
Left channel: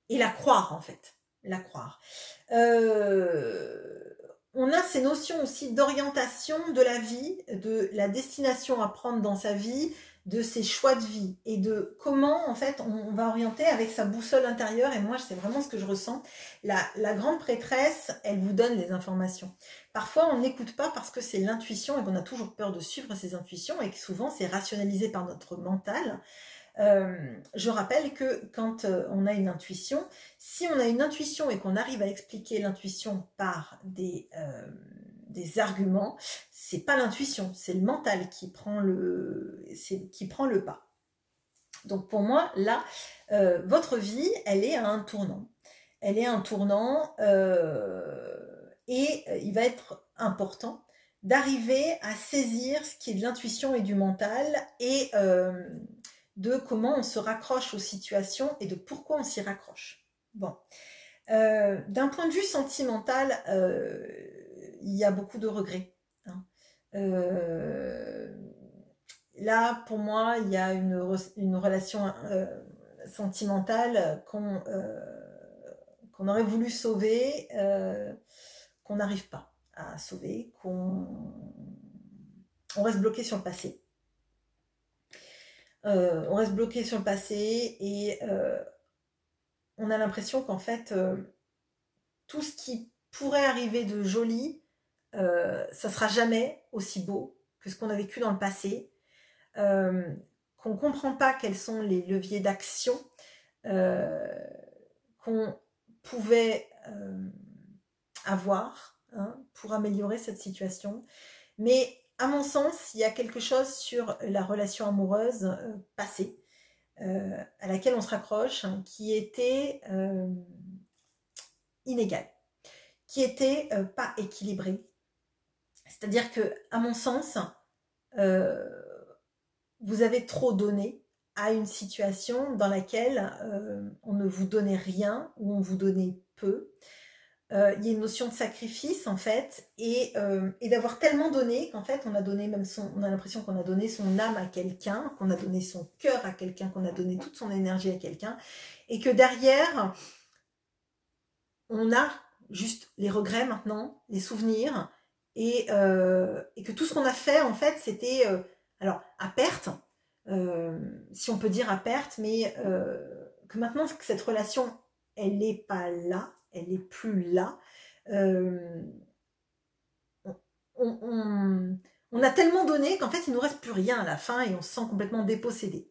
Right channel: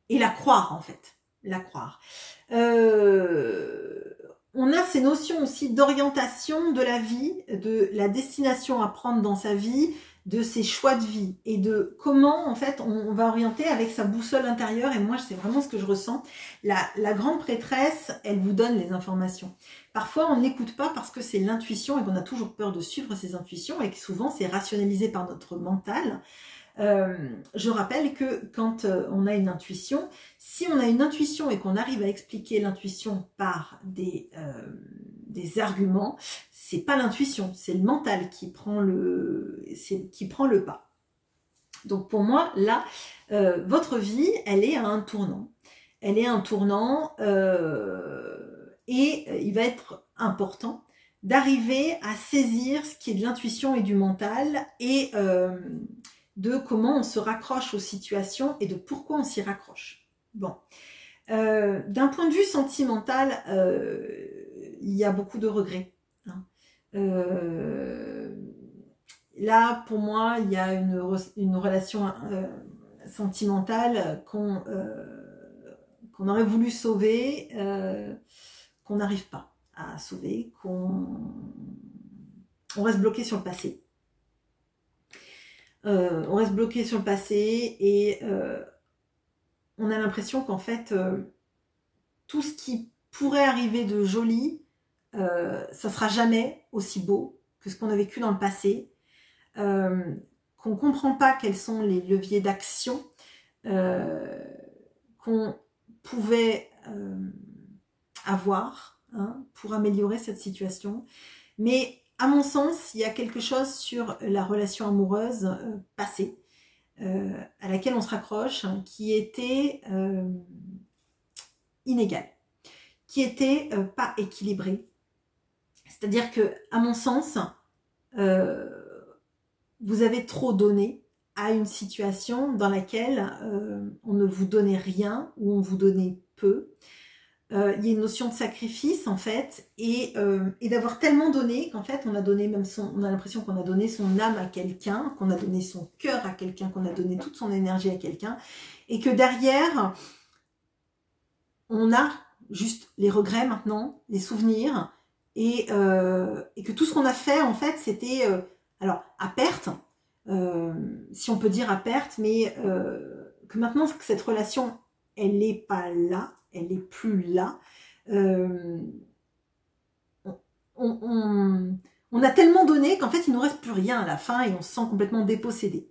et la croire en fait, la croire. On a ces notions aussi d'orientation de la vie, de la destination à prendre dans sa vie, de ses choix de vie et de comment en fait on va orienter avec sa boussole intérieure. Et moi c'est vraiment ce que je ressens. La grande prêtresse, elle vous donne les informations. Parfois on n'écoute pas parce que c'est l'intuition et qu'on a toujours peur de suivre ses intuitions et que souvent c'est rationalisé par notre mental. Je rappelle que quand on a une intuition, si on a une intuition et qu'on arrive à expliquer l'intuition par des arguments, c'est pas l'intuition, c'est le mental qui prend le pas. Donc pour moi, là, votre vie, elle est à un tournant. Elle est à un tournant et il va être important d'arriver à saisir ce qui est de l'intuition et du mental et de comment on se raccroche aux situations et de pourquoi on s'y raccroche. Bon. D'un point de vue sentimental, il y a beaucoup de regrets. Hein. Là, pour moi, il y a une relation sentimentale qu'on aurait voulu sauver, qu'on n'arrive pas à sauver, on reste bloqué sur le passé. On reste bloqué sur le passé et on a l'impression qu'en fait, tout ce qui pourrait arriver de joli, ça sera jamais aussi beau que ce qu'on a vécu dans le passé, qu'on ne comprend pas quels sont les leviers d'action qu'on pouvait avoir pour améliorer cette situation. Mais à mon sens, il y a quelque chose sur la relation amoureuse passée, à laquelle on se raccroche, qui était inégale, qui était pas équilibrée. C'est-à-dire que, à mon sens, vous avez trop donné à une situation dans laquelle on ne vous donnait rien ou on vous donnait peu. Il y a une notion de sacrifice en fait et d'avoir tellement donné qu'en fait on a donné même on a l'impression qu'on a donné son âme à quelqu'un, qu'on a donné son cœur à quelqu'un, qu'on a donné toute son énergie à quelqu'un et que derrière on a juste les regrets maintenant, les souvenirs et que tout ce qu'on a fait en fait c'était alors à perte, si on peut dire à perte, mais que maintenant que cette relation elle n'est pas là, elle n'est plus là. On a tellement donné qu'en fait, il ne nous reste plus rien à la fin et on se sent complètement dépossédé.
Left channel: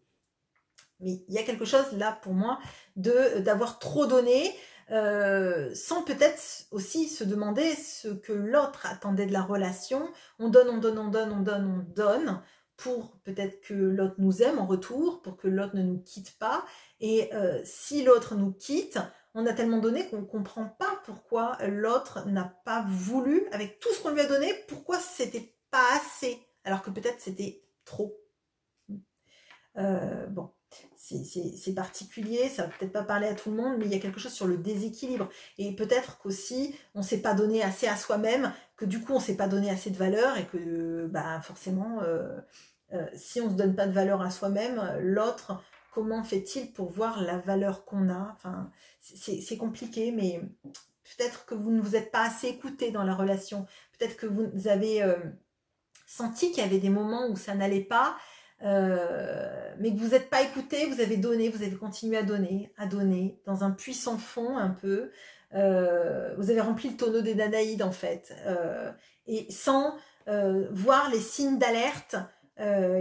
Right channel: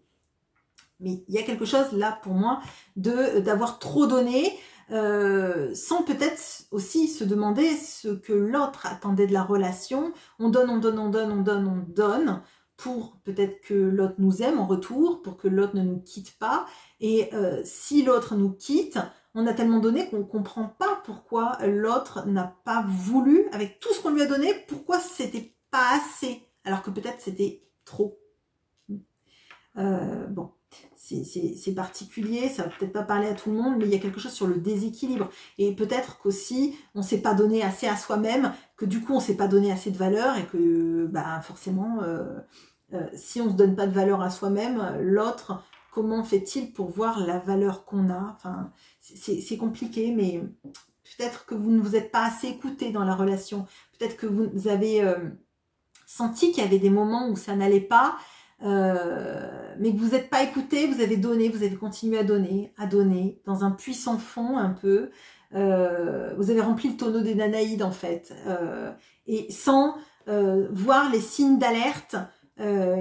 Mais il y a quelque chose là pour moi d'avoir trop donné sans peut-être aussi se demander ce que l'autre attendait de la relation. On donne, on donne, on donne, on donne, on donne pour peut-être que l'autre nous aime en retour, pour que l'autre ne nous quitte pas. Et si l'autre nous quitte, on a tellement donné qu'on ne comprend pas pourquoi l'autre n'a pas voulu, avec tout ce qu'on lui a donné, pourquoi c'était pas assez, alors que peut-être c'était trop. Bon, c'est particulier, ça va peut-être pas parler à tout le monde, mais il y a quelque chose sur le déséquilibre. Et peut-être qu'aussi, on ne s'est pas donné assez à soi-même, que du coup, on ne s'est pas donné assez de valeur, et que bah, forcément, si on ne se donne pas de valeur à soi-même, l'autre, comment fait-il pour voir la valeur qu'on a? Enfin, c'est compliqué, mais peut-être que vous ne vous êtes pas assez écouté dans la relation. Peut-être que vous avez senti qu'il y avait des moments où ça n'allait pas, mais que vous n'êtes pas écouté, vous avez donné, vous avez continué à donner, dans un puits sans fond un peu. Vous avez rempli le tonneau des Danaïdes en fait, et sans voir les signes d'alerte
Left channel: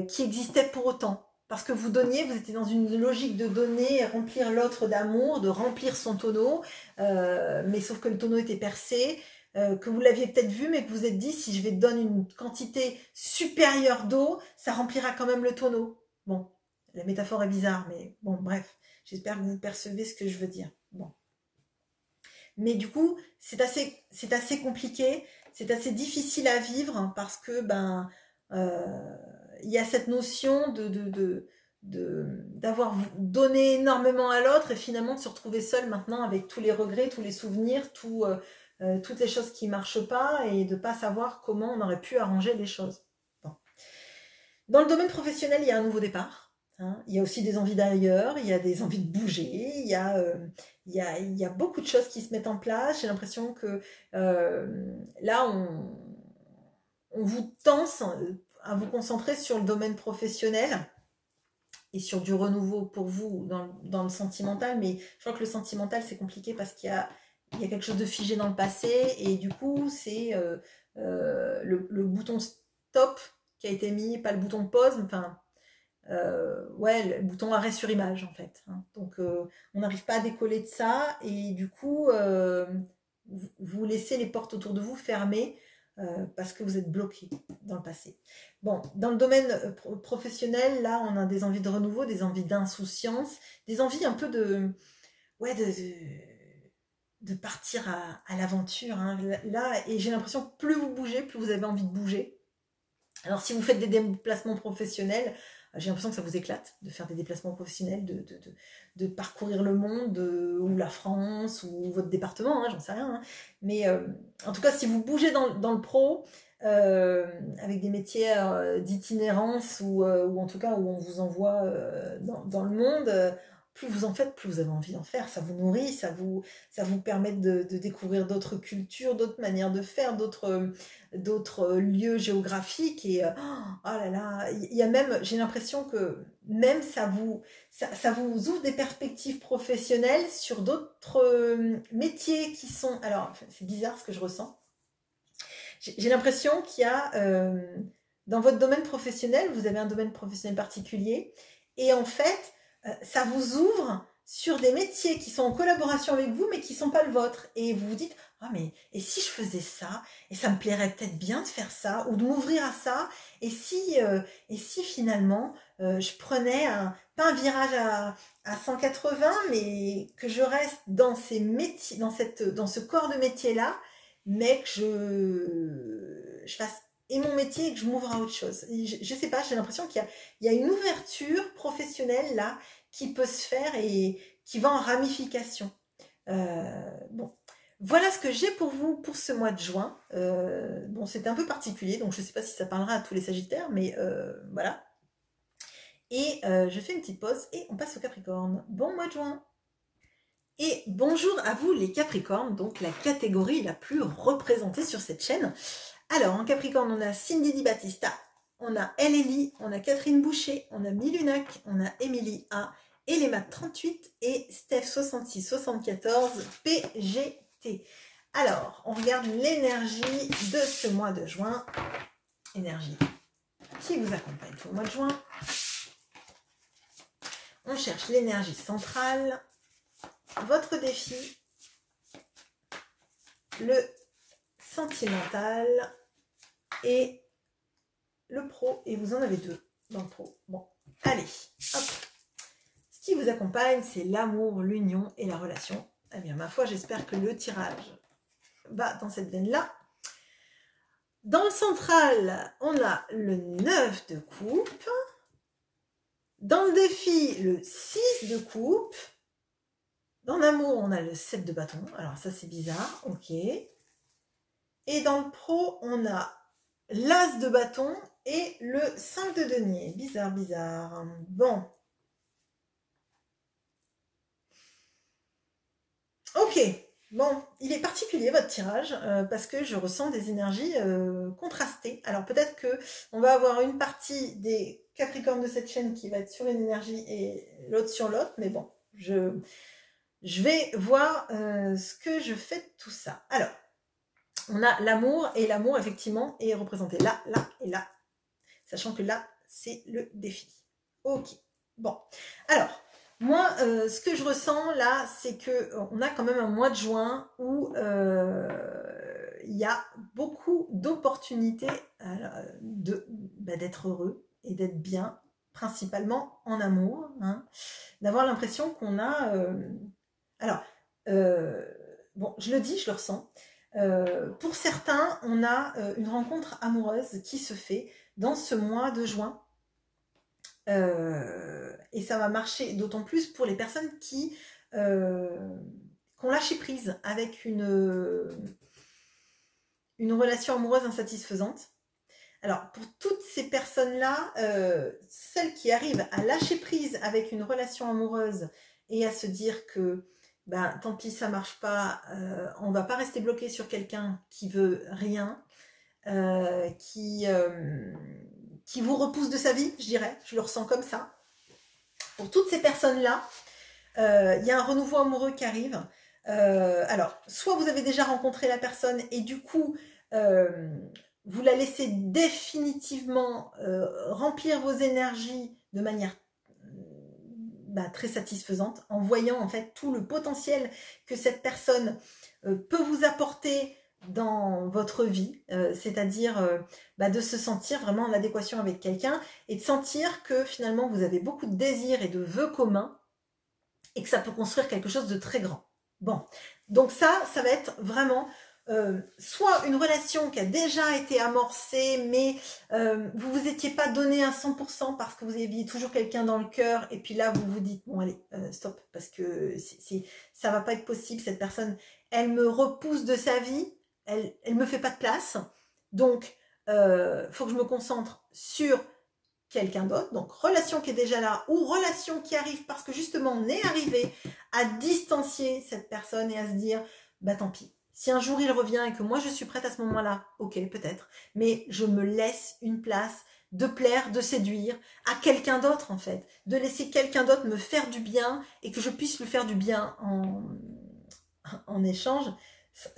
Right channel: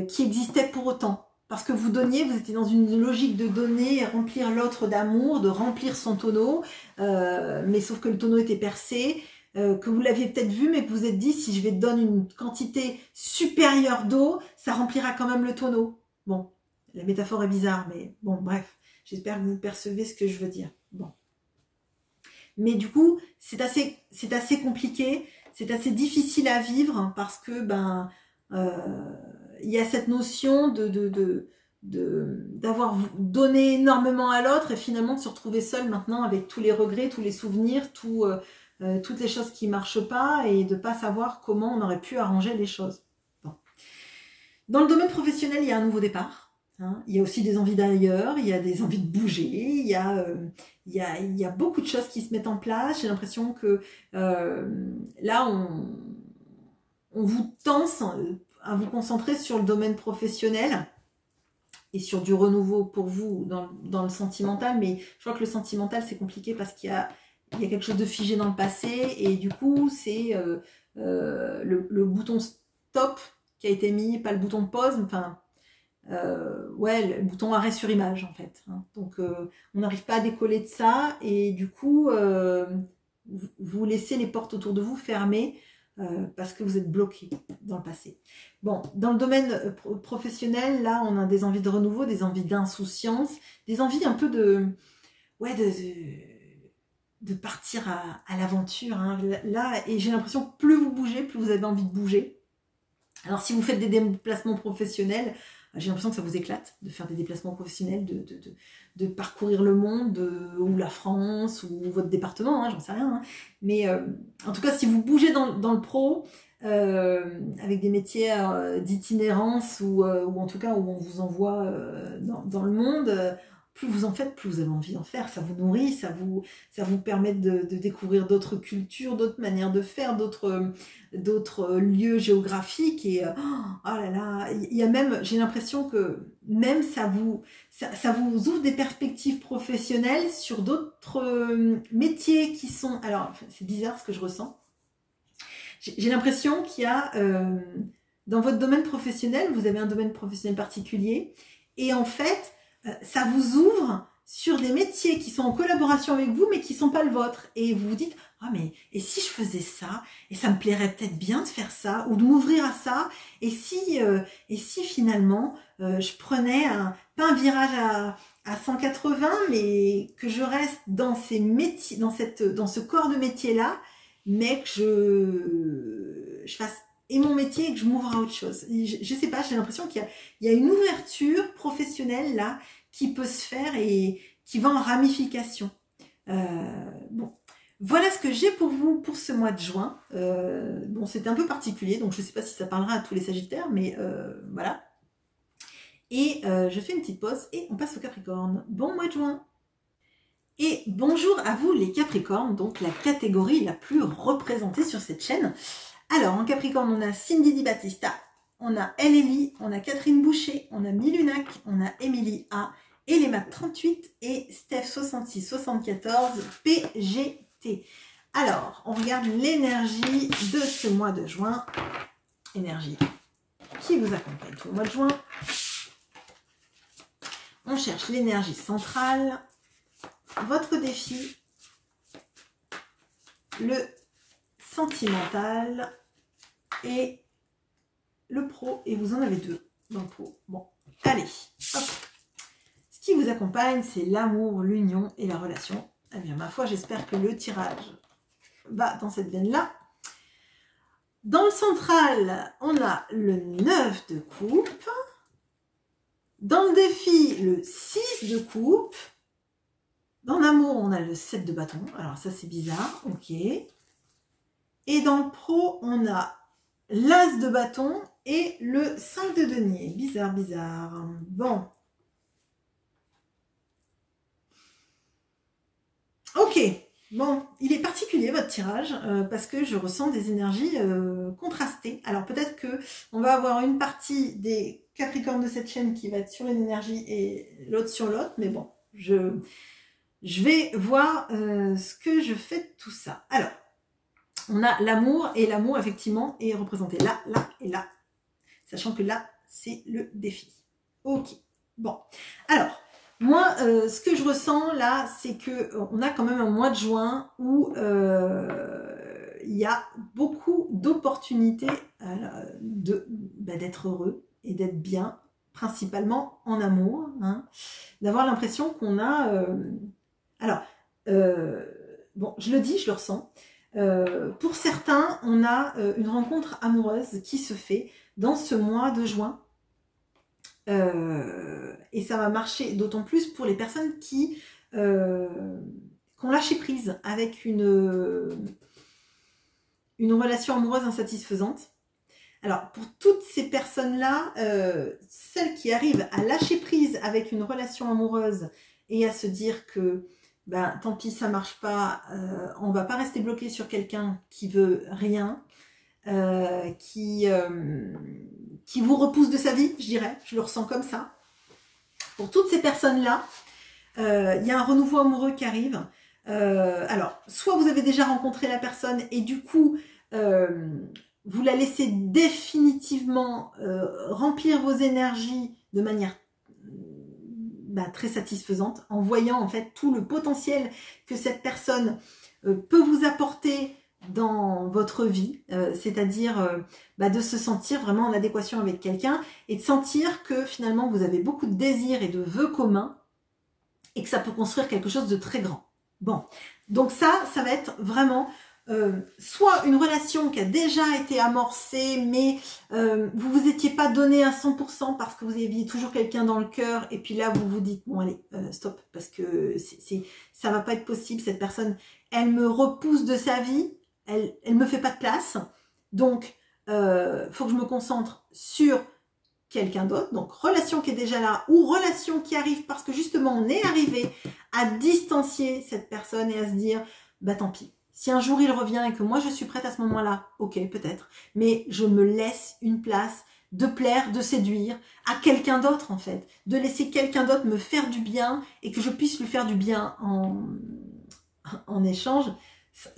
qui existaient pour autant. Parce que vous donniez, vous étiez dans une logique de donner, remplir l'autre d'amour, de remplir son tonneau, mais sauf que le tonneau était percé, que vous l'aviez peut-être vu, mais que vous vous êtes dit, si je vais te donner une quantité supérieure d'eau, ça remplira quand même le tonneau. Bon, la métaphore est bizarre, mais bon, bref, j'espère que vous percevez ce que je veux dire. Bon. Mais du coup, c'est assez compliqué, c'est assez difficile à vivre, parce que, ben... il y a cette notion d'avoir donné énormément à l'autre et finalement de se retrouver seul maintenant avec tous les regrets, tous les souvenirs, toutes les choses qui ne marchent pas et de ne pas savoir comment on aurait pu arranger les choses. Bon. Dans le domaine professionnel, il y a un nouveau départ. Hein. Il y a aussi des envies d'ailleurs, il y a des envies de bouger, il y a beaucoup de choses qui se mettent en place. J'ai l'impression que là, on vous tense à vous concentrer sur le domaine professionnel et sur du renouveau pour vous dans le sentimental, mais je crois que le sentimental c'est compliqué parce qu'il y a quelque chose de figé dans le passé et du coup c'est le bouton stop qui a été mis, pas le bouton pause, enfin ouais, le bouton arrêt sur image en fait. Hein. Donc on n'arrive pas à décoller de ça et du coup vous laissez les portes autour de vous fermées parce que vous êtes bloqué dans le passé. Bon, dans le domaine professionnel, là, on a des envies de renouveau, des envies d'insouciance, des envies un peu de partir à l'aventure. Hein. Là, et j'ai l'impression que plus vous bougez, plus vous avez envie de bouger. Alors, si vous faites des déplacements professionnels, j'ai l'impression que ça vous éclate de faire des déplacements professionnels, de parcourir le monde, ou la France, ou votre département, hein, j'en sais rien. Hein. Mais en tout cas, si vous bougez dans le pro, avec des métiers d'itinérance, ou en tout cas où on vous envoie dans le monde, plus vous en faites, plus vous avez envie d'en faire. Ça vous nourrit, ça vous permet de découvrir d'autres cultures, d'autres manières de faire, d'autres lieux géographiques. Et oh là là, il y a même, j'ai l'impression que même ça vous ouvre des perspectives professionnelles sur d'autres métiers qui sont... Alors, c'est bizarre ce que je ressens. J'ai l'impression qu'il y a... dans votre domaine professionnel, vous avez un domaine professionnel particulier. Et en fait, ça vous ouvre sur des métiers qui sont en collaboration avec vous, mais qui ne sont pas le vôtre. Et vous vous dites, ah mais, et si je faisais ça, et ça me plairait peut-être bien de faire ça, ou de m'ouvrir à ça, et si finalement, je prenais pas un virage à 180, mais que je reste dans ces métiers, dans ce corps de métier-là, mais que je fasse et mon métier et que je m'ouvre à autre chose. Je sais pas, j'ai l'impression qu'il y a une ouverture professionnelle là qui peut se faire et qui va en ramification. Bon, voilà ce que j'ai pour vous pour ce mois de juin. Bon, c'est un peu particulier, donc je ne sais pas si ça parlera à tous les Sagittaires, mais voilà. Et je fais une petite pause et on passe au Capricorne. Bon mois de juin. Et bonjour à vous les Capricornes, donc la catégorie la plus représentée sur cette chaîne. Alors, en Capricorne, on a Cindy Di Battista, on a Ellie, on a Catherine Boucher, on a Milunac, on a Émilie A, Elema 38 et Steph 6674 PGT. Alors, on regarde l'énergie de ce mois de juin. Énergie qui vous accompagne tout le mois de juin. On cherche l'énergie centrale, votre défi, le sentimental et le pro, et vous en avez deux dans le pro. Bon, allez, hop. Ce qui vous accompagne, c'est l'amour, l'union et la relation. Eh bien, ma foi, j'espère que le tirage va dans cette veine-là. Dans le central, on a le 9 de coupe. Dans le défi, le 6 de coupe. Dans l'amour, on a le 7 de bâton. Alors ça, c'est bizarre. Ok. Et dans le pro, on a l'as de bâton et le 5 de denier. Bizarre, bizarre. Bon. Ok. Bon, il est particulier votre tirage parce que je ressens des énergies contrastées. Alors peut-être que on va avoir une partie des Capricornes de cette chaîne qui va être sur une énergie et l'autre sur l'autre. Mais bon, je vais voir ce que je fais de tout ça. Alors, on a l'amour, et l'amour, effectivement, est représenté là, là et là. Sachant que là, c'est le défi. Ok. Bon. Alors, moi, ce que je ressens là, c'est qu'on a quand même un mois de juin où il y a beaucoup d'opportunités d'être heureux et d'être bien, principalement en amour. Hein, d'avoir l'impression qu'on a... bon, je le dis, je le ressens. Pour certains, on a une rencontre amoureuse qui se fait dans ce mois de juin. Et ça va marcher d'autant plus pour les personnes qui ont lâché prise avec une relation amoureuse insatisfaisante. Alors, pour toutes ces personnes-là, celles qui arrivent à lâcher prise avec une relation amoureuse et à se dire que ben, tant pis, ça marche pas, on va pas rester bloqué sur quelqu'un qui veut rien, qui vous repousse de sa vie, je dirais, je le ressens comme ça. Pour toutes ces personnes-là, il y a un renouveau amoureux qui arrive. Alors, soit vous avez déjà rencontré la personne et du coup, vous la laissez définitivement remplir vos énergies de manière très satisfaisante, en voyant en fait tout le potentiel que cette personne peut vous apporter dans votre vie, c'est-à-dire de se sentir vraiment en adéquation avec quelqu'un et de sentir que finalement vous avez beaucoup de désirs et de vœux communs et que ça peut construire quelque chose de très grand. Bon, donc ça va être vraiment soit une relation qui a déjà été amorcée, mais vous vous étiez pas donné à 100% parce que vous aviez toujours quelqu'un dans le cœur, et puis là vous vous dites bon allez stop, parce que ça va pas être possible, cette personne elle me repousse de sa vie, elle me fait pas de place, donc faut que je me concentre sur quelqu'un d'autre, donc relation qui est déjà là ou relation qui arrive parce que justement on est arrivé à distancier cette personne et à se dire bah tant pis. Si un jour il revient et que moi je suis prête à ce moment-là, ok peut-être, mais je me laisse une place de plaire, de séduire à quelqu'un d'autre en fait, de laisser quelqu'un d'autre me faire du bien et que je puisse lui faire du bien en échange.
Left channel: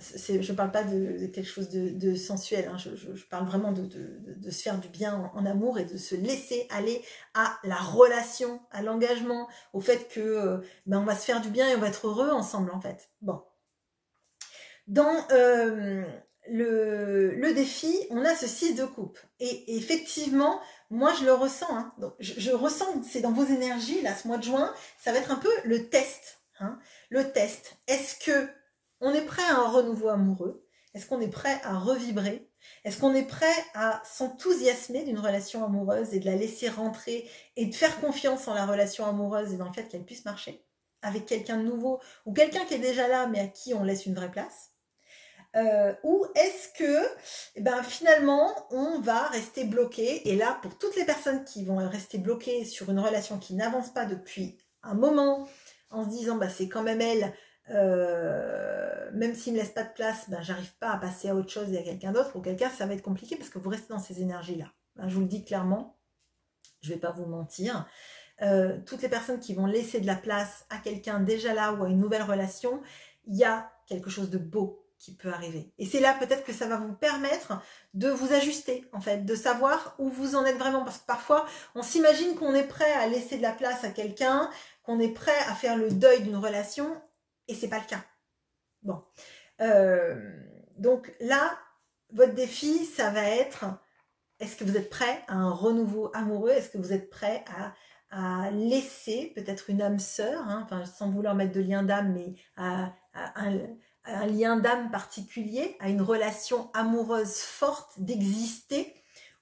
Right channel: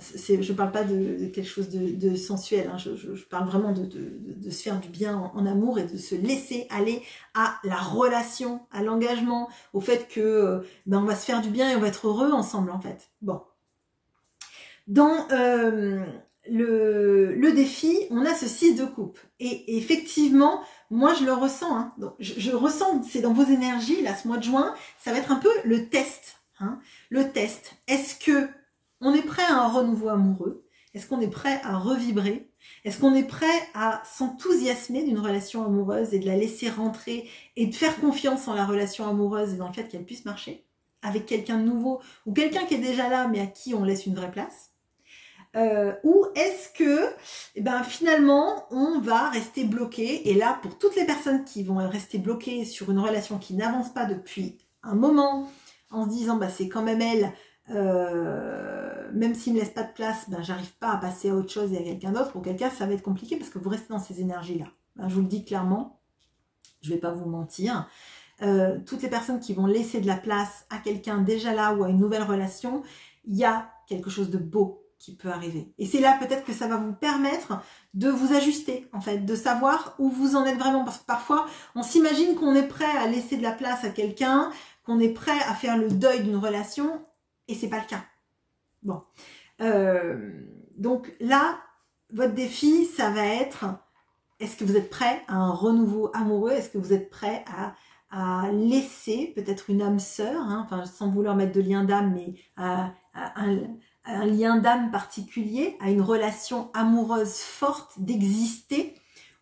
Je ne parle pas de quelque chose de sensuel, hein. Je parle vraiment de se faire du bien en amour et de se laisser aller à la relation, à l'engagement, au fait que ben on va se faire du bien et on va être heureux ensemble en fait. Bon. Dans le défi, on a ce 6 de coupe. Et effectivement, moi je le ressens. Hein. Donc, je ressens, c'est dans vos énergies, là, ce mois de juin, ça va être un peu le test. Hein. Le test. Est-ce que on est prêt à un renouveau amoureux? Est-ce qu'on est prêt à revibrer? Est-ce qu'on est prêt à s'enthousiasmer d'une relation amoureuse et de la laisser rentrer et de faire confiance en la relation amoureuse et dans le fait qu'elle puisse marcher avec quelqu'un de nouveau ou quelqu'un qui est déjà là mais à qui on laisse une vraie place? Ou est-ce que finalement on va rester bloqué? Et là, pour toutes les personnes qui vont rester bloquées sur une relation qui n'avance pas depuis un moment, en se disant bah, c'est quand même elle, même s'il ne me laisse pas de place, ben, j'arrive pas à passer à autre chose et à quelqu'un d'autre, auquel cas ça va être compliqué parce que vous restez dans ces énergies-là. Ben, je vous le dis clairement, je ne vais pas vous mentir. Toutes les personnes qui vont laisser de la place à quelqu'un déjà là ou à une nouvelle relation, il y a quelque chose de beau qui peut arriver. Et c'est là peut-être que ça va vous permettre de vous ajuster, en fait, de savoir où vous en êtes vraiment. Parce que parfois, on s'imagine qu'on est prêt à laisser de la place à quelqu'un, qu'on est prêt à faire le deuil d'une relation, et c'est pas le cas. Bon. Donc là, votre défi, ça va être, est-ce que vous êtes prêt à un renouveau amoureux? Est-ce que vous êtes prêt à laisser peut-être une âme sœur, hein, enfin, sans vouloir mettre de lien d'âme, mais à un lien d'âme particulier, à une relation amoureuse forte d'exister,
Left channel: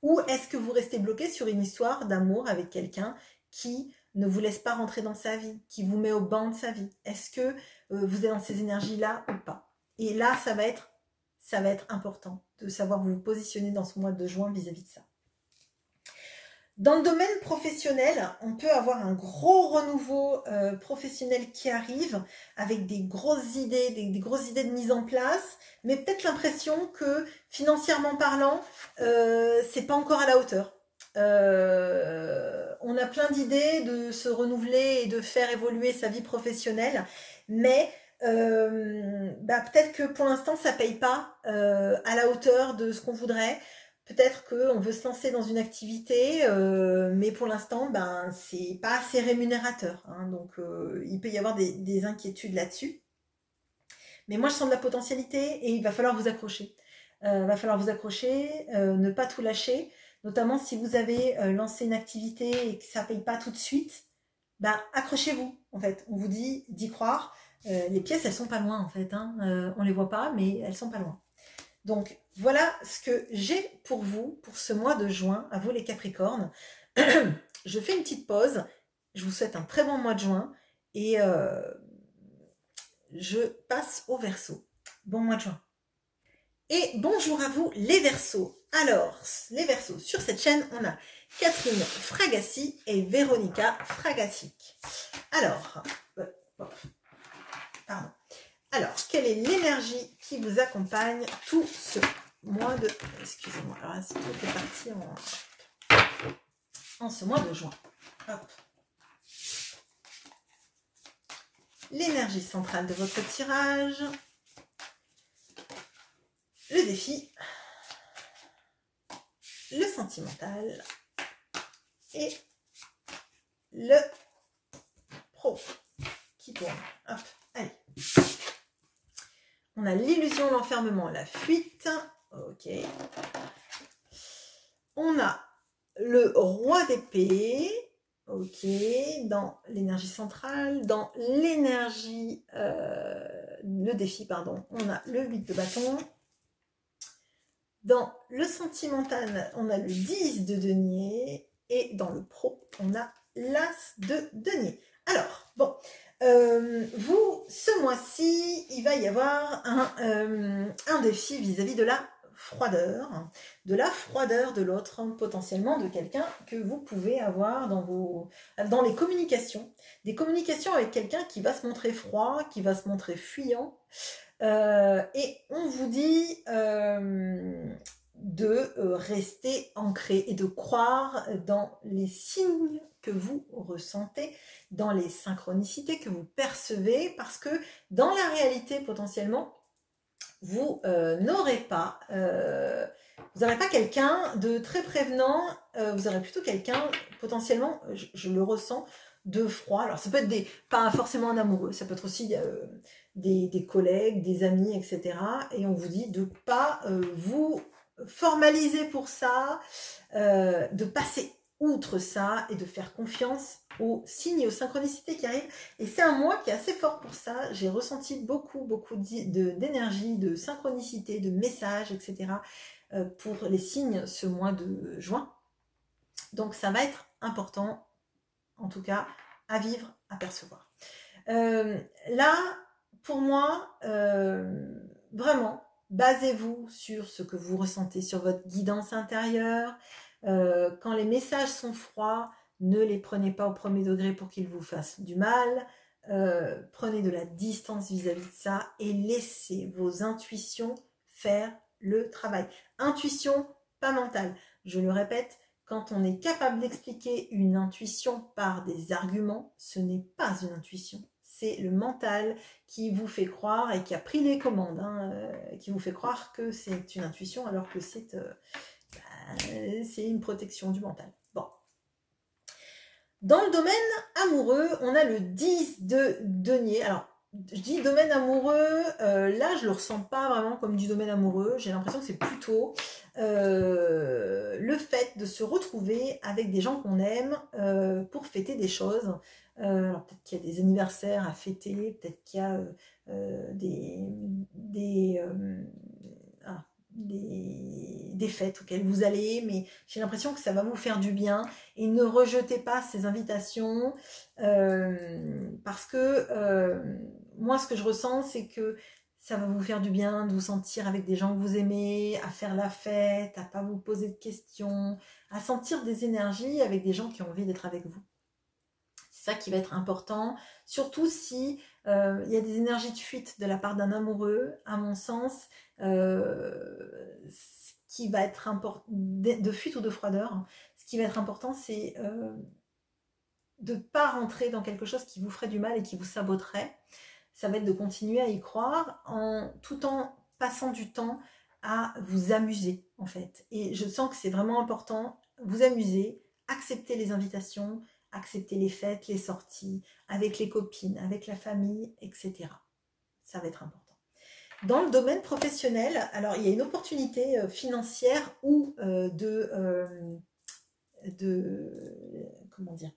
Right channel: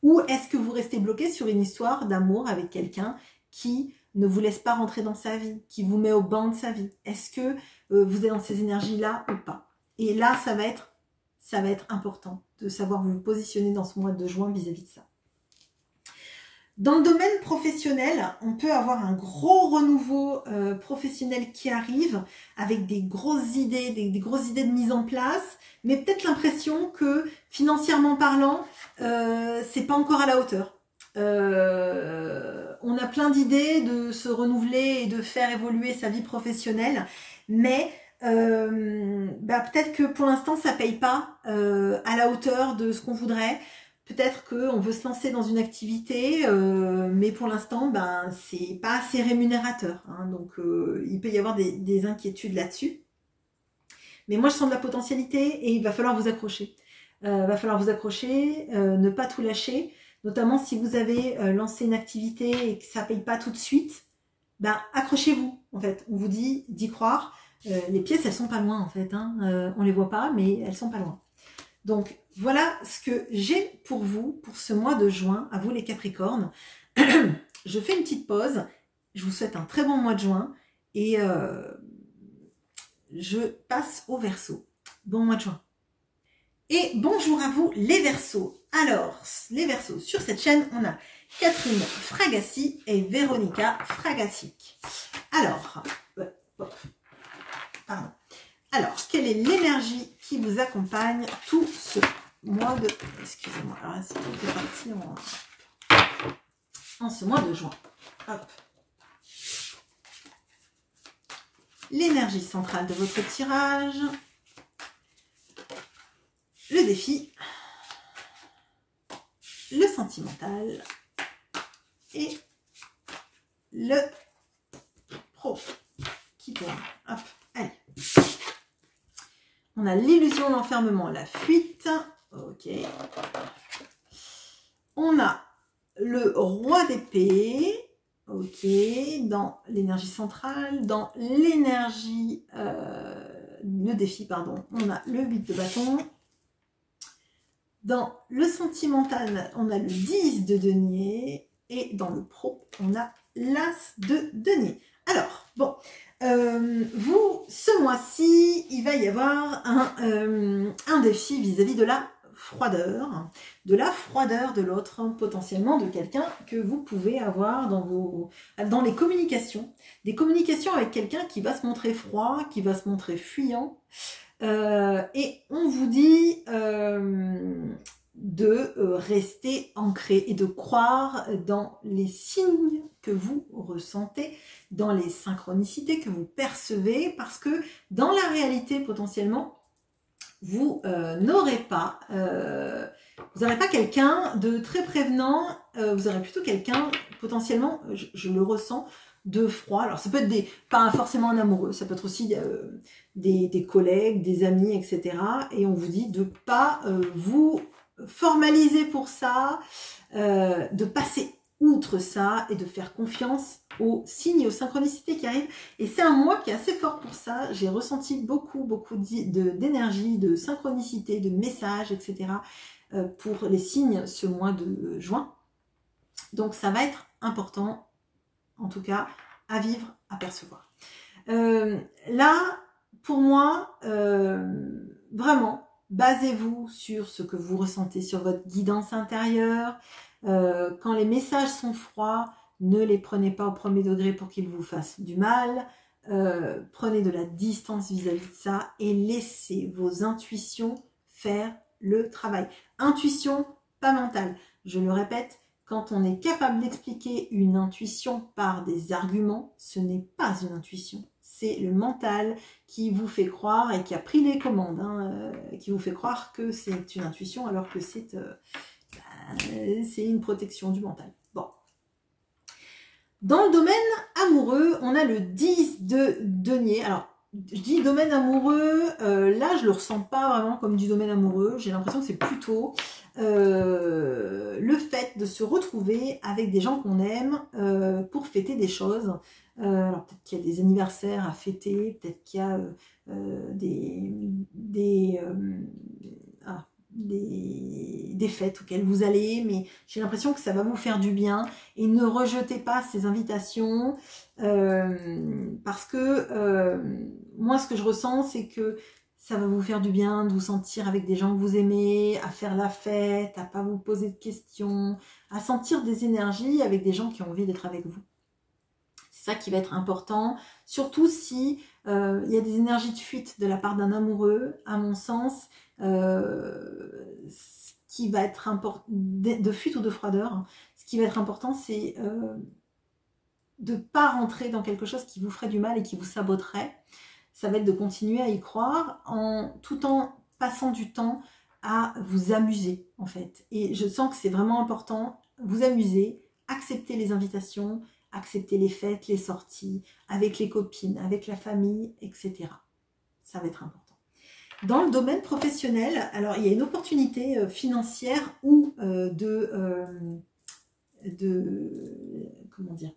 ou est-ce que vous restez bloqué sur une histoire d'amour avec quelqu'un qui ne vous laisse pas rentrer dans sa vie, qui vous met au banc de sa vie? Est-ce que vous êtes dans ces énergies-là ou pas? Et là, ça va être important de savoir vous positionner dans ce mois de juin vis-à-vis de ça. Dans le domaine professionnel, on peut avoir un gros renouveau professionnel qui arrive avec des grosses idées, des grosses idées de mise en place, mais peut-être l'impression que financièrement parlant, c'est pas encore à la hauteur. On a plein d'idées de se renouveler et de faire évoluer sa vie professionnelle, mais peut-être que pour l'instant ça paye pas à la hauteur de ce qu'on voudrait. Peut-être qu'on veut se lancer dans une activité, mais pour l'instant, ben, c'est pas assez rémunérateur. Hein, donc, il peut y avoir des inquiétudes là-dessus. Mais moi, je sens de la potentialité et il va falloir vous accrocher. Ne pas tout lâcher. Notamment si vous avez lancé une activité et que ça ne paye pas tout de suite, ben, accrochez-vous. En fait, on vous dit d'y croire. Les pièces, elles sont pas loin en fait. Hein. On les voit pas, mais elles sont pas loin. Donc, voilà ce que j'ai pour vous pour ce mois de juin, à vous les Capricornes. Je fais une petite pause. Je vous souhaite un très bon mois de juin et je passe au Verseau. Bon mois de juin. Et bonjour à vous les Verseaux. Alors, les Verseaux, sur cette chaîne, on a Catherine Fragassi et Véronica Fragassic. Alors, pardon. Alors, quelle est l'énergie qui vous accompagne tout ce mois de... Excusez-moi, alors là, c'est tout est parti en ce mois de juin. Hop. L'énergie centrale de votre tirage. Le défi. Le sentimental. Et le pro qui tourne. Hop, allez. On a l'illusion, l'enfermement, la fuite. Ok. On a le roi d'épée. Ok. Dans l'énergie centrale. Dans l'énergie... le défi, pardon. On a le 8 de bâton. Dans le sentimental, on a le 10 de denier. Et dans le pro, on a l'as de denier. Alors, bon... vous, ce mois-ci, il va y avoir un défi vis-à-vis de la froideur. de la froideur de l'autre, hein, potentiellement de quelqu'un que vous pouvez avoir dans les communications. Des communications avec quelqu'un qui va se montrer froid, qui va se montrer fuyant. Et on vous dit de rester ancré et de croire dans les signes que vous ressentez, dans les synchronicités que vous percevez, parce que dans la réalité, potentiellement, vous n'aurez pas quelqu'un de très prévenant, vous aurez plutôt quelqu'un, potentiellement, je le ressens, de froid. Alors ça peut être pas forcément un amoureux, ça peut être aussi des collègues, des amis, etc. Et on vous dit de pas vous formaliser pour ça, de passer outre ça et de faire confiance aux signes et aux synchronicités qui arrivent. Et c'est un mois qui est assez fort pour ça. J'ai ressenti beaucoup d'énergie, de synchronicité, de messages, etc. Pour les signes ce mois de juin. Donc ça va être important, en tout cas, à vivre, à percevoir. Là, pour moi, vraiment, basez-vous sur ce que vous ressentez, sur votre guidance intérieure. Quand les messages sont froids, ne les prenez pas au premier degré pour qu'ils vous fassent du mal. Prenez de la distance vis-à-vis de ça et laissez vos intuitions faire le travail. Intuition, pas mentale. Je le répète, quand on est capable d'expliquer une intuition par des arguments, ce n'est pas une intuition. C'est le mental qui vous fait croire et qui a pris les commandes, hein, qui vous fait croire que c'est une intuition alors que c'est une protection du mental. Bon. Dans le domaine amoureux, on a le 10 de denier. Alors, je dis domaine amoureux, là je le ressens pas vraiment comme du domaine amoureux. J'ai l'impression que c'est plutôt le fait de se retrouver avec des gens qu'on aime pour fêter des choses. Alors peut-être qu'il y a des anniversaires à fêter, peut-être qu'il y a des fêtes auxquelles vous allez, mais j'ai l'impression que ça va vous faire du bien. Et ne rejetez pas ces invitations parce que moi ce que je ressens c'est que ça va vous faire du bien de vous sentir avec des gens que vous aimez, à faire la fête, à pas vous poser de questions, à sentir des énergies avec des gens qui ont envie d'être avec vous. C'est ça qui va être important, surtout si il y a des énergies de fuite de la part d'un amoureux, à mon sens, ce qui va être important, de fuite ou de froideur, hein, ce qui va être important, c'est de ne pas rentrer dans quelque chose qui vous ferait du mal et qui vous saboterait. Ça va être de continuer à y croire tout en passant du temps à vous amuser, en fait. Et je sens que c'est vraiment important, vous amuser, accepter les invitations, accepter les fêtes, les sorties, avec les copines, avec la famille, etc. Ça va être important. Dans le domaine professionnel, alors il y a une opportunité financière ou comment dire,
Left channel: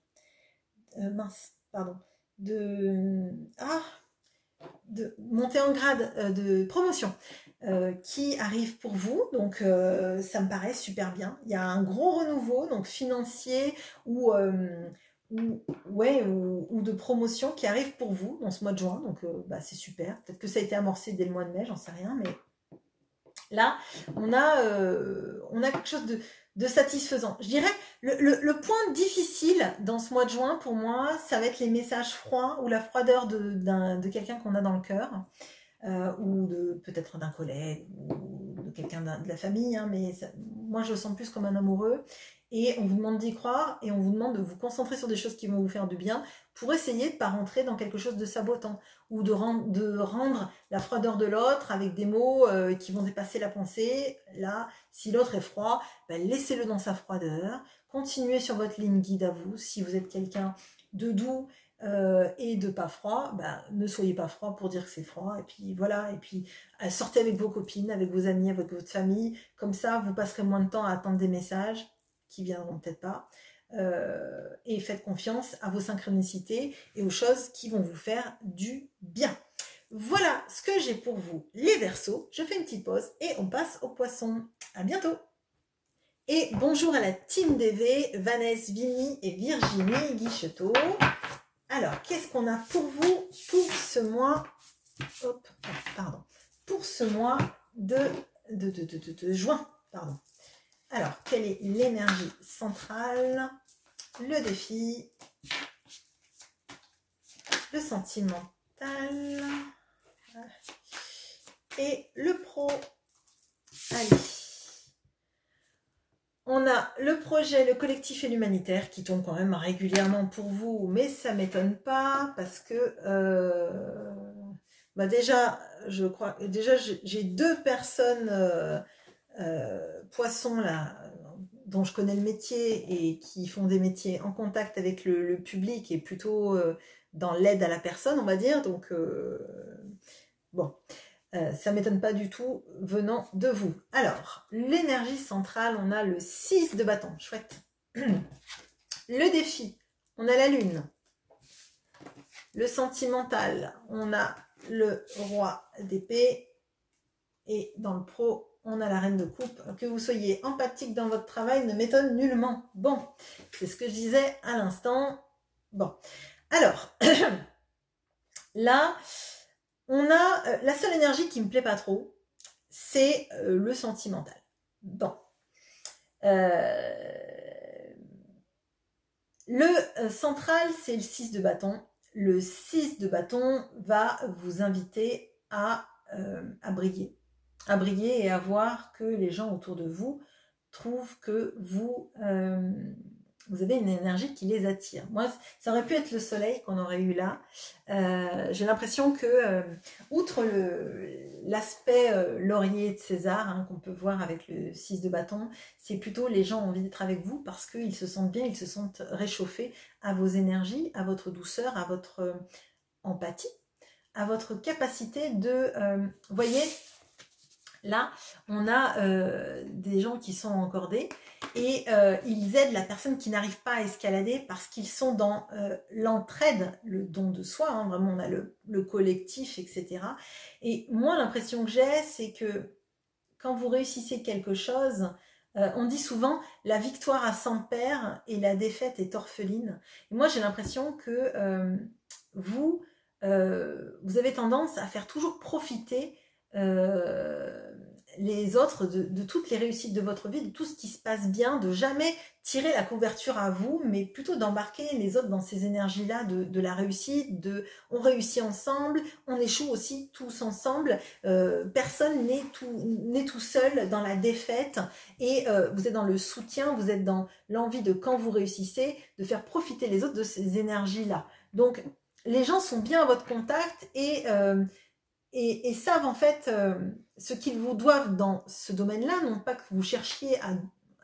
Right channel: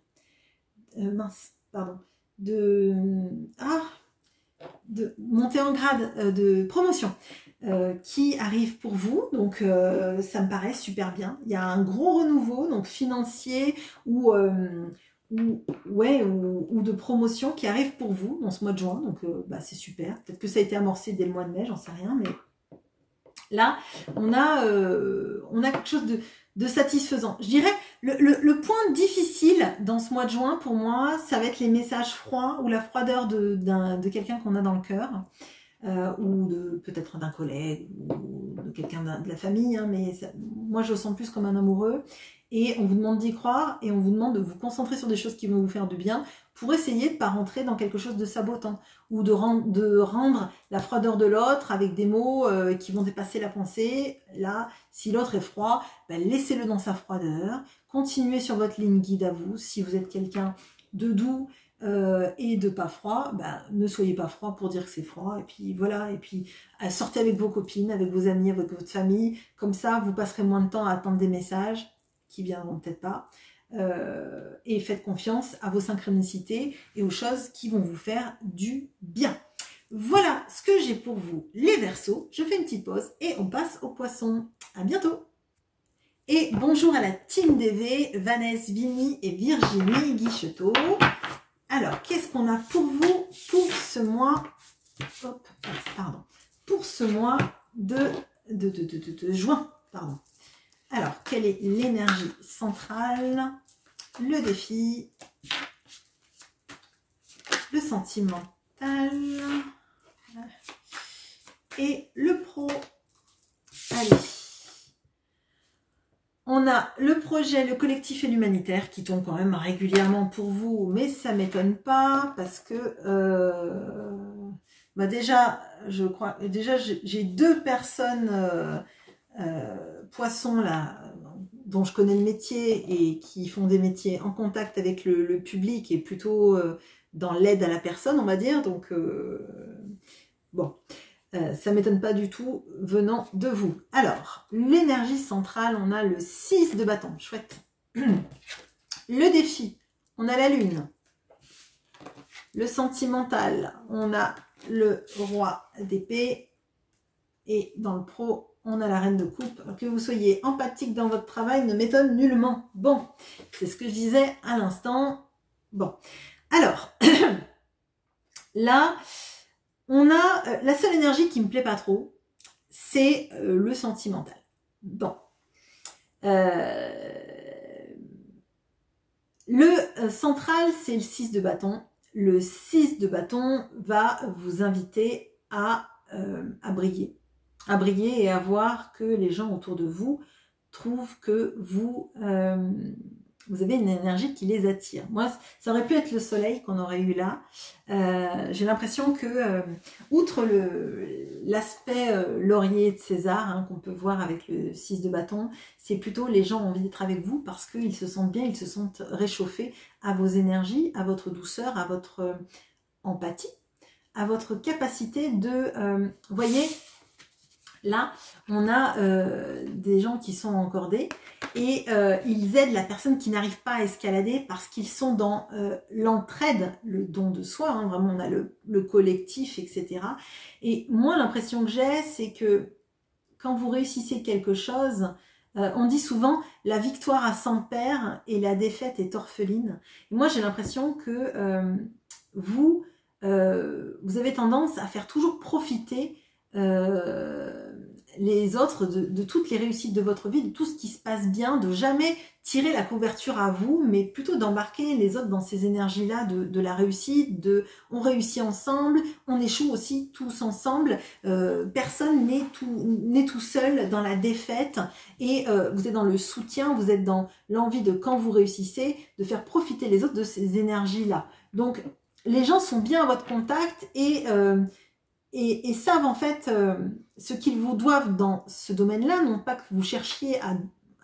de montée en grade, de promotion qui arrive pour vous, donc ça me paraît super bien. Il y a un gros renouveau donc financier ou de promotion qui arrive pour vous dans ce mois de juin, donc c'est super. Peut-être que ça a été amorcé dès le mois de mai, j'en sais rien, mais là on a quelque chose de satisfaisant. Je dirais le point difficile dans ce mois de juin pour moi, ça va être les messages froids ou la froideur de quelqu'un qu'on a dans le cœur. Ou peut-être d'un collègue ou de quelqu'un de la famille, hein, mais moi je le sens plus comme un amoureux. Et on vous demande d'y croire et on vous demande de vous concentrer sur des choses qui vont vous faire du bien pour essayer de ne pas rentrer dans quelque chose de sabotant ou de rendre la froideur de l'autre avec des mots qui vont dépasser la pensée. Là, si l'autre est froid, laissez-le dans sa froideur, continuez sur votre ligne guide à vous. Si vous êtes quelqu'un de doux et de pas froid, ne soyez pas froid pour dire que c'est froid, et puis voilà, et puis sortez avec vos copines, avec vos amis, avec votre famille, comme ça vous passerez moins de temps à attendre des messages qui viendront peut-être pas, et faites confiance à vos synchronicités et aux choses qui vont vous faire du bien. Voilà ce que j'ai pour vous les Verseaux. Je fais une petite pause et on passe aux Poissons. À bientôt. Et bonjour à la team DV, Vanessa, Vini et Virginie Guichetot. Alors, qu'est-ce qu'on a pour vous pour ce mois, pour ce mois de juin, pardon. Alors, quelle est l'énergie centrale, le défi, le sentimental et le pro. Allez. On a le projet, le collectif et l'humanitaire qui tombent quand même régulièrement pour vous, mais ça ne m'étonne pas parce que bah déjà, je crois, déjà j'ai 2 personnes poissons là, dont je connais le métier et qui font des métiers en contact avec le public et plutôt dans l'aide à la personne, on va dire. Donc bon. Ça ne m'étonne pas du tout venant de vous. Alors, l'énergie centrale, on a le 6 de bâton. Chouette. Le défi, on a la lune. Le sentimental, on a le roi d'épée. Et dans le pro, on a la reine de coupe. Que vous soyez empathique dans votre travail ne m'étonne nullement. Bon, c'est ce que je disais à l'instant. Bon, alors, là... On a la seule énergie qui me plaît pas trop, c'est le sentimental. Bon. Le central, c'est le 6 de bâton. Le 6 de bâton va vous inviter à briller. À briller et à voir que les gens autour de vous trouvent que vous avez une énergie qui les attire. Moi, ça aurait pu être le soleil qu'on aurait eu là. J'ai l'impression que, outre l'aspect laurier de César, hein, qu'on peut voir avec le 6 de bâton, c'est plutôt les gens ont envie d'être avec vous parce qu'ils se sentent bien, ils se sentent réchauffés à vos énergies, à votre douceur, à votre empathie, à votre capacité de... vous voyez, là, on a des gens qui sont encordés et ils aident la personne qui n'arrive pas à escalader parce qu'ils sont dans l'entraide, le don de soi, hein, vraiment on a le collectif, etc. Et moi, l'impression que j'ai, c'est que quand vous réussissez quelque chose, on dit souvent la victoire a 100 pères et la défaite est orpheline. Et moi, j'ai l'impression que vous avez tendance à faire toujours profiter les autres de toutes les réussites de votre vie, de tout ce qui se passe bien, de jamais tirer la couverture à vous, mais plutôt d'embarquer les autres dans ces énergies-là de la réussite, de on réussit ensemble, on échoue aussi tous ensemble, personne n'est tout seul dans la défaite, et vous êtes dans le soutien, vous êtes dans l'envie de, quand vous réussissez, de faire profiter les autres de ces énergies-là. Donc, les gens sont bien à votre contact et savent en fait ce qu'ils vous doivent dans ce domaine-là, non pas que vous cherchiez à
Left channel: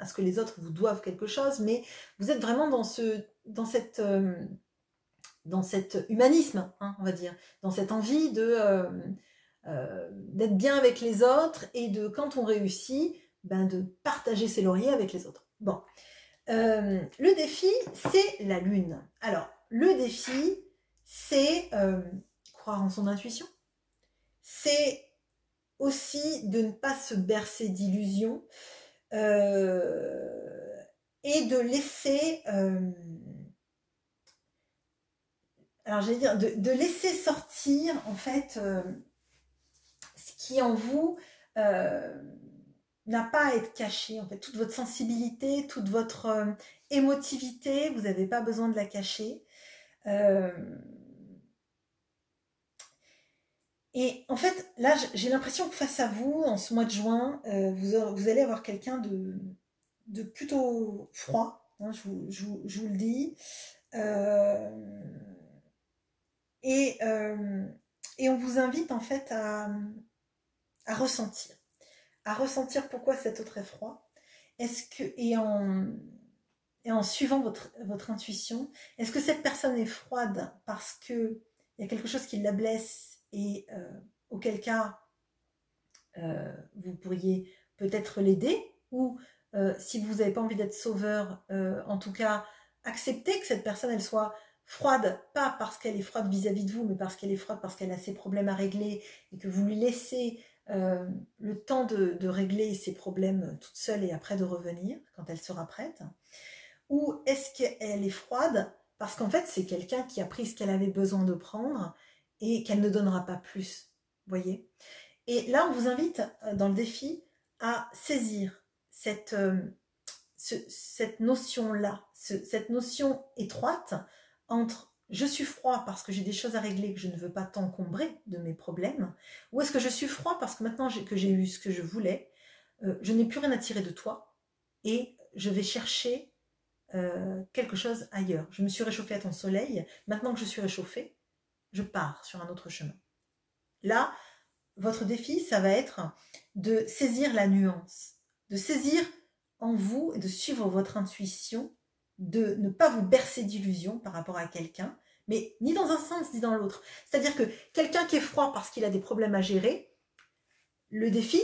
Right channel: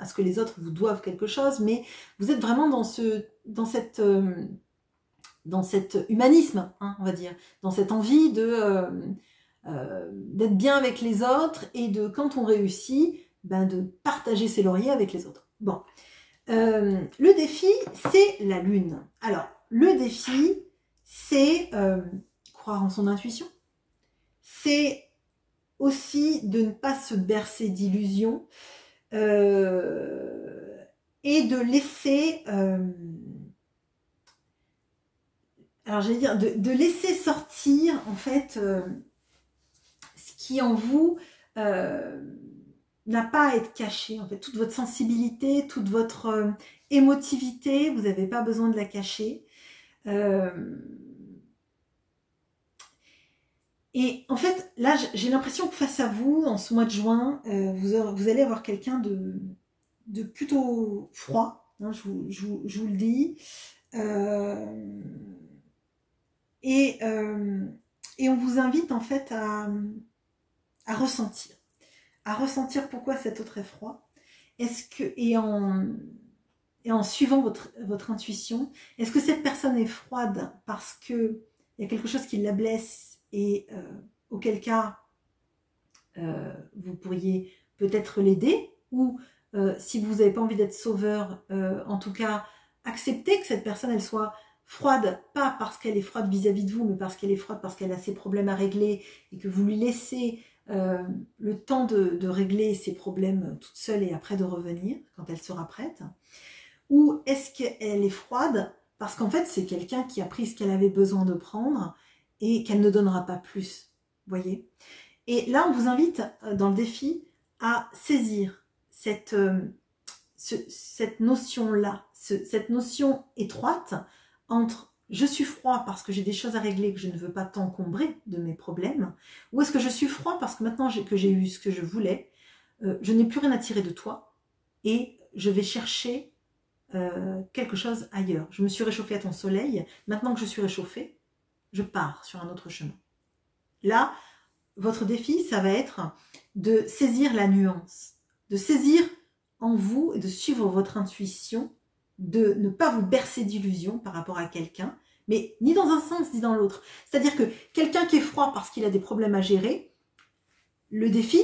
ce que les autres vous doivent quelque chose, mais vous êtes vraiment dans cet humanisme, hein, on va dire, dans cette envie d'être bien avec les autres et de, quand on réussit, ben, de partager ses lauriers avec les autres. Bon, le défi, c'est la lune. Alors, le défi, c'est croire en son intuition. C'est aussi de ne pas se bercer d'illusions et de laisser, alors j'allais dire, de laisser sortir en fait ce qui en vous n'a pas à être caché. En fait, toute votre sensibilité, toute votre émotivité, vous n'avez pas besoin de la cacher. Et en fait, là, j'ai l'impression que face à vous, en ce mois de juin, vous allez avoir quelqu'un de plutôt froid, hein, je vous le dis. Et on vous invite en fait à ressentir. À ressentir pourquoi cet autre est froid. Et en suivant votre intuition, est-ce que cette personne est froide parce qu'il y a quelque chose qui la blesse et auquel cas vous pourriez peut-être l'aider, ou si vous n'avez pas envie d'être sauveur, en tout cas accepter que cette personne elle soit froide, pas parce qu'elle est froide vis-à-vis de vous, mais parce qu'elle est froide parce qu'elle a ses problèmes à régler et que vous lui laissez le temps de régler ses problèmes toute seule et après de revenir quand elle sera prête. Ou est-ce qu'elle est froide parce qu'en fait c'est quelqu'un qui a pris ce qu'elle avait besoin de prendre et qu'elle ne donnera pas plus, voyez. Et là, on vous invite dans le défi à saisir cette cette notion-là, cette notion étroite entre je suis froid parce que j'ai des choses à régler, que je ne veux pas t'encombrer de mes problèmes, ou est-ce que je suis froid parce que maintenant que j'ai eu ce que je voulais, je n'ai plus rien à tirer de toi et je vais chercher quelque chose ailleurs. Je me suis réchauffée à ton soleil, maintenant que je suis réchauffée, je pars sur un autre chemin. Là, votre défi, ça va être de saisir la nuance, de saisir en vous et de suivre votre intuition, de ne pas vous bercer d'illusions par rapport à quelqu'un, mais ni dans un sens ni dans l'autre. C'est-à-dire que quelqu'un qui est froid parce qu'il a des problèmes à gérer, le défi,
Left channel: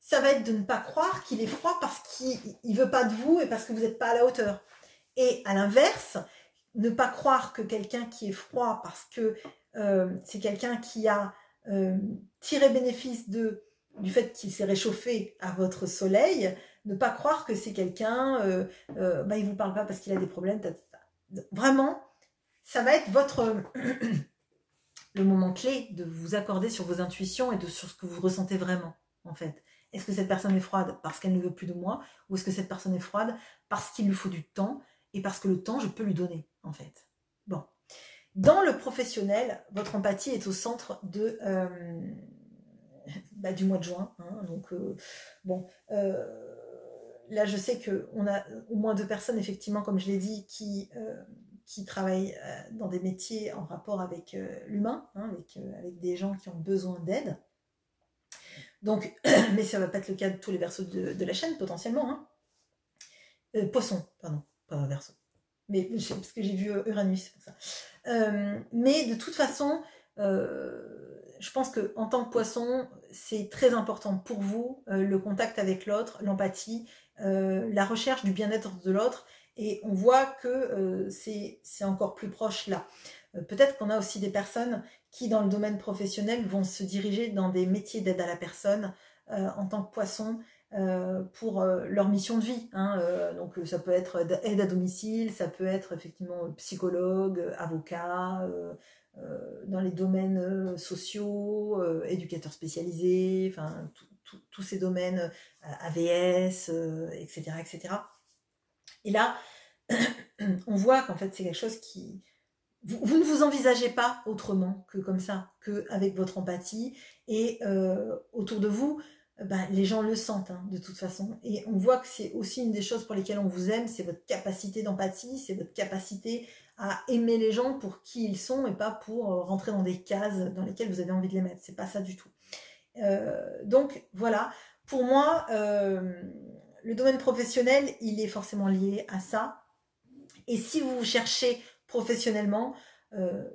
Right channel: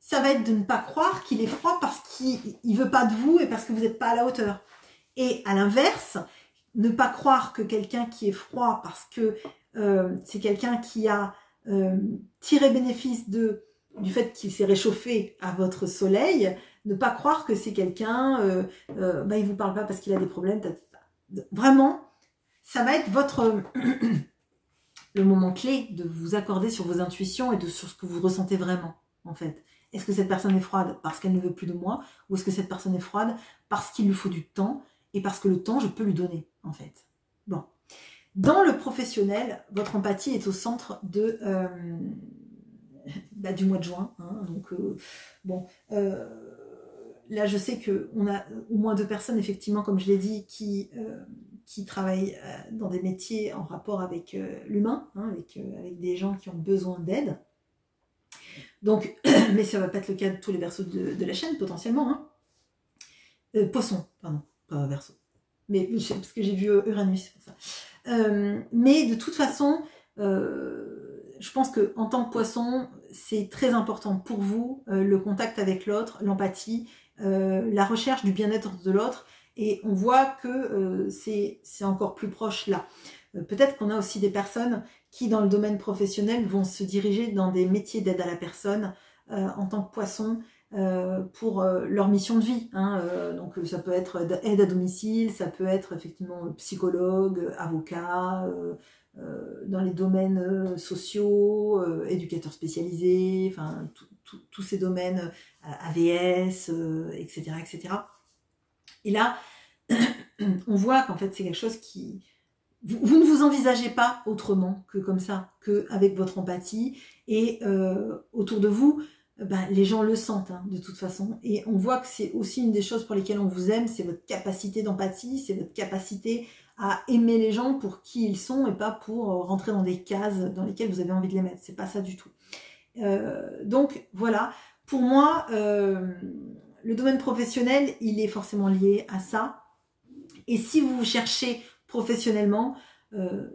ça va être de ne pas croire qu'il est froid parce qu'il ne veut pas de vous et parce que vous n'êtes pas à la hauteur. Et à l'inverse, ne pas croire que quelqu'un qui est froid parce que c'est quelqu'un qui a tiré bénéfice du fait qu'il s'est réchauffé à votre soleil, ne pas croire que c'est quelqu'un, il ne vous parle pas parce qu'il a des problèmes. Vraiment, ça va être le moment clé de vous accorder sur vos intuitions et sur ce que vous ressentez vraiment, en fait. Est-ce que cette personne est froide parce qu'elle ne veut plus de moi, ou est-ce que cette personne est froide parce qu'il lui faut du temps et parce que le temps, je peux lui donner, en fait. Bon. Dans le professionnel, votre empathie est au centre du mois de juin. Hein, donc, là, je sais qu'on a au moins 2 personnes, effectivement, comme je l'ai dit, qui travaillent dans des métiers en rapport avec l'humain, hein, avec des gens qui ont besoin d'aide. Donc, mais ça ne va pas être le cas de tous les Verseaux de la chaîne, potentiellement. Hein. Poisson, pardon, pas Verseau. Mais parce que j'ai vu Uranus, c'est pour ça. Mais de toute façon, je pense qu'en tant que poisson, c'est très important pour vous, le contact avec l'autre, l'empathie, la recherche du bien-être de l'autre. Et on voit que c'est encore plus proche là. Peut-être qu'on a aussi des personnes qui, dans le domaine professionnel, vont se diriger dans des métiers d'aide à la personne en tant que poisson pour leur mission de vie. Hein, donc ça peut être aide à domicile, ça peut être effectivement psychologue, avocat, dans les domaines sociaux, éducateur spécialisé, enfin tous ces domaines, AVS, etc., etc. Et là, on voit qu'en fait c'est quelque chose qui... Vous ne vous envisagez pas autrement que comme ça, qu'avec votre empathie. Et autour de vous, les gens le sentent hein, de toute façon. Et on voit que c'est aussi une des choses pour lesquelles on vous aime, c'est votre capacité d'empathie, c'est votre capacité à aimer les gens pour qui ils sont et pas pour rentrer dans des cases dans lesquelles vous avez envie de les mettre. C'est pas ça du tout. Donc voilà, pour moi, le domaine professionnel, il est forcément lié à ça. Et si vous cherchez professionnellement,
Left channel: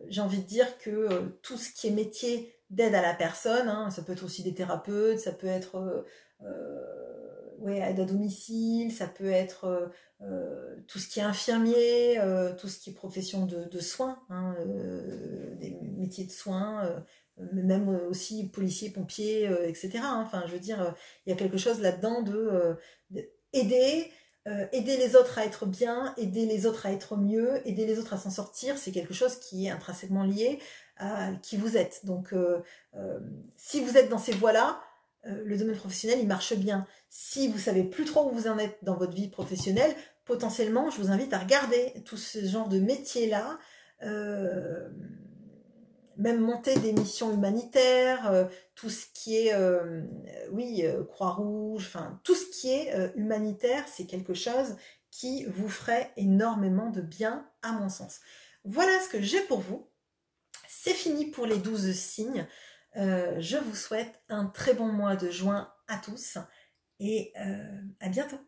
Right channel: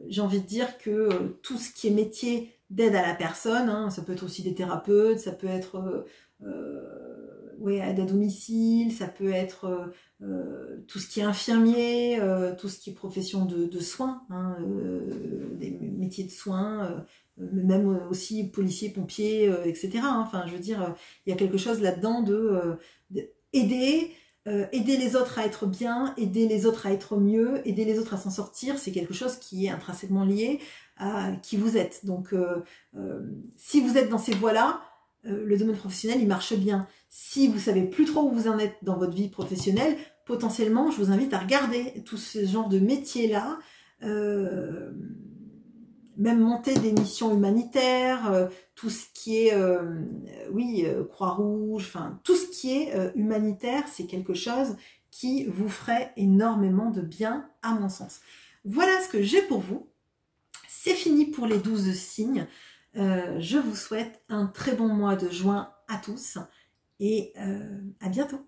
j'ai envie de dire que tout ce qui est métier d'aide à la personne, hein, ça peut être aussi des thérapeutes, ça peut être aide à domicile, ça peut être tout ce qui est infirmier, tout ce qui est profession de soins, hein, des métiers de soins, même aussi policiers, pompiers, etc. Hein. Enfin, je veux dire, il y a quelque chose là-dedans d'aider. Aider les autres à être bien, aider les autres à être mieux, aider les autres à s'en sortir, c'est quelque chose qui est intrinsèquement lié à qui vous êtes. Donc, si vous êtes dans ces voies-là, le domaine professionnel, il marche bien. Si vous savez plus trop où vous en êtes dans votre vie professionnelle, potentiellement, je vous invite à regarder tout ce genre de métiers-là, même monter des missions humanitaires, tout ce qui est, Croix-Rouge, enfin, tout ce qui est humanitaire, c'est quelque chose qui vous ferait énormément de bien, à mon sens. Voilà ce que j'ai pour vous. C'est fini pour les 12 signes. Je vous souhaite un très bon mois de juin à tous et à bientôt.